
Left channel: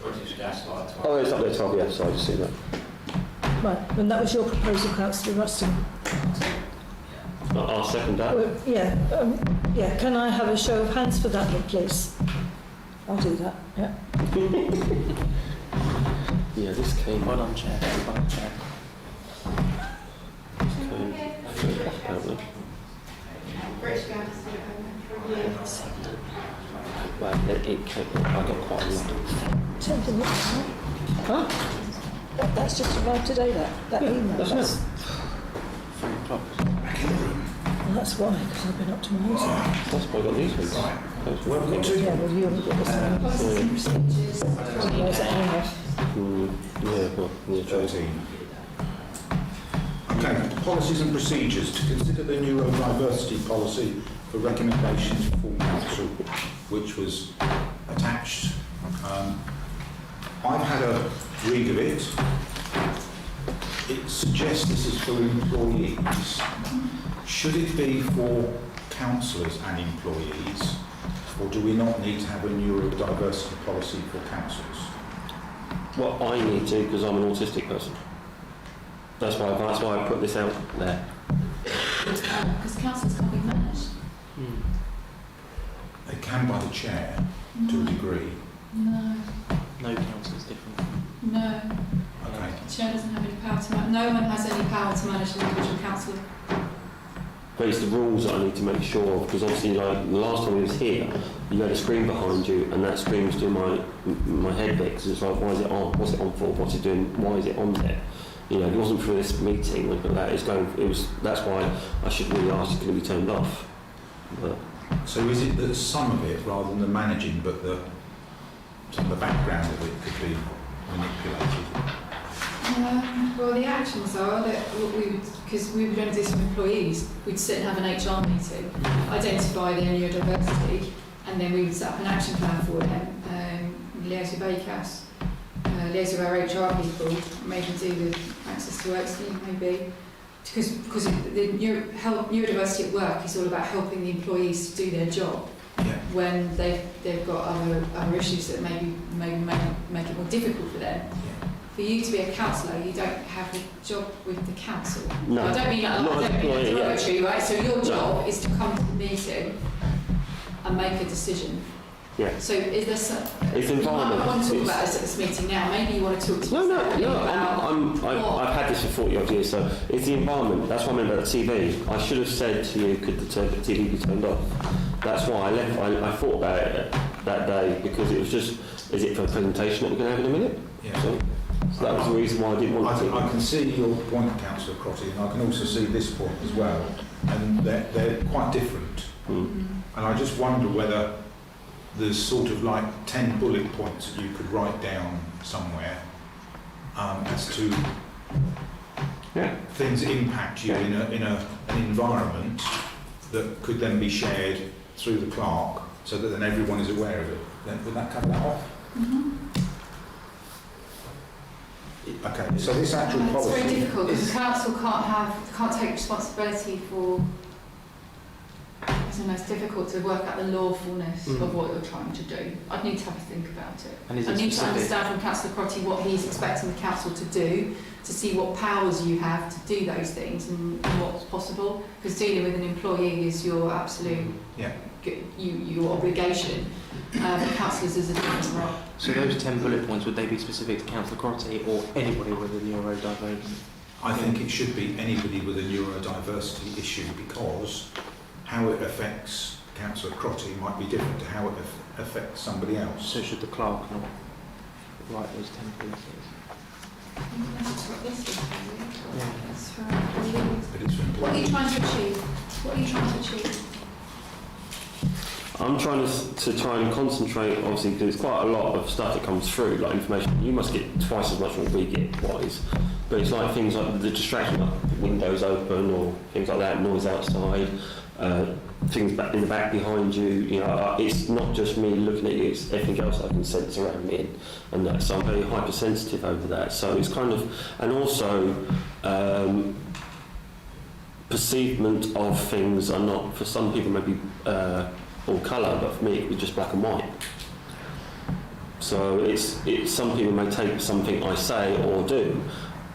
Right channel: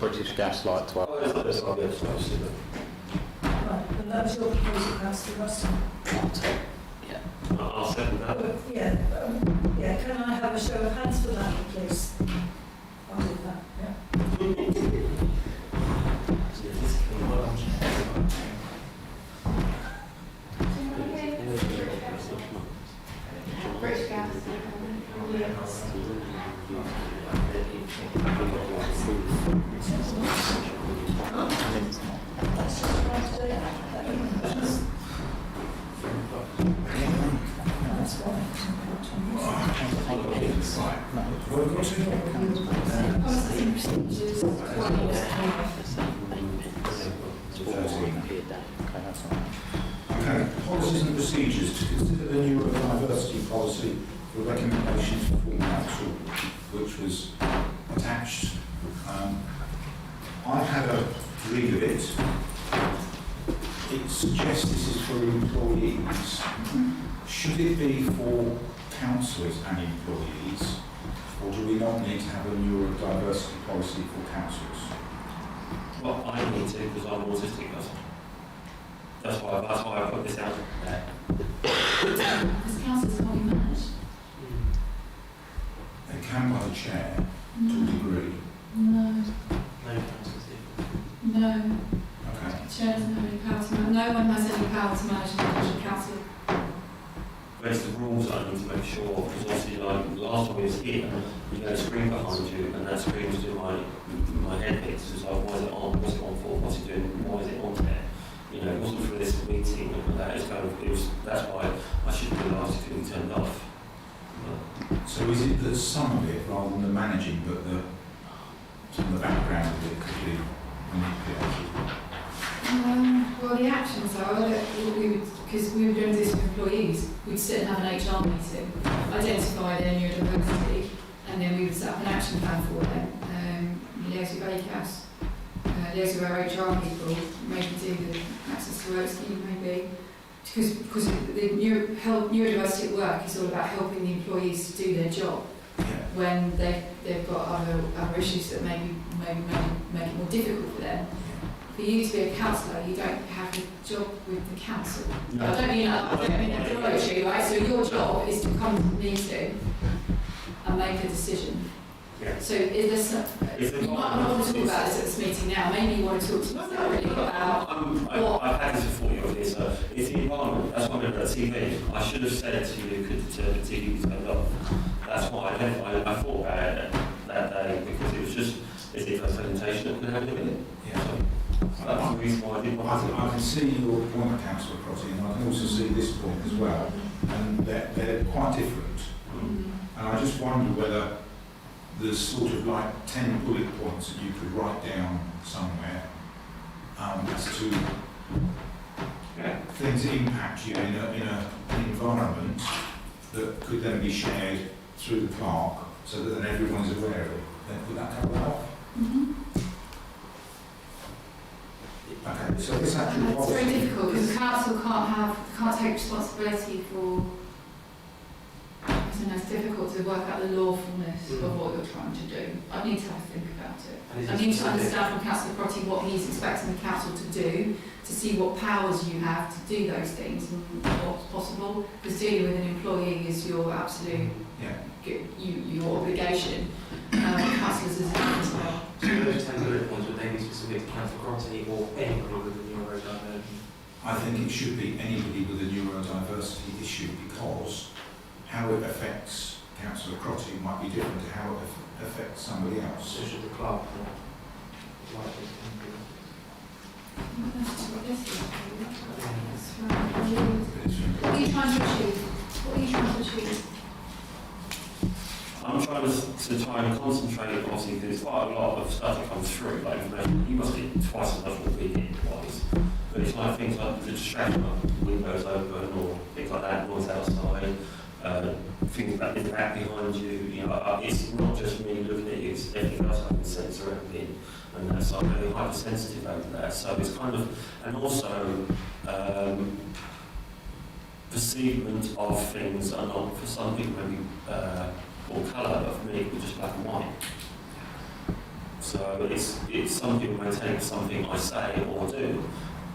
British Gas Light 12. Oh, it's up there, 12, yeah, so I just see that. Right, and that was your proposal, Councillor Ruston. I'll second that. Well, yeah, can I have a show of hands for that one, please? I'll do that, yeah. Yeah, this came Well, I'm checking. British Gas. well, it came quite Huh? That's just about today, that email. That's why I've been up to my That's why I got these ones. Where have we got to? Yeah, well, you've got the same. Policies and procedures. Yeah, well, yeah. 13. Okay, policies and procedures to consider the new diversity policy for recommendations for full council, which was attached. I've had a read of it. It suggests this is for employees. Should it be for councillors and employees, or do we not need to have a neurodiversity policy for councillors? Well, I need to because I'm an autistic person. That's why I put this out there. Because councillors can't be managed. They can by the chair to a degree. No. No council's different. No. Okay. The chair doesn't have any power to manage. No one has any power to manage an individual councillor. But it's the rules that I need to make sure of, because obviously, like the last time we was here, you had a screen behind you, and that screen was doing my head bit, because it's like, why is it on? What's it on for? What's it doing? Why is it on there? You know, it wasn't for this meeting, like that. That's why I should really ask it to be turned off. But So is it that some of it, rather than the managing, but some of the background of it could be manipulated? Well, the actions are that because we were going to do some employees, we'd sit and have an HR meeting, identify their neurodiversity, and then we would set up an action plan for them, liaise with ACAS, liaise with our HR people, maybe do the access to work scheme maybe, because the neurodiversity at work is all about helping the employees to do their job when they've got other issues that maybe make it more difficult for them. For you to be a councillor, you don't have a job with the council. no. I don't mean that derogatory, right? So your job is to come to the meeting and make a decision. Yeah. So is there some... It's You might not environment. want to talk about this at this meeting now. Maybe you want to talk to us separately about... I've had this for 40 odd years, so it's the environment. That's what I meant about the TV. I should have said to you, could the TV be turned off? That's why I left. I thought about it that day, because it was just, is it for a presentation that we're going to have in a minute? Yeah. So that was the reason why I didn't want to. I can see your point, Councillor Crotty, and I can also see this point as well, and they're quite different. Mm. And I just wonder whether there's sort of like 10 bullet points that you could write down somewhere as to things that impact you in an environment that could then be shared through the clerk, so that then everyone is aware of it. Then would that cover that off? Mm-hmm. Okay, so this actual It's policy... very difficult because the council can't take responsibility for... It's don't know, it's difficult to work out the lawfulness of what you're trying to do. I'd need to have a think about it. And I need to understand from Councillor Crotty what he's expecting the council to do, to see what powers you have to do those things and what's possible. Because dealing with an employee is your absolute, your obligation. Councillors as a councillor. So those 10 bullet points, would they be specific to Councillor Crotty or anybody with a neurodivergent? I think it should be anybody with a neurodiversity issue, because how it affects Councillor Crotty might be different to how it affects somebody else. So should the clerk write those 10 points? But it's for What are you employees. trying to achieve? What are you trying to achieve? I'm trying to try and concentrate, obviously, because there's quite a lot of stuff that comes through, like information. You must get twice as much what we get, wise. But it's like things like the distraction, like windows open or things like that, noise outside, things back in the back behind you. You know, it's not just me looking at you; it's everything else I can sense around me, and that. So I'm very hypersensitive over that. So it's kind of, and also. Perceivement of things are not, for some people maybe all colour, but for me it was just black and white. So it's some people may take something I say or do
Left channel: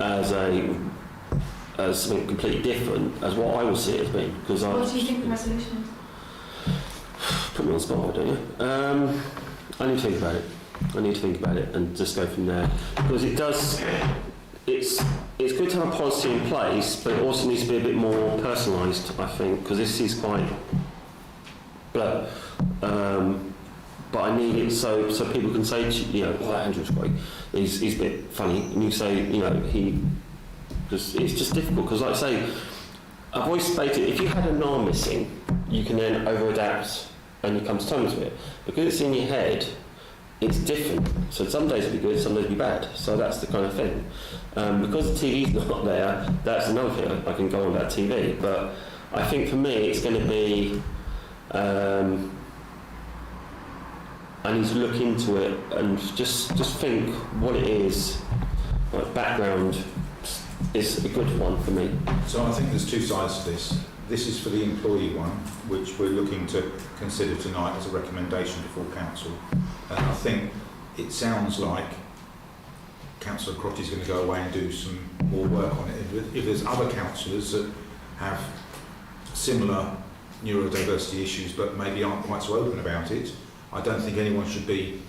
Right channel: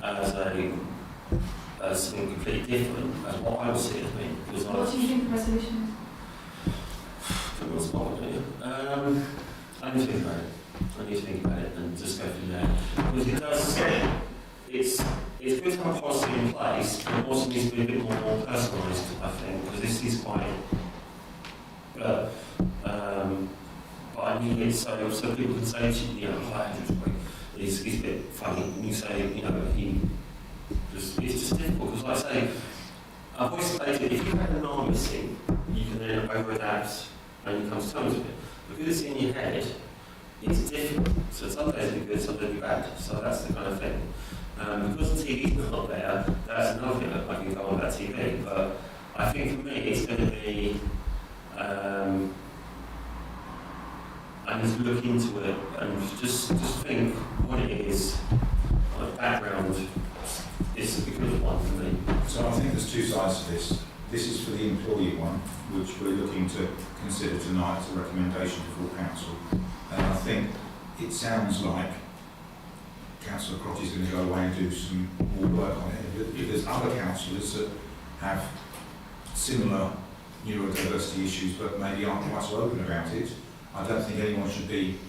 as something completely different as what I will see it as being. Because What do you think the resolution is? Put me on the spot, don't you? I need to think about it. I need to think about it and just go from there. Because it does. It's good to have a policy in place, but it also needs to be a bit more personalised, I think, because this is quite. But I need it so people can say, to you know, oh, Andrew's great. He's a bit funny, and you say, you know, it's just difficult because, like I say, I've always stated if you had an arm missing, you can then over-adapt and you come to terms with it. Because it's in your head, it's different. So some days it'll be good, some days it'll be bad. So that's the kind of thing. Because the TV's not there, that's another thing I can go on that TV. But I think for me it's going to be, I need to look into it and just think what it is. Like background is a good one for me. So I think there's two sides to this. This is for the employee one, which we're looking to consider tonight as a recommendation to full council. And I think it sounds like Councillor Crotty's going to go away and do some more work on it. If there's other councillors that have similar neurodiversity issues but maybe aren't quite so open about it, I don't think anyone should be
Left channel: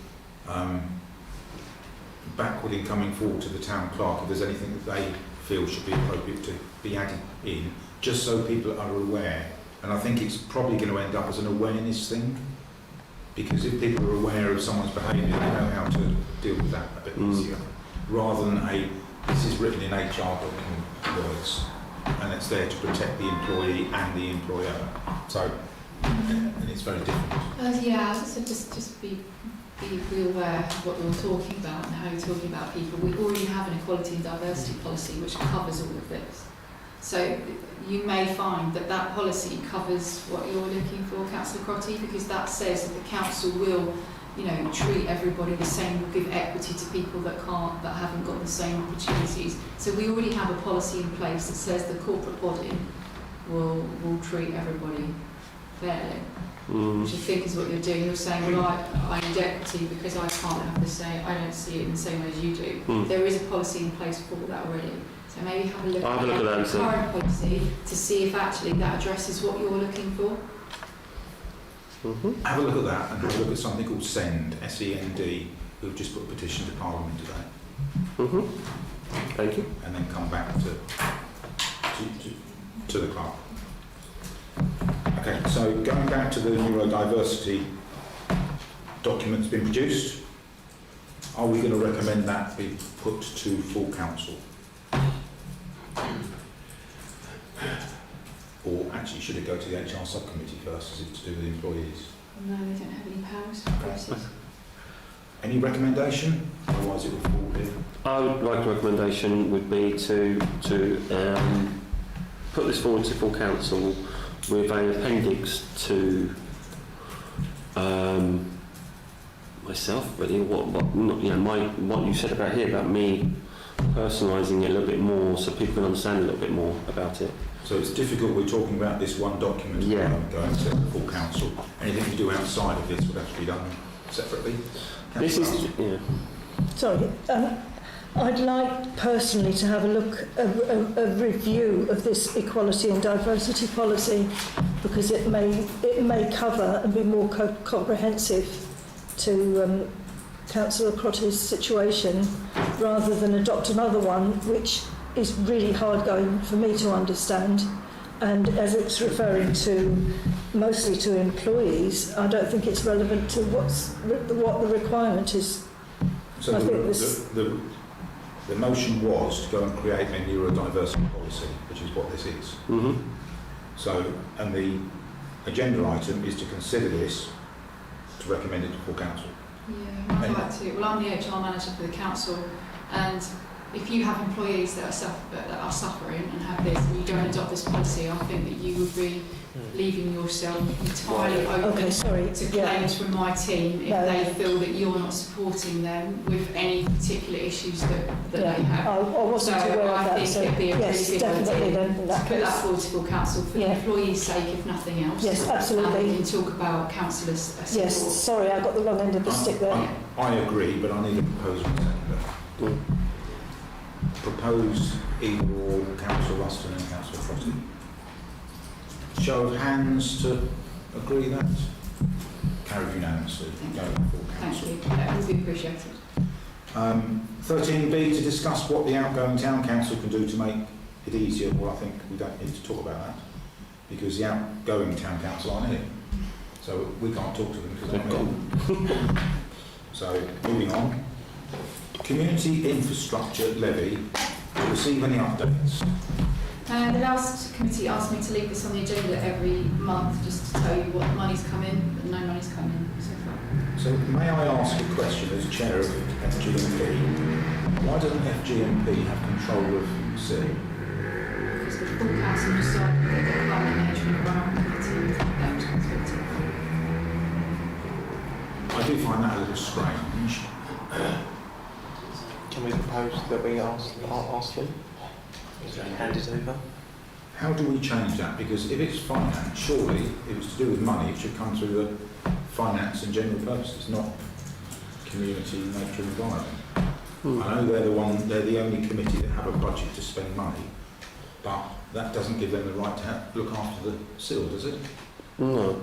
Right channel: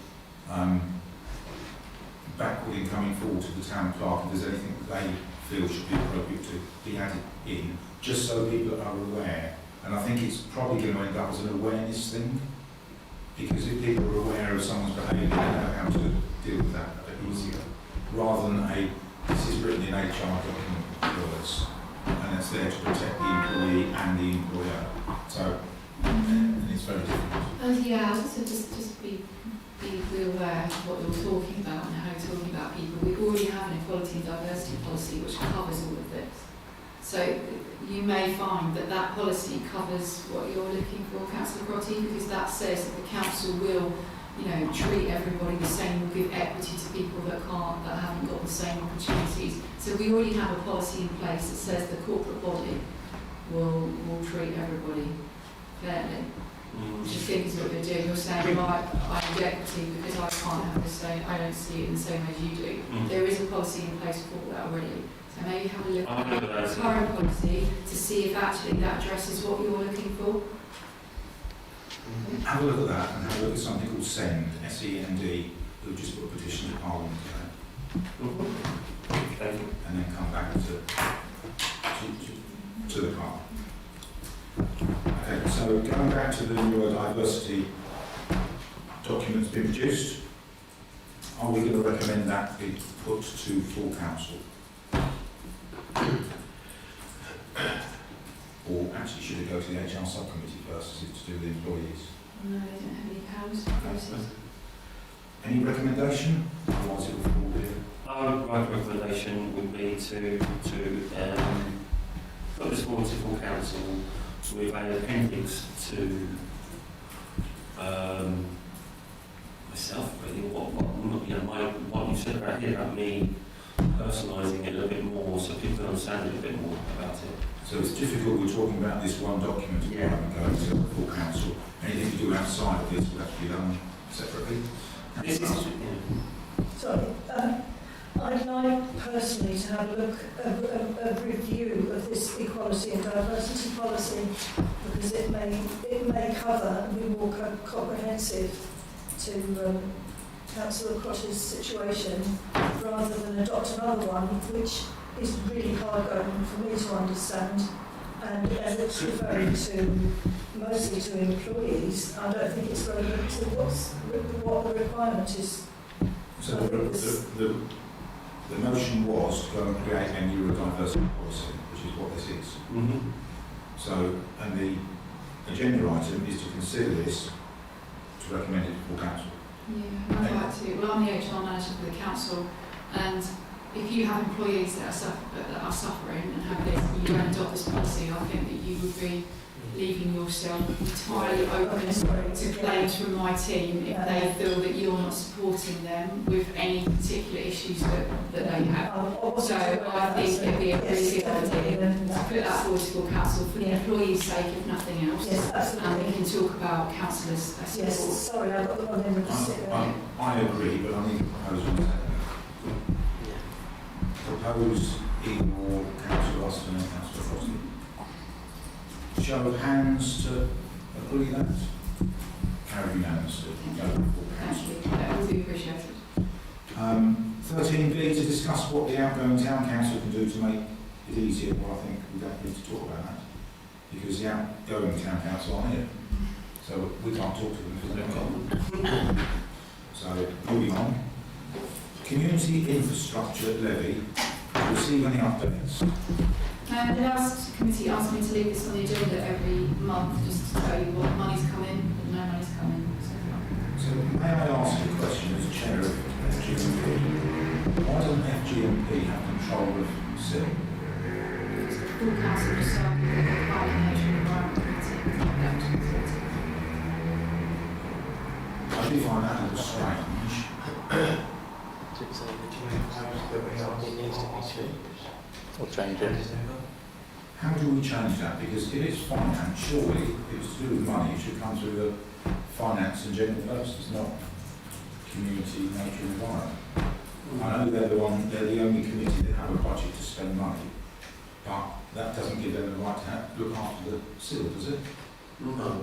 backward in coming forward to the town clerk if there's anything that they feel should be appropriate to be added in, just so people are aware. And I think it's probably going to end up as an awareness thing, because if people are aware of someone's behaviour, they know how to deal with that a bit easier, rather than this is written in HR document words, and it's there to protect the employee and the employer. So, and it's very different. Yeah, so just be aware of what you're talking about and how you're talking about people. We already have an equality and diversity policy which covers all of this. So you may find that that policy covers what you're looking for, Councillor Crotty, because that says that the council will, you know, treat everybody the same, will give equity to people that haven't got the same opportunities. So we already have a policy in place that says the corporate body will treat everybody fairly. Which I think is what you're doing. You're saying, right, I need equity because I can't have the same, I don't see it in the same way as you do. There is a policy in place for that already. So maybe have a look at the current policy to see if actually that addresses what you're looking for. Have a look at that and have a look at something called SEND, S-E-N-D, who've just put a petition to Parliament today. Thank you. And then come back to the clerk. Okay, so going back to the neurodiversity document that's been produced, are we going to recommend that be put to full council? Or actually, should it go to the HR subcommittee first, as it's to do with employees? No, they don't have any powers for process. Any recommendation? Otherwise it will fall in. My recommendation would be to put this forward to full council with an appendix to myself, really. What you said about here about me personalising it a little bit more, so people can to understand a little bit more about it. So it's difficult, we're talking about this one document Yeah. going to the full council. Anything to do outside of this would have to be done separately. This is, yeah. Sorry, I'd like personally to have a look, a review of this equality and diversity policy, because it may cover and be more comprehensive to Councillor Crotty's situation, rather than adopt another one which is really hard going for me to understand. And as it's referring to mostly to employees, I don't think it's relevant to what the requirement is. So I think the motion was to go and create a neurodiversity policy, which is what this is. Mm-hmm. So, and the agenda item is to consider this, to recommend it to full council. Yeah, I'd like to. Well, I'm the HR manager for the council, and if you have employees that are suffering and have this, and you don't adopt this policy, I think that you would be leaving yourself entirely open to claims from my team if they feel that you're not supporting them with any particular issues that they have. So I think it'd be a really good idea to put that forward to full council for the employees' sake, if nothing else. Yes, absolutely. And we can talk about councillors' support. Yes, sorry, I got the wrong end of the stick there. I agree, but I need a proposal. Propose in your Councillor Ruston and Councillor Crotty. Show of hands to agree that. Carried unanimously. Go to full Thank council. you. That will be appreciated. 13B, to discuss what the outgoing town council can do to make it easier. Well, I think we don't need to talk about that, because the outgoing town council aren't here. So we can't talk to them because they're not. So, moving on. Community infrastructure levy, to receive any updates. The last committee asked me to leave this on the agenda every month just to tell you what money's come in and no money's come in so far. So may I ask a question as chair of FGMP? Why doesn't FGMP have control of C? Because the full council decided that the Climate Nature and Environment Committee would take that responsibility. I do find that a little strange. Do we propose that we ask you? Or change Hand it. it over? How do we change that? Because if it's finance, surely if it's to do with money, it should come through the finance and general purposes, not community, nature and environment. I know they're the only committee that have a budget to spend money, but that doesn't give them the right to look after the seal, does it? No.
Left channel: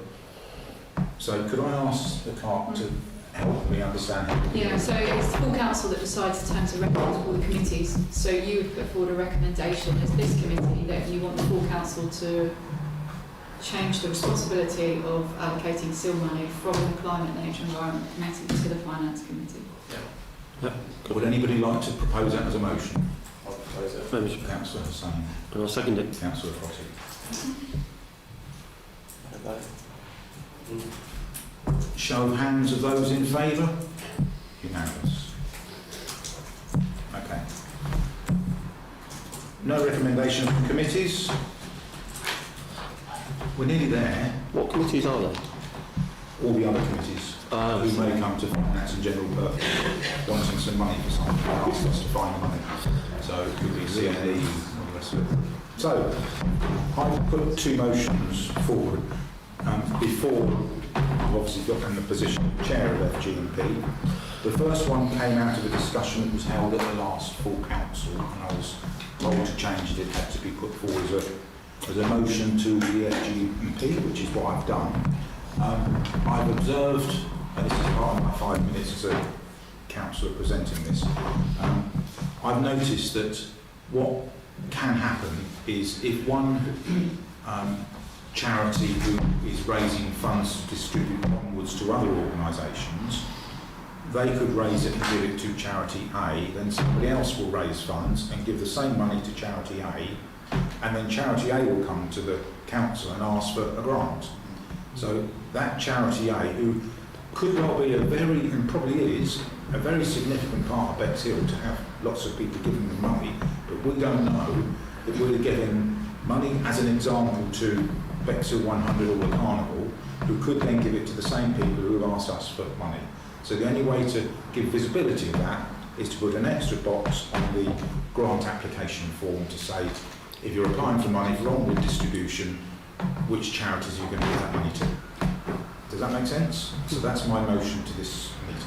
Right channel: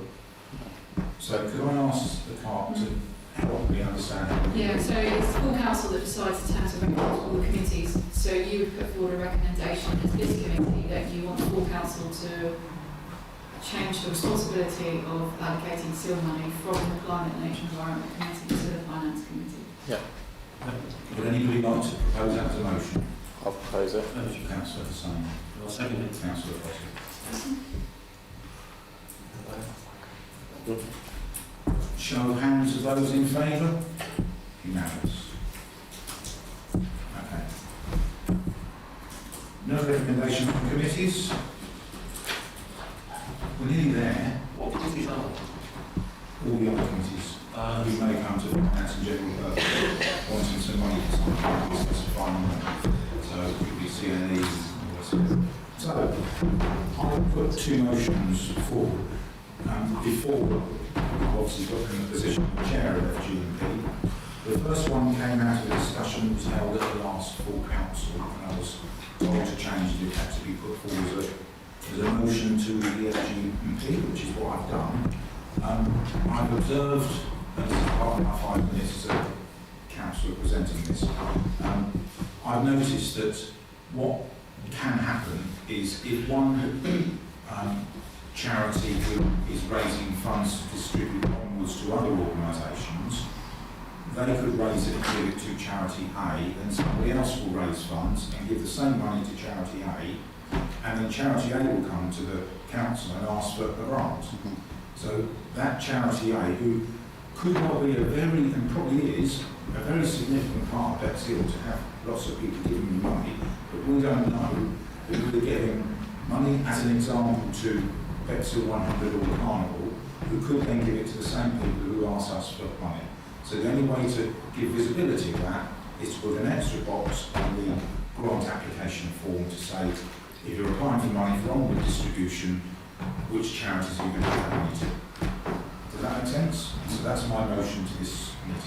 So could I ask the clerk to help me understand how we Yeah, do so it's the full council that decides in terms of recommend all the committees. So you would put forward a recommendation as this committee that you want the full council to change the responsibility of allocating seal money from the Climate, Nature and Environment Committee to the Finance Committee. Would anybody like to propose that as a motion? I'll propose it. Councillor Hussain, I'll second it. Councillor Crotty. Show of hands of those in favour? Unanimous. Okay. No recommendation from committees. We're nearly there. What committees are there? All the other committees who may come to finance and general purpose, wanting some money for something, asking us to find money. So it could be CNE and all the rest of it. So I'll put two motions forward. Before I've obviously got in the position of chair of FGMP. The first one came out of a discussion that was held at the last full council, and I was told to change it. It had to be put forward as a motion to the FGMP, which is what I've done. I've observed, and this is part of my 5 minutes as a councillor presenting this, I've noticed that what can happen is if one charity who is raising funds to distribute onwards to other organisations, they could raise it and give it to charity A, then somebody else will raise funds and give the same money to charity A, and then charity A will come to the council and ask for a grant. So that charity A, who could well be a very, and probably is, a very significant part of Bexhill to have lots of people giving them money, but we don't know that we're giving money, as an example, to Bexhill 100 or the Carnival, who could then give it to the same people who have asked us for money. So the only way to give visibility of that is to put an extra box on the grant application form to say, if you're applying for money for onward distribution, which charities are you going to give that money to? Does that make sense? So that's my motion to this meeting.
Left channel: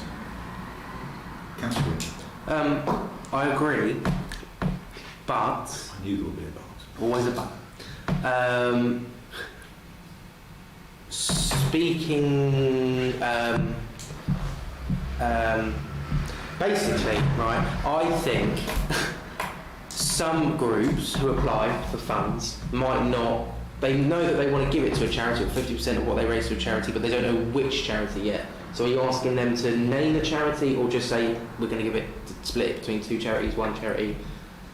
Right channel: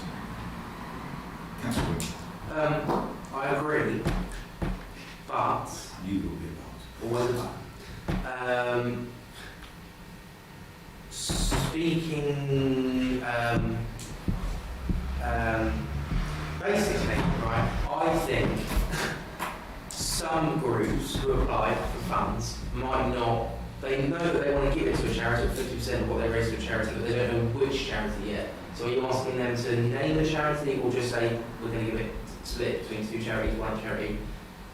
Councillor Wood. I agree, but You will be about. always a but. Speaking, basically, right, I think some groups who apply for funds might not, they know that they want to give it to a charity, or 50% of what they raise to a charity, but they don't know which charity yet. So are you asking them to name the charity, or just say, we're going to give it split between two charities, one charity?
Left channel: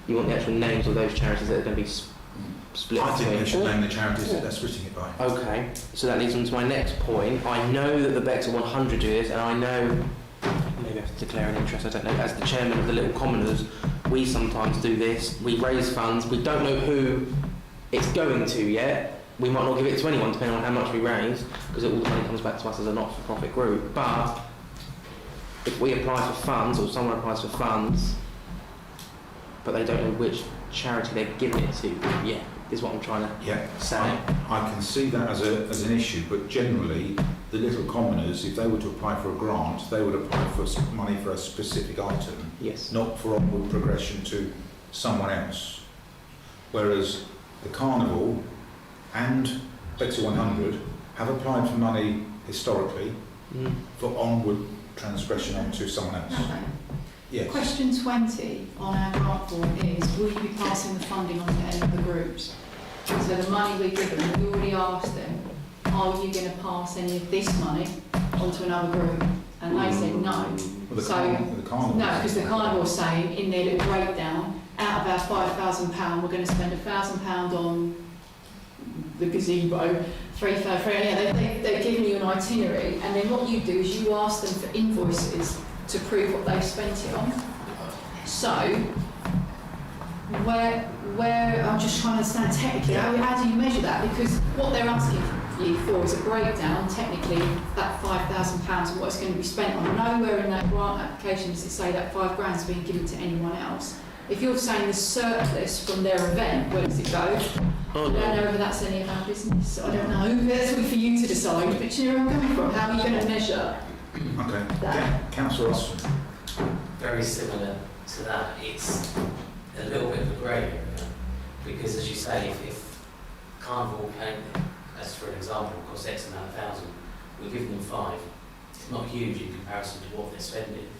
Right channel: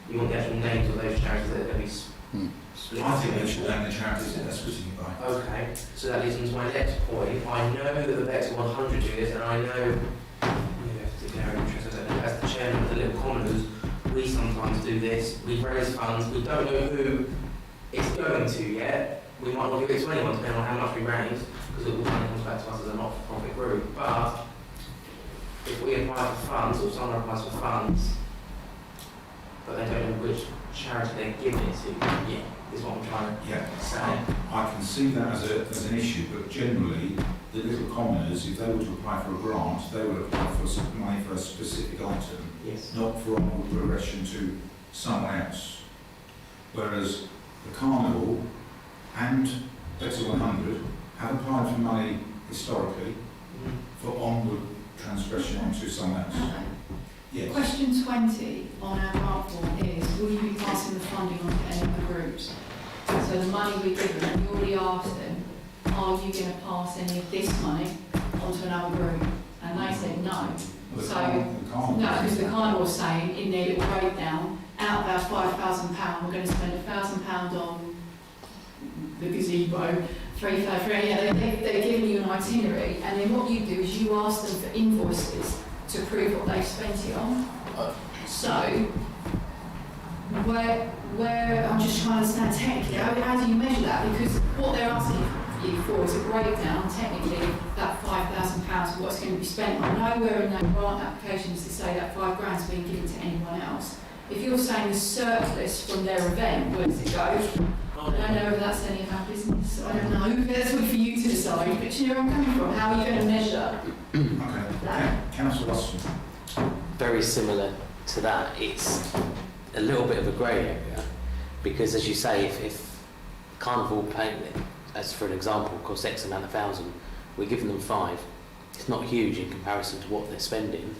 You want the actual names of those charities that are going to be split? I think they should name the charities that they're splitting it by. Okay, so that leads me to my next point. I know that the Bexhill-on-Sea is, and I know, maybe I have to declare an interest, I don't know, as the chairman of the Little Commoners, we sometimes do this. We raise funds, we don't know who it's going to yet. We might not give it to anyone, depending on how much we raise, because it all comes back to us as a not-for-profit group. But if we apply for funds, or someone applies for funds, but they don't know which charity they're giving it to, yeah, is what I'm trying to say. I can see that as an issue, but generally, the Little Commoners, if they were to apply for a grant, they would apply for money for a specific item, Yes. not for onward progression to someone else. Whereas the Carnival and Bexhill-on-Sea have applied for money historically for onward transgression onto someone else. Okay. Yes. Question 20 on our grant form is, will you be passing the funding on to any of the groups? So the money we've given, we already asked them, are you going to pass any of this money onto another group? And they said no. Well, So, Carnival. no, because the Carnival is saying in their little breakdown, out of our £5,000, we're going to spend £1,000 on the gazebo, they're giving you an itinerary, and then what you do is you ask them for invoices to prove what they've spent it on. So, where I'm just trying to understand technically, how do you measure that? Because what they're asking you for is a breakdown, technically, of that £5,000 and what it's going to be spent on. Nowhere in that grant application does it say that £5,000 is being given to anyone else. If you're saying the surplus from their event, where does it go? I don't know whether that's any of our business. I don't know. That's for you to decide. But you know where I'm coming from. How are you going to measure Okay. that? Councillor Austin. Very similar to that. It's a little bit of a grey area because, as you say, if Carnival paying, as for an example, costs X amount of thousand, we're giving them 5. It's not huge in comparison to what they're spending,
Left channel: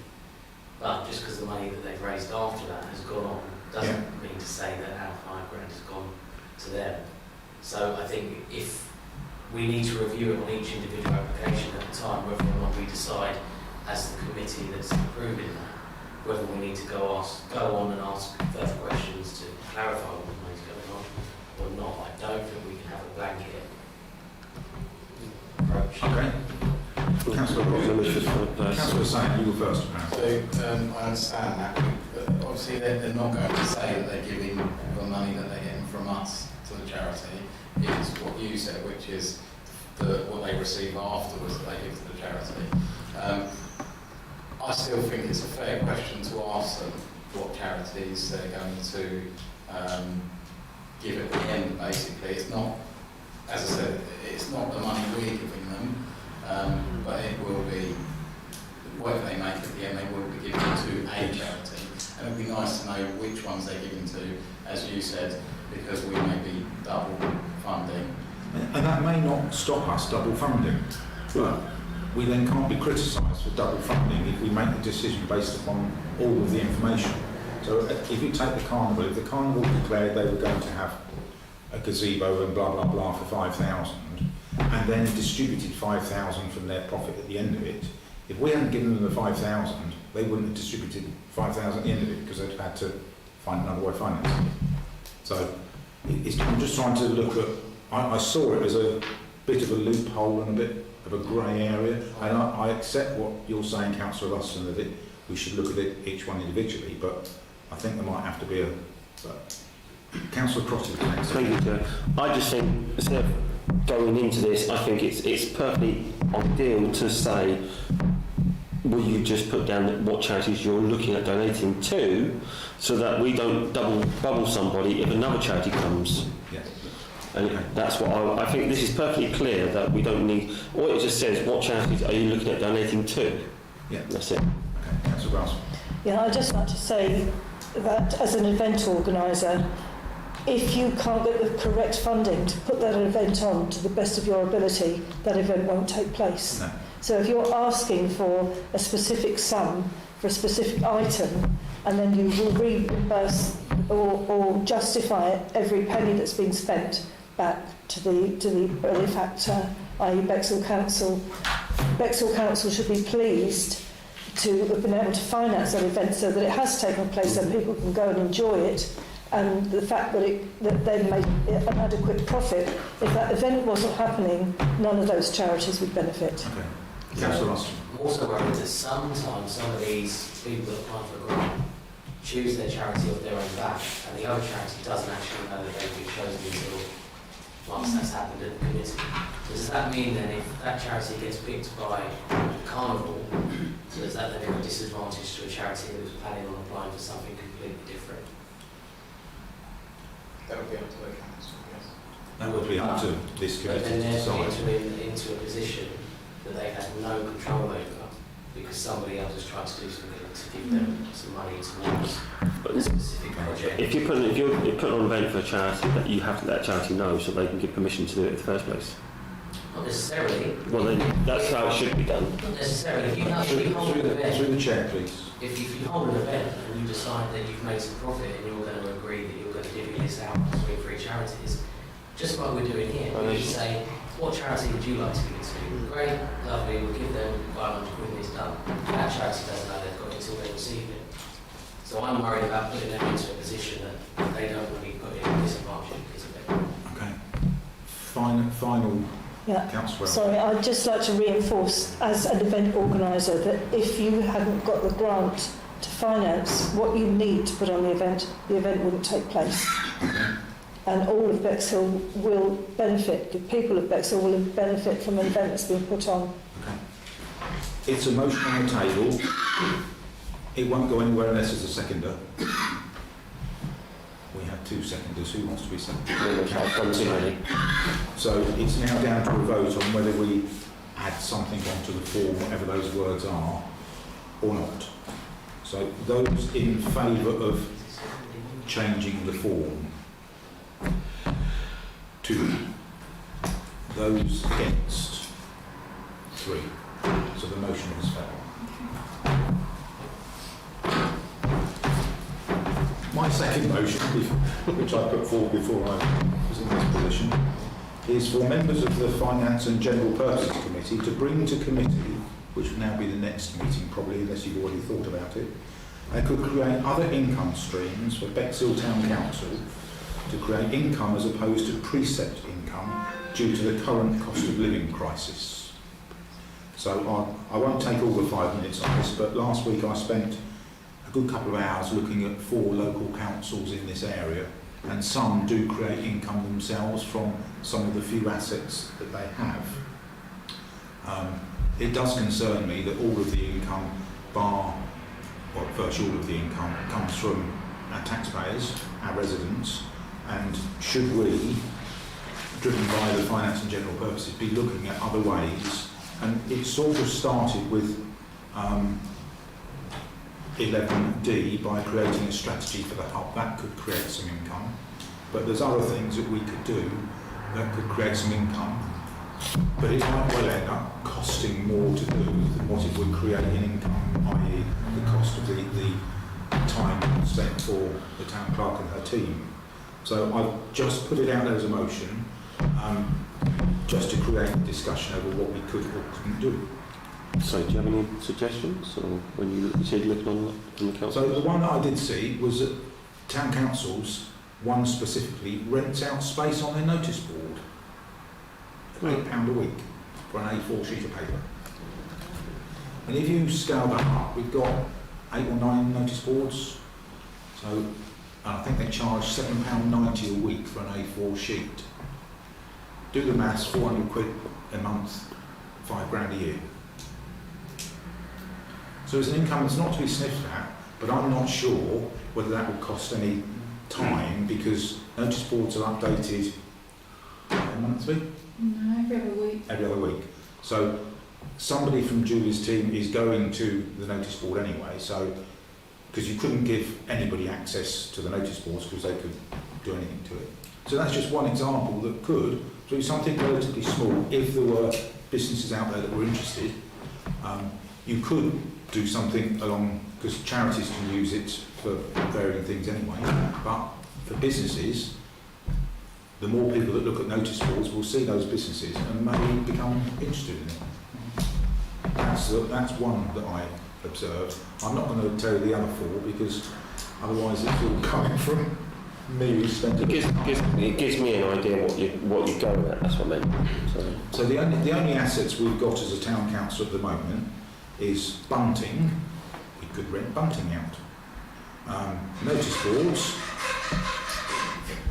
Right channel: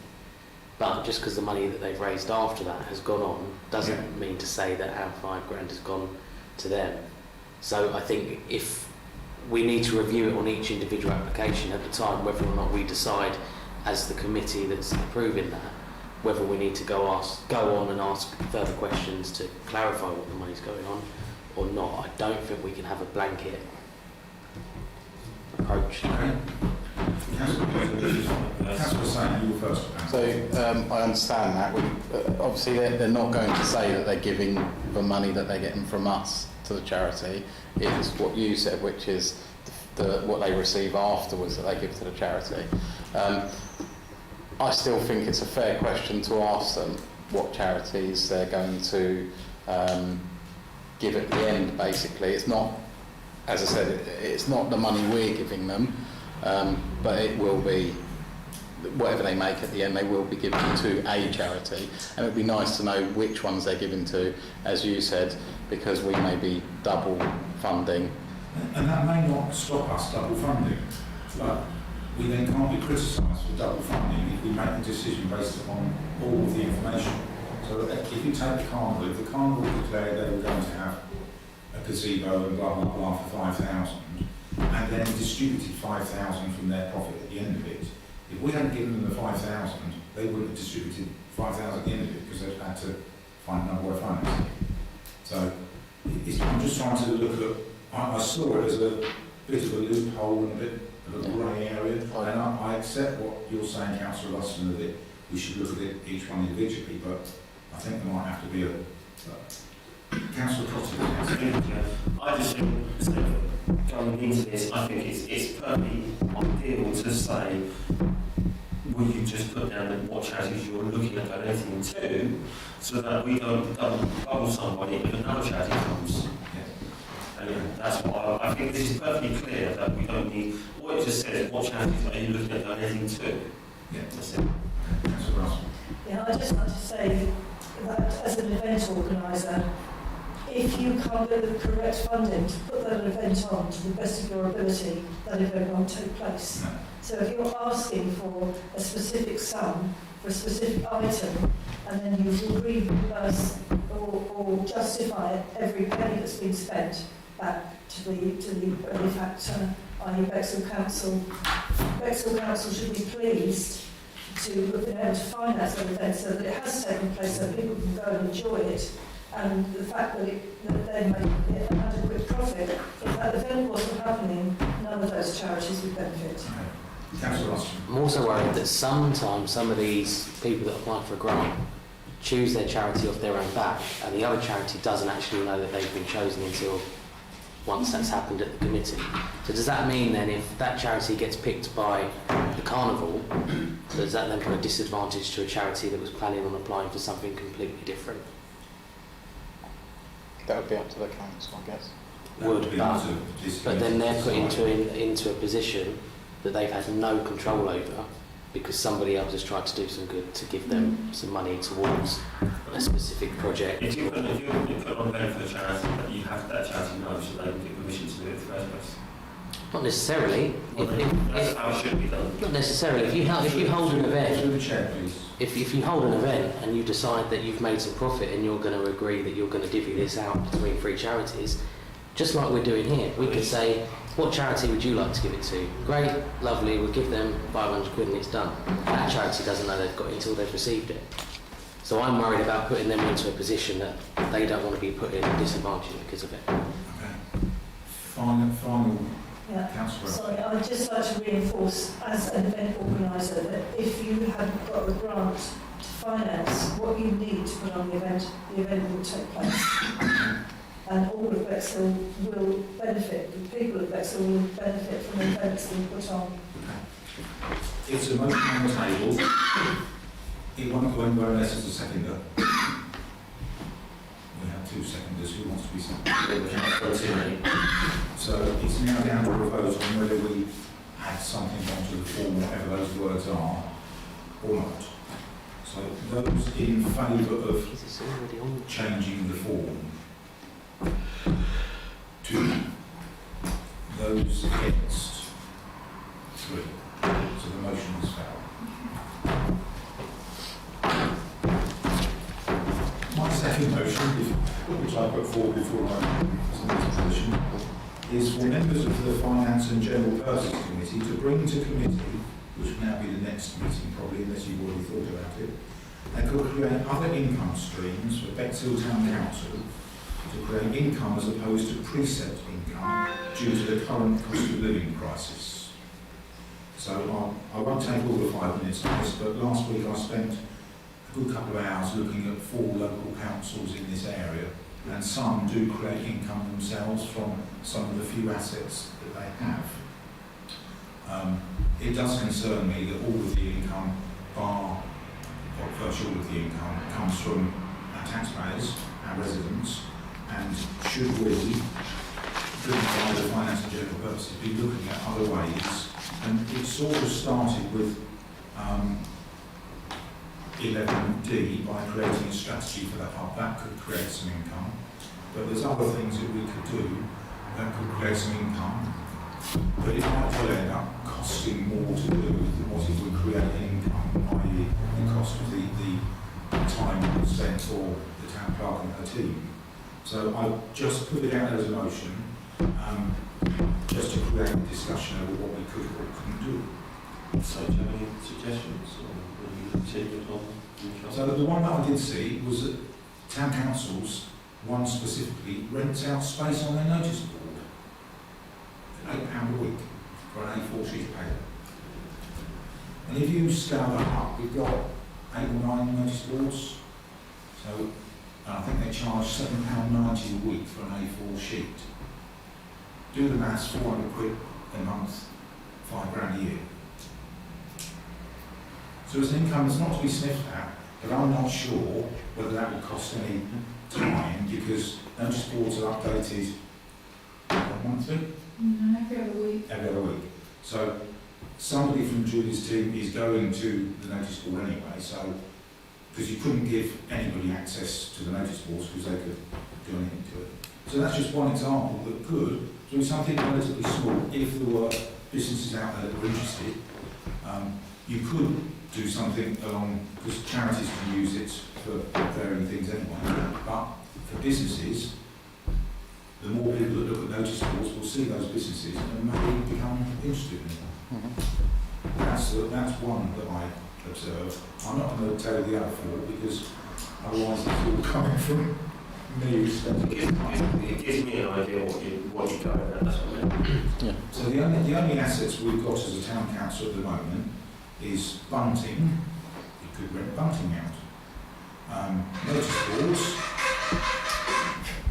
but just because the money that they've raised after that has gone on doesn't mean to say that our £5,000 has gone to them. So I think if we need to review it on each individual application at the time, whether or not we decide as the committee that's approving that, whether we need to go on and ask further questions to clarify what the money's going on or not. I don't think we can have a blanket approach. Okay. Councillor Saint, you were first. So I understand that. Obviously, they're not going to say that they're giving the money that they're getting from us to the charity. It's what you said, which is what they receive afterwards that they give to the charity. I still think it's a fair question to ask them what charities they're going to give at the end, basically. It's not, as I said, it's not the money we're giving them, but it will be, whatever they make at the end, they will be giving to a charity. And it would be nice to know which ones they're giving to, as you said, because we may be double funding. And that may not stop us double funding, but we then can't be criticised for double funding if we make a decision based upon all of the information. So if you take the Carnival, if the Carnival declared they were going to have a gazebo and blah blah blah for 5,000 and then distributed 5,000 from their profit at the end of it, if we hadn't given them the 5,000, they wouldn't have distributed 5,000 at the end of it because they'd had to find another way of financing it. So I'm just trying to look at, I saw it as a bit of a loophole and a bit of a grey area. I accept what you're saying, Councillor Ruston, that we should look at it each one individually, but I think there might have to be a... Councillor Crotty next. Thank you, Chair. I just think, instead of going into this, I think it's perfectly ideal to say will you just put down that what charities you're looking at donating to, so that we don't double bubble somebody if another charity comes? And that's what I think. This is perfectly clear that we don't need. All it just says, what charities are you looking at donating to? Yeah. That's it. Okay, Councillor Grasp. Yeah, I'd just like to say that as an event organiser, if you can't get the correct funding to put that event on to the best of your ability, that event won't take place. No. So if you're asking for a specific sum for a specific item, and then you will reimburse or justify every penny that's been spent back to the benefactor, i.e. Bexhill Council. Bexhill Council should be pleased to have been able to finance that event so that it has taken place and people can go and enjoy it, and the fact that they made an adequate profit. If that event wasn't happening, none of those charities would benefit. Okay. Councillor Ross. I'm also worried that sometimes some of these people that apply for a grant choose their charity off their own back, and the other charity doesn't actually know that they've been chosen until once that's happened at the committee. So does that mean then if that charity gets picked by the carnival, does that then put a disadvantage to a charity that was planning on applying for something completely different? That would be up to the council, I guess. That would be up to this But committee then to they're decide. put into a position that they've had no control over because somebody else has tried to do some good to give them some money towards a specific project. If you're putting on an event for a charity, that you have to let that charity know so they can give permission to do it in the first place. Not necessarily. Well, that's how it should be done. Not necessarily. If you hold an event, Through the chair, please. if you hold an event and you decide that you've made some profit and you're going to agree that you're going to divvy this out between three charities, just like we're doing here, we could say, what charity would you like to give it to? Great, lovely, we'll give them 500 quid and it's done. That charity doesn't know they've got it until they've received it. So I'm worried about putting them into a position that they don't want to be put in a disadvantage because of it. Okay. Final Yeah. Councillor. Sorry, I'd just like to reinforce as an event organiser that if you haven't got the grant to finance what you need to put on the event wouldn't take place. And all of Bexhill will benefit, the people of Bexhill will benefit from events being put on. It's a motion on the table. It won't go anywhere unless there's a seconder. We have two seconders. Who wants to be second? So it's now down to a vote on whether we add something onto the form, whatever those words are, or not. So those in favour of changing the form, 2. Those against, 3. So the motion is failed. My second motion, which I put forward before I was in this position, is for members of the Finance and General Purposes Committee to bring to committee, which will now be the next meeting probably, unless you've already thought about it, they could create other income streams for Bexhill Town Council to create income as opposed to precept income due to the current cost of living crisis. So I won't take all the 5 minutes on this, but last week I spent a good couple of hours looking at 4 local councils in this area, and some do create income themselves from some of the few assets that they have. It does concern me that all of the income, bar, or virtually all of the income, comes from our taxpayers, our residents, and should we, driven by the Finance and General Purposes, be looking at other ways? And it sort of started with 11D by creating a strategy for the hub. That could create some income. But there's other things that we could do that could create some income. But it might well end up costing more to do than what it would create in income, i.e. the cost of the time spent for the town clerk and her team. So I've just put it out there as a motion, just to create a discussion over what we could or couldn't do. So do you have any suggestions, or when you see looking on the council? So the one that I did see was that town councils, one specifically, rents out space on their notice board. £8 a week for an A4 sheet of paper. And if you scale that up, we've got 8 or 9 notice boards. So I think they charge £7.90 a week for an A4 sheet. Do the maths, 400 quid a month, £5 grand a year. So it's an income that's not to be sniffed at, but I'm not sure whether that will cost any time because notice boards are updated monthly? No, every other week. Every other week. So somebody from Julie's team is going to the notice board anyway, so because you couldn't give anybody access to the notice boards because they could do anything to it. So that's just one example that could do something relatively small. If there were businesses out there that were interested, you could do something along, because charities can use it for varying things anyway, but for businesses, the more people that look at notice boards will see those businesses and may become interested in it. That's one that I observed. I'm not going to tell you the other four because otherwise it's all coming from me. It gives me an idea what you go at, that's what I meant. So the only assets we've got as a town council at the moment is bunting. You could rent bunting out. Notice boards.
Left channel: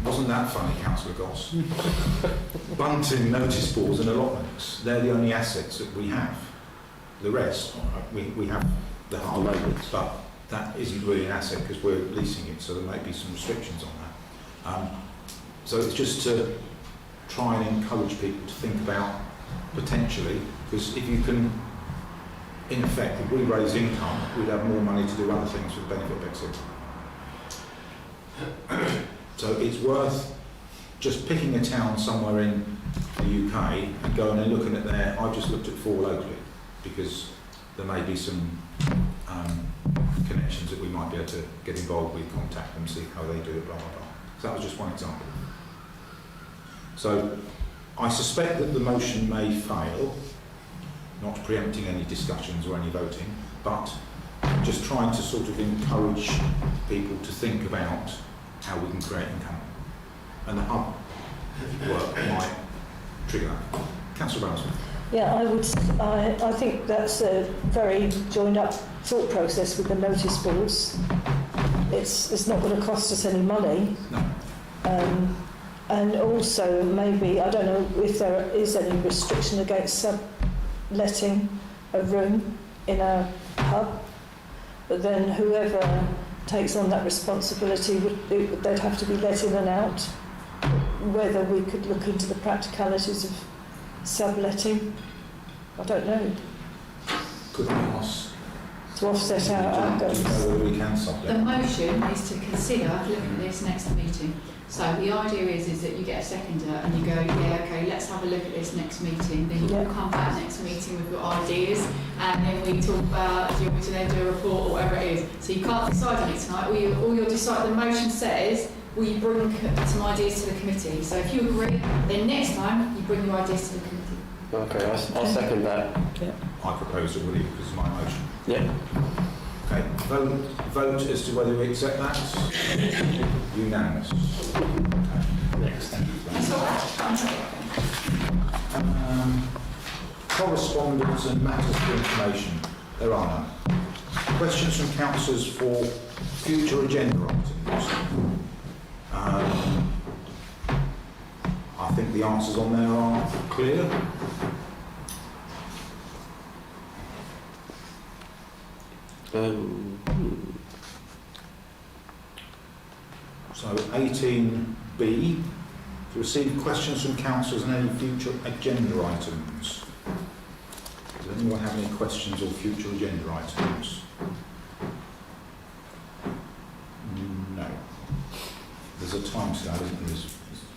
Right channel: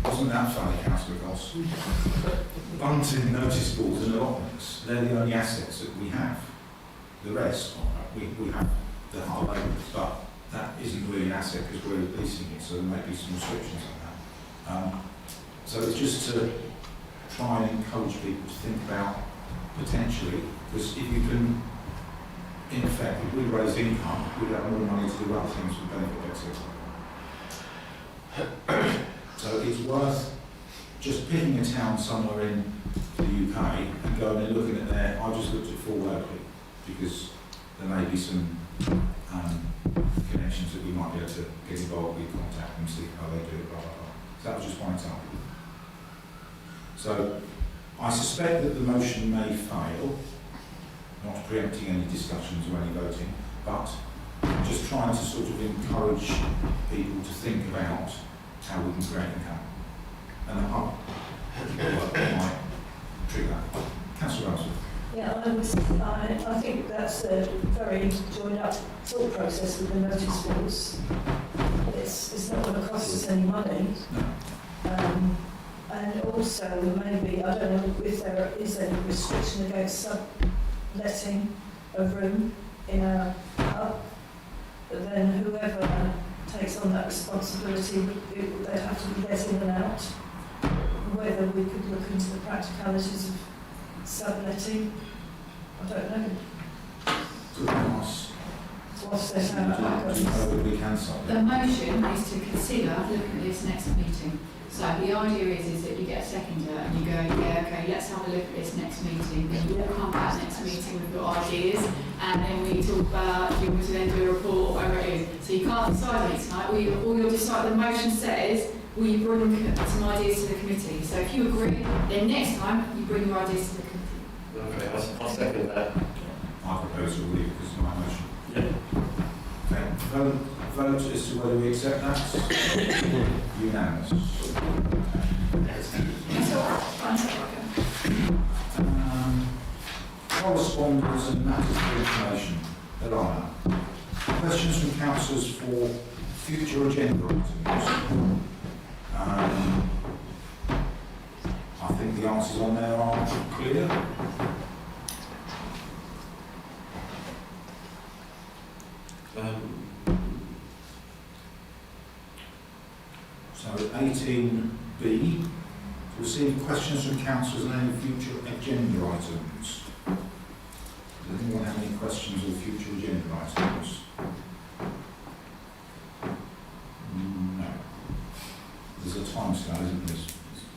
Wasn't that funny, Councillor Goss? Bunting, notice boards and allotments. They're the only assets that we have. The rest, we have the hard, but that isn't really an asset because we're leasing it, so there may be some restrictions on that. So it's just to try and encourage people to think about potentially, because if you can, in effect, if we raise income, we'd have more money to do other things with benefit Bexhill. So it's worth just picking a town somewhere in the UK and going and looking at their, I just looked at 4 locally, because there may be some connections that we might be able to get involved with, contact them, see how they do it, blah, blah, blah. So that was just one example. So I suspect that the motion may fail, not preempting any discussions or any voting, but just trying to sort of encourage people to think about how we can create income. And the hub might trigger that. Councillor Ramsden. Yeah, I think that's a very joined up thought process with the notice boards. It's not going to cost us any money. No. And also maybe, I don't know if there is any restriction against subletting a room in a pub, but then whoever takes on that responsibility they'd have to be let in and out. Whether we could look into the practicalities of subletting, I don't know. Could we ask To offset our do you know whether we can The sublet? motion is to consider looking at this next meeting. So the idea is that you get a seconder and you go, yeah, okay, let's have a look at this next meeting. Then you all come back next meeting with your ideas, and then we talk about if you want to then do a report or whatever it is. So you can't decide on it tonight. All you'll decide. The motion says, will you bring some ideas to the committee? So if you agree, then next time you bring your ideas to the committee. Okay, I'll second that. I propose already because of my motion. Yeah. Okay, vote as to whether we accept that. Unanimous. Correspondence and matters for information. There are none. Questions from councillors for future agenda items. I think the answers on there are clear. So 18B, to receive questions from councillors on any future agenda items. Does anyone have any questions on future agenda items? No. There's a time scale, isn't there, as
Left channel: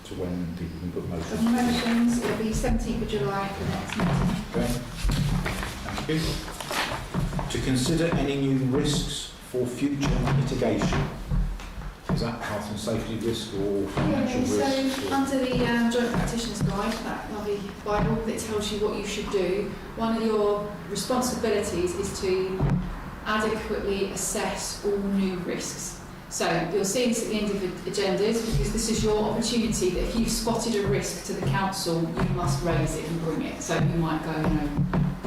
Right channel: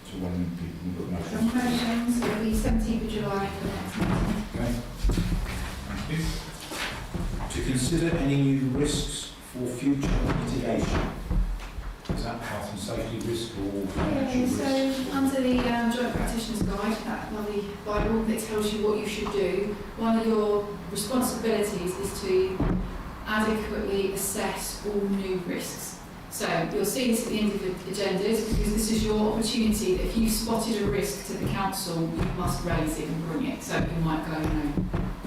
to when people can put For motions? motions, it'll be 17th of July for the next meeting. Okay. Thank you. To consider any new risks for future mitigation. Is that health and safety risk or financial risk? So under the Joint Practitioner's Guide, that lovely Bible that tells you what you should do, one of your responsibilities is to adequately assess all new risks. So you'll see this at the end of the agendas, because this is your opportunity that if you've spotted a risk to the council, you must raise it and bring it. So you might go,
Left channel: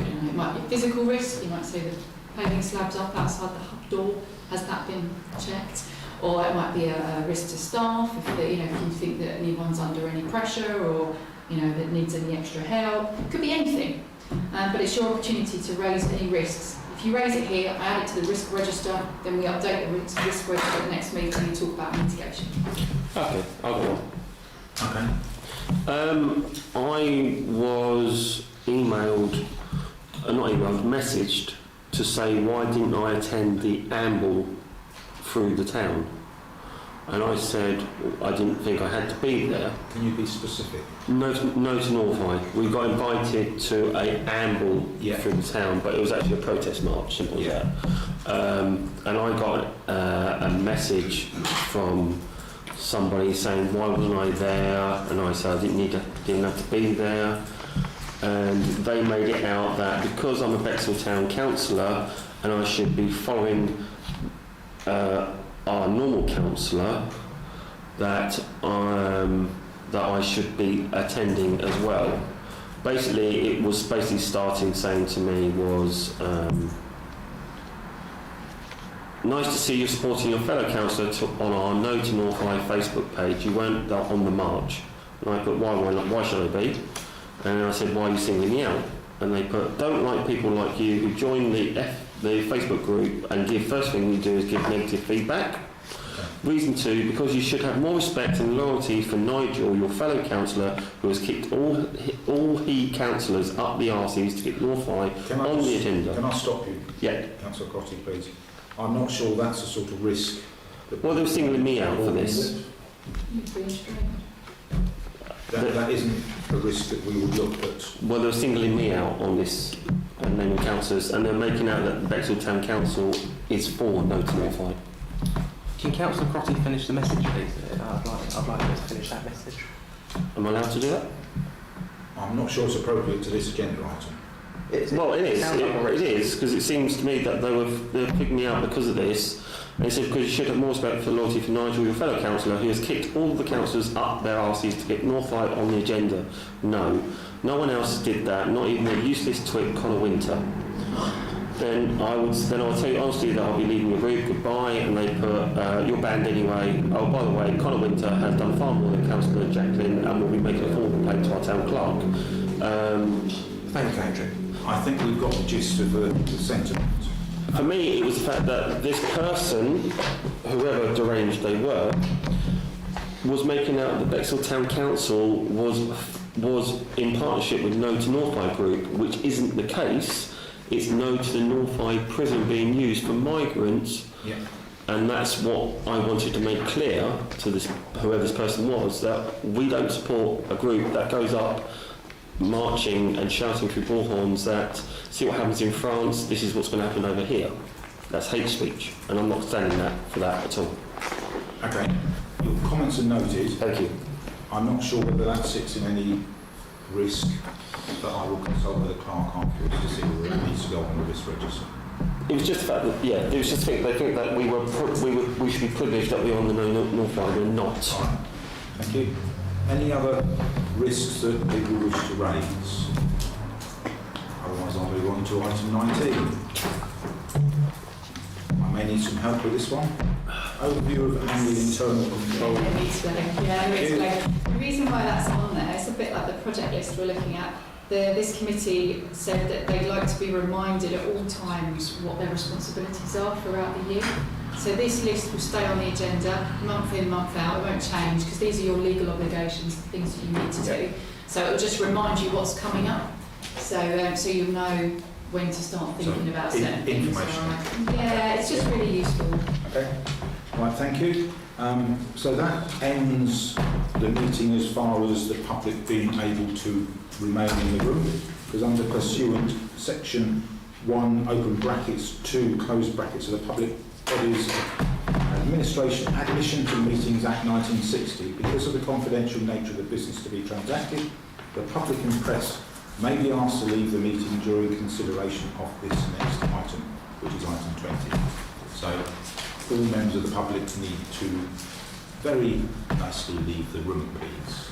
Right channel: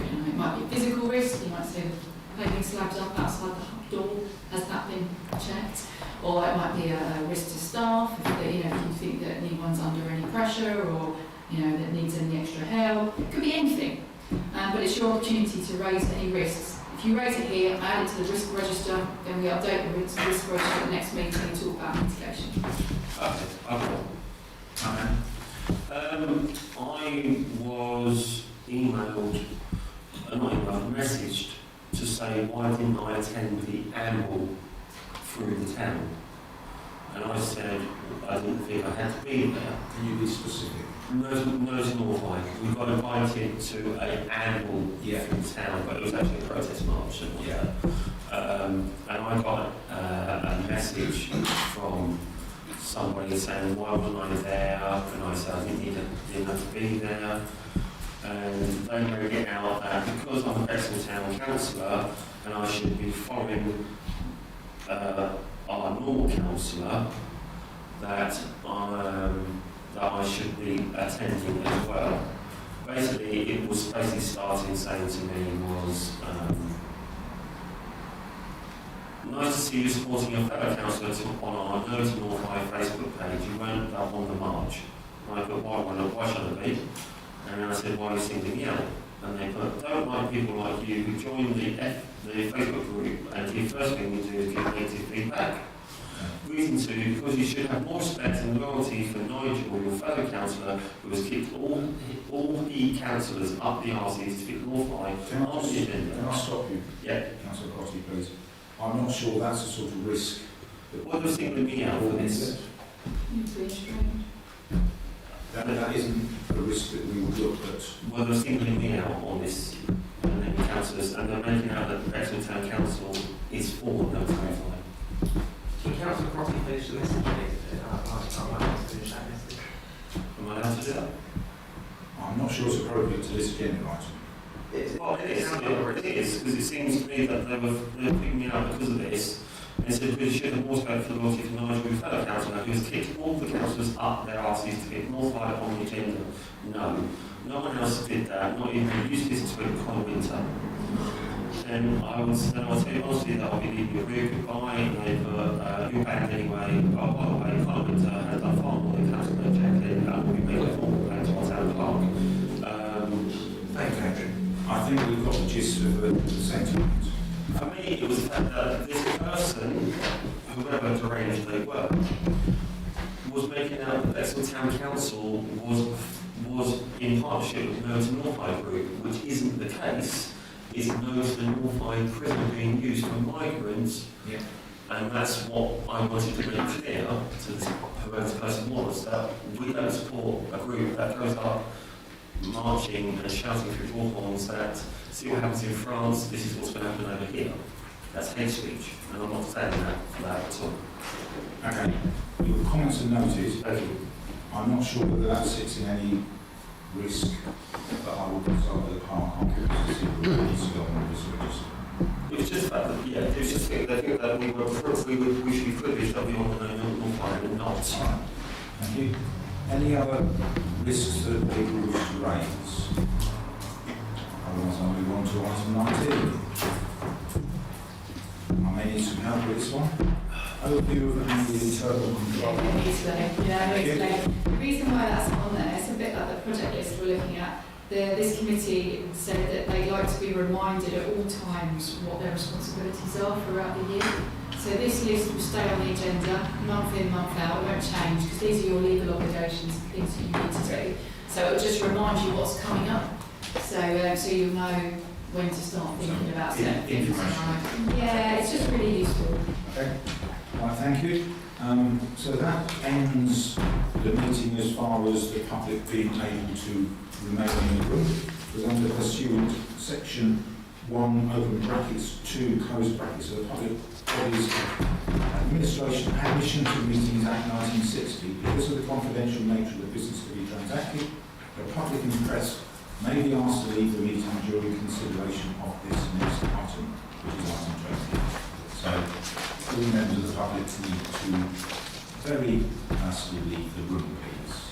it might be a physical risk, you might say the paving slab's up outside the hub door, has that been checked? Or it might be a risk to staff, if you think that anyone's under any pressure or that needs any extra help. It could be anything, but it's your opportunity to raise any risks. If you raise it here, I add it to the risk register, then we update the risk register at the next meeting and talk about mitigation. Okay, I'll go on. Okay. I was messaged to say why didn't I attend the amble through the town? And I said I didn't think I had to be there. Can you be specific? No to Northeye. We got invited to a amble through the town, but it was actually a protest march, simple as that. And I got a message from somebody saying why wasn't I there, and I said I didn't have to be there. And they made it out that because I'm a Bexhill Town Councillor and I should be following our normal councillor, that I should be attending as well. Basically, it was starting saying to me was nice to see you supporting your fellow councillor on our No to Northeye Facebook page. You weren't on the march. And I put, why should I be? And I said, why are you singling me out? And they put, don't like people like you who join the Facebook group and first thing you do is give negative feedback. Reason 2, because you should have more respect and loyalty for Nigel, your fellow councillor, who has kicked all he councillors up the arses to get Northeye on the agenda. Can I stop you? Yeah. Councillor Crotty, please. I'm not sure that's the sort of risk. Well, they were singling me out for this. You've been restrained. That isn't a risk that we would look at. Well, they were singling me out on this, and then the councillors, and they're making out that the Bexhill Town Council is for No to Northeye. Can Councillor Crotty finish the message, please? I'd like to finish that message. Am I allowed to do that? I'm not sure it's appropriate to this agenda item. Well, it is. It is, because it seems to me that they were picking me out because of this. And it said, because you should have more respect for loyalty for Nigel, your fellow councillor, who has kicked all the councillors up their arses to get Northeye on the agenda. No one else did that, not even a useless twit, Connor Winter. Then I would tell you honestly that I'll be leaving your group, goodbye, and they put, you're banned anyway. Oh, by the way, Connor Winter has done far more than Councillor Jacqueline and will be making a formal complaint to our town clerk. Thank you, Andrew. I think we've got the gist of the sentiment. For me, it was the fact that this person, whoever deranged they were, was making out that Bexhill Town Council was in partnership with No to Northeye Group, which isn't the case. It's No to the Northeye prison being used for migrants, and that's what I wanted to make clear to this, whoever this person was, that we don't support a group that goes up marching and shouting through bullhorns that see what happens in France, this is what's going to happen over here. That's hate speech, and I'm not standing for that at all. Okay, your comments are noted. Thank you. I'm not sure whether that sits in any risk, but I will consult with the clerk afterwards to see whether it needs to go on the risk register. It was just the fact that, it was just they think that we should be privileged that we're on the Northeye, we're not. All right, thank you. Any other risks that people wish to raise? Otherwise, I'll move on to item 19. I may need some help with this one. Overview of the internal control. Let me explain. The reason why that's on there, it's a bit like the project list we're looking at. This committee said that they'd like to be reminded at all times what their responsibilities are throughout the year. So this list will stay on the agenda month in, month out. It won't change because these are your legal obligations, the things that you need to do. So it will just remind you what's coming up. So you'll know when to start thinking about certain things. Right. Yeah, it's just really useful. Okay. Right, thank you. So that ends the meeting as far as the public being able to remain in the room, because under pursuant section 1 open brackets 2 closed brackets of the Public Bodies Administration Admission to Meetings Act 1960, because of the confidential nature of the business to be transacted, the public and press may be asked to leave the meeting during consideration of this next item, which is item 20. So all members of the public need to very nicely leave the room, please.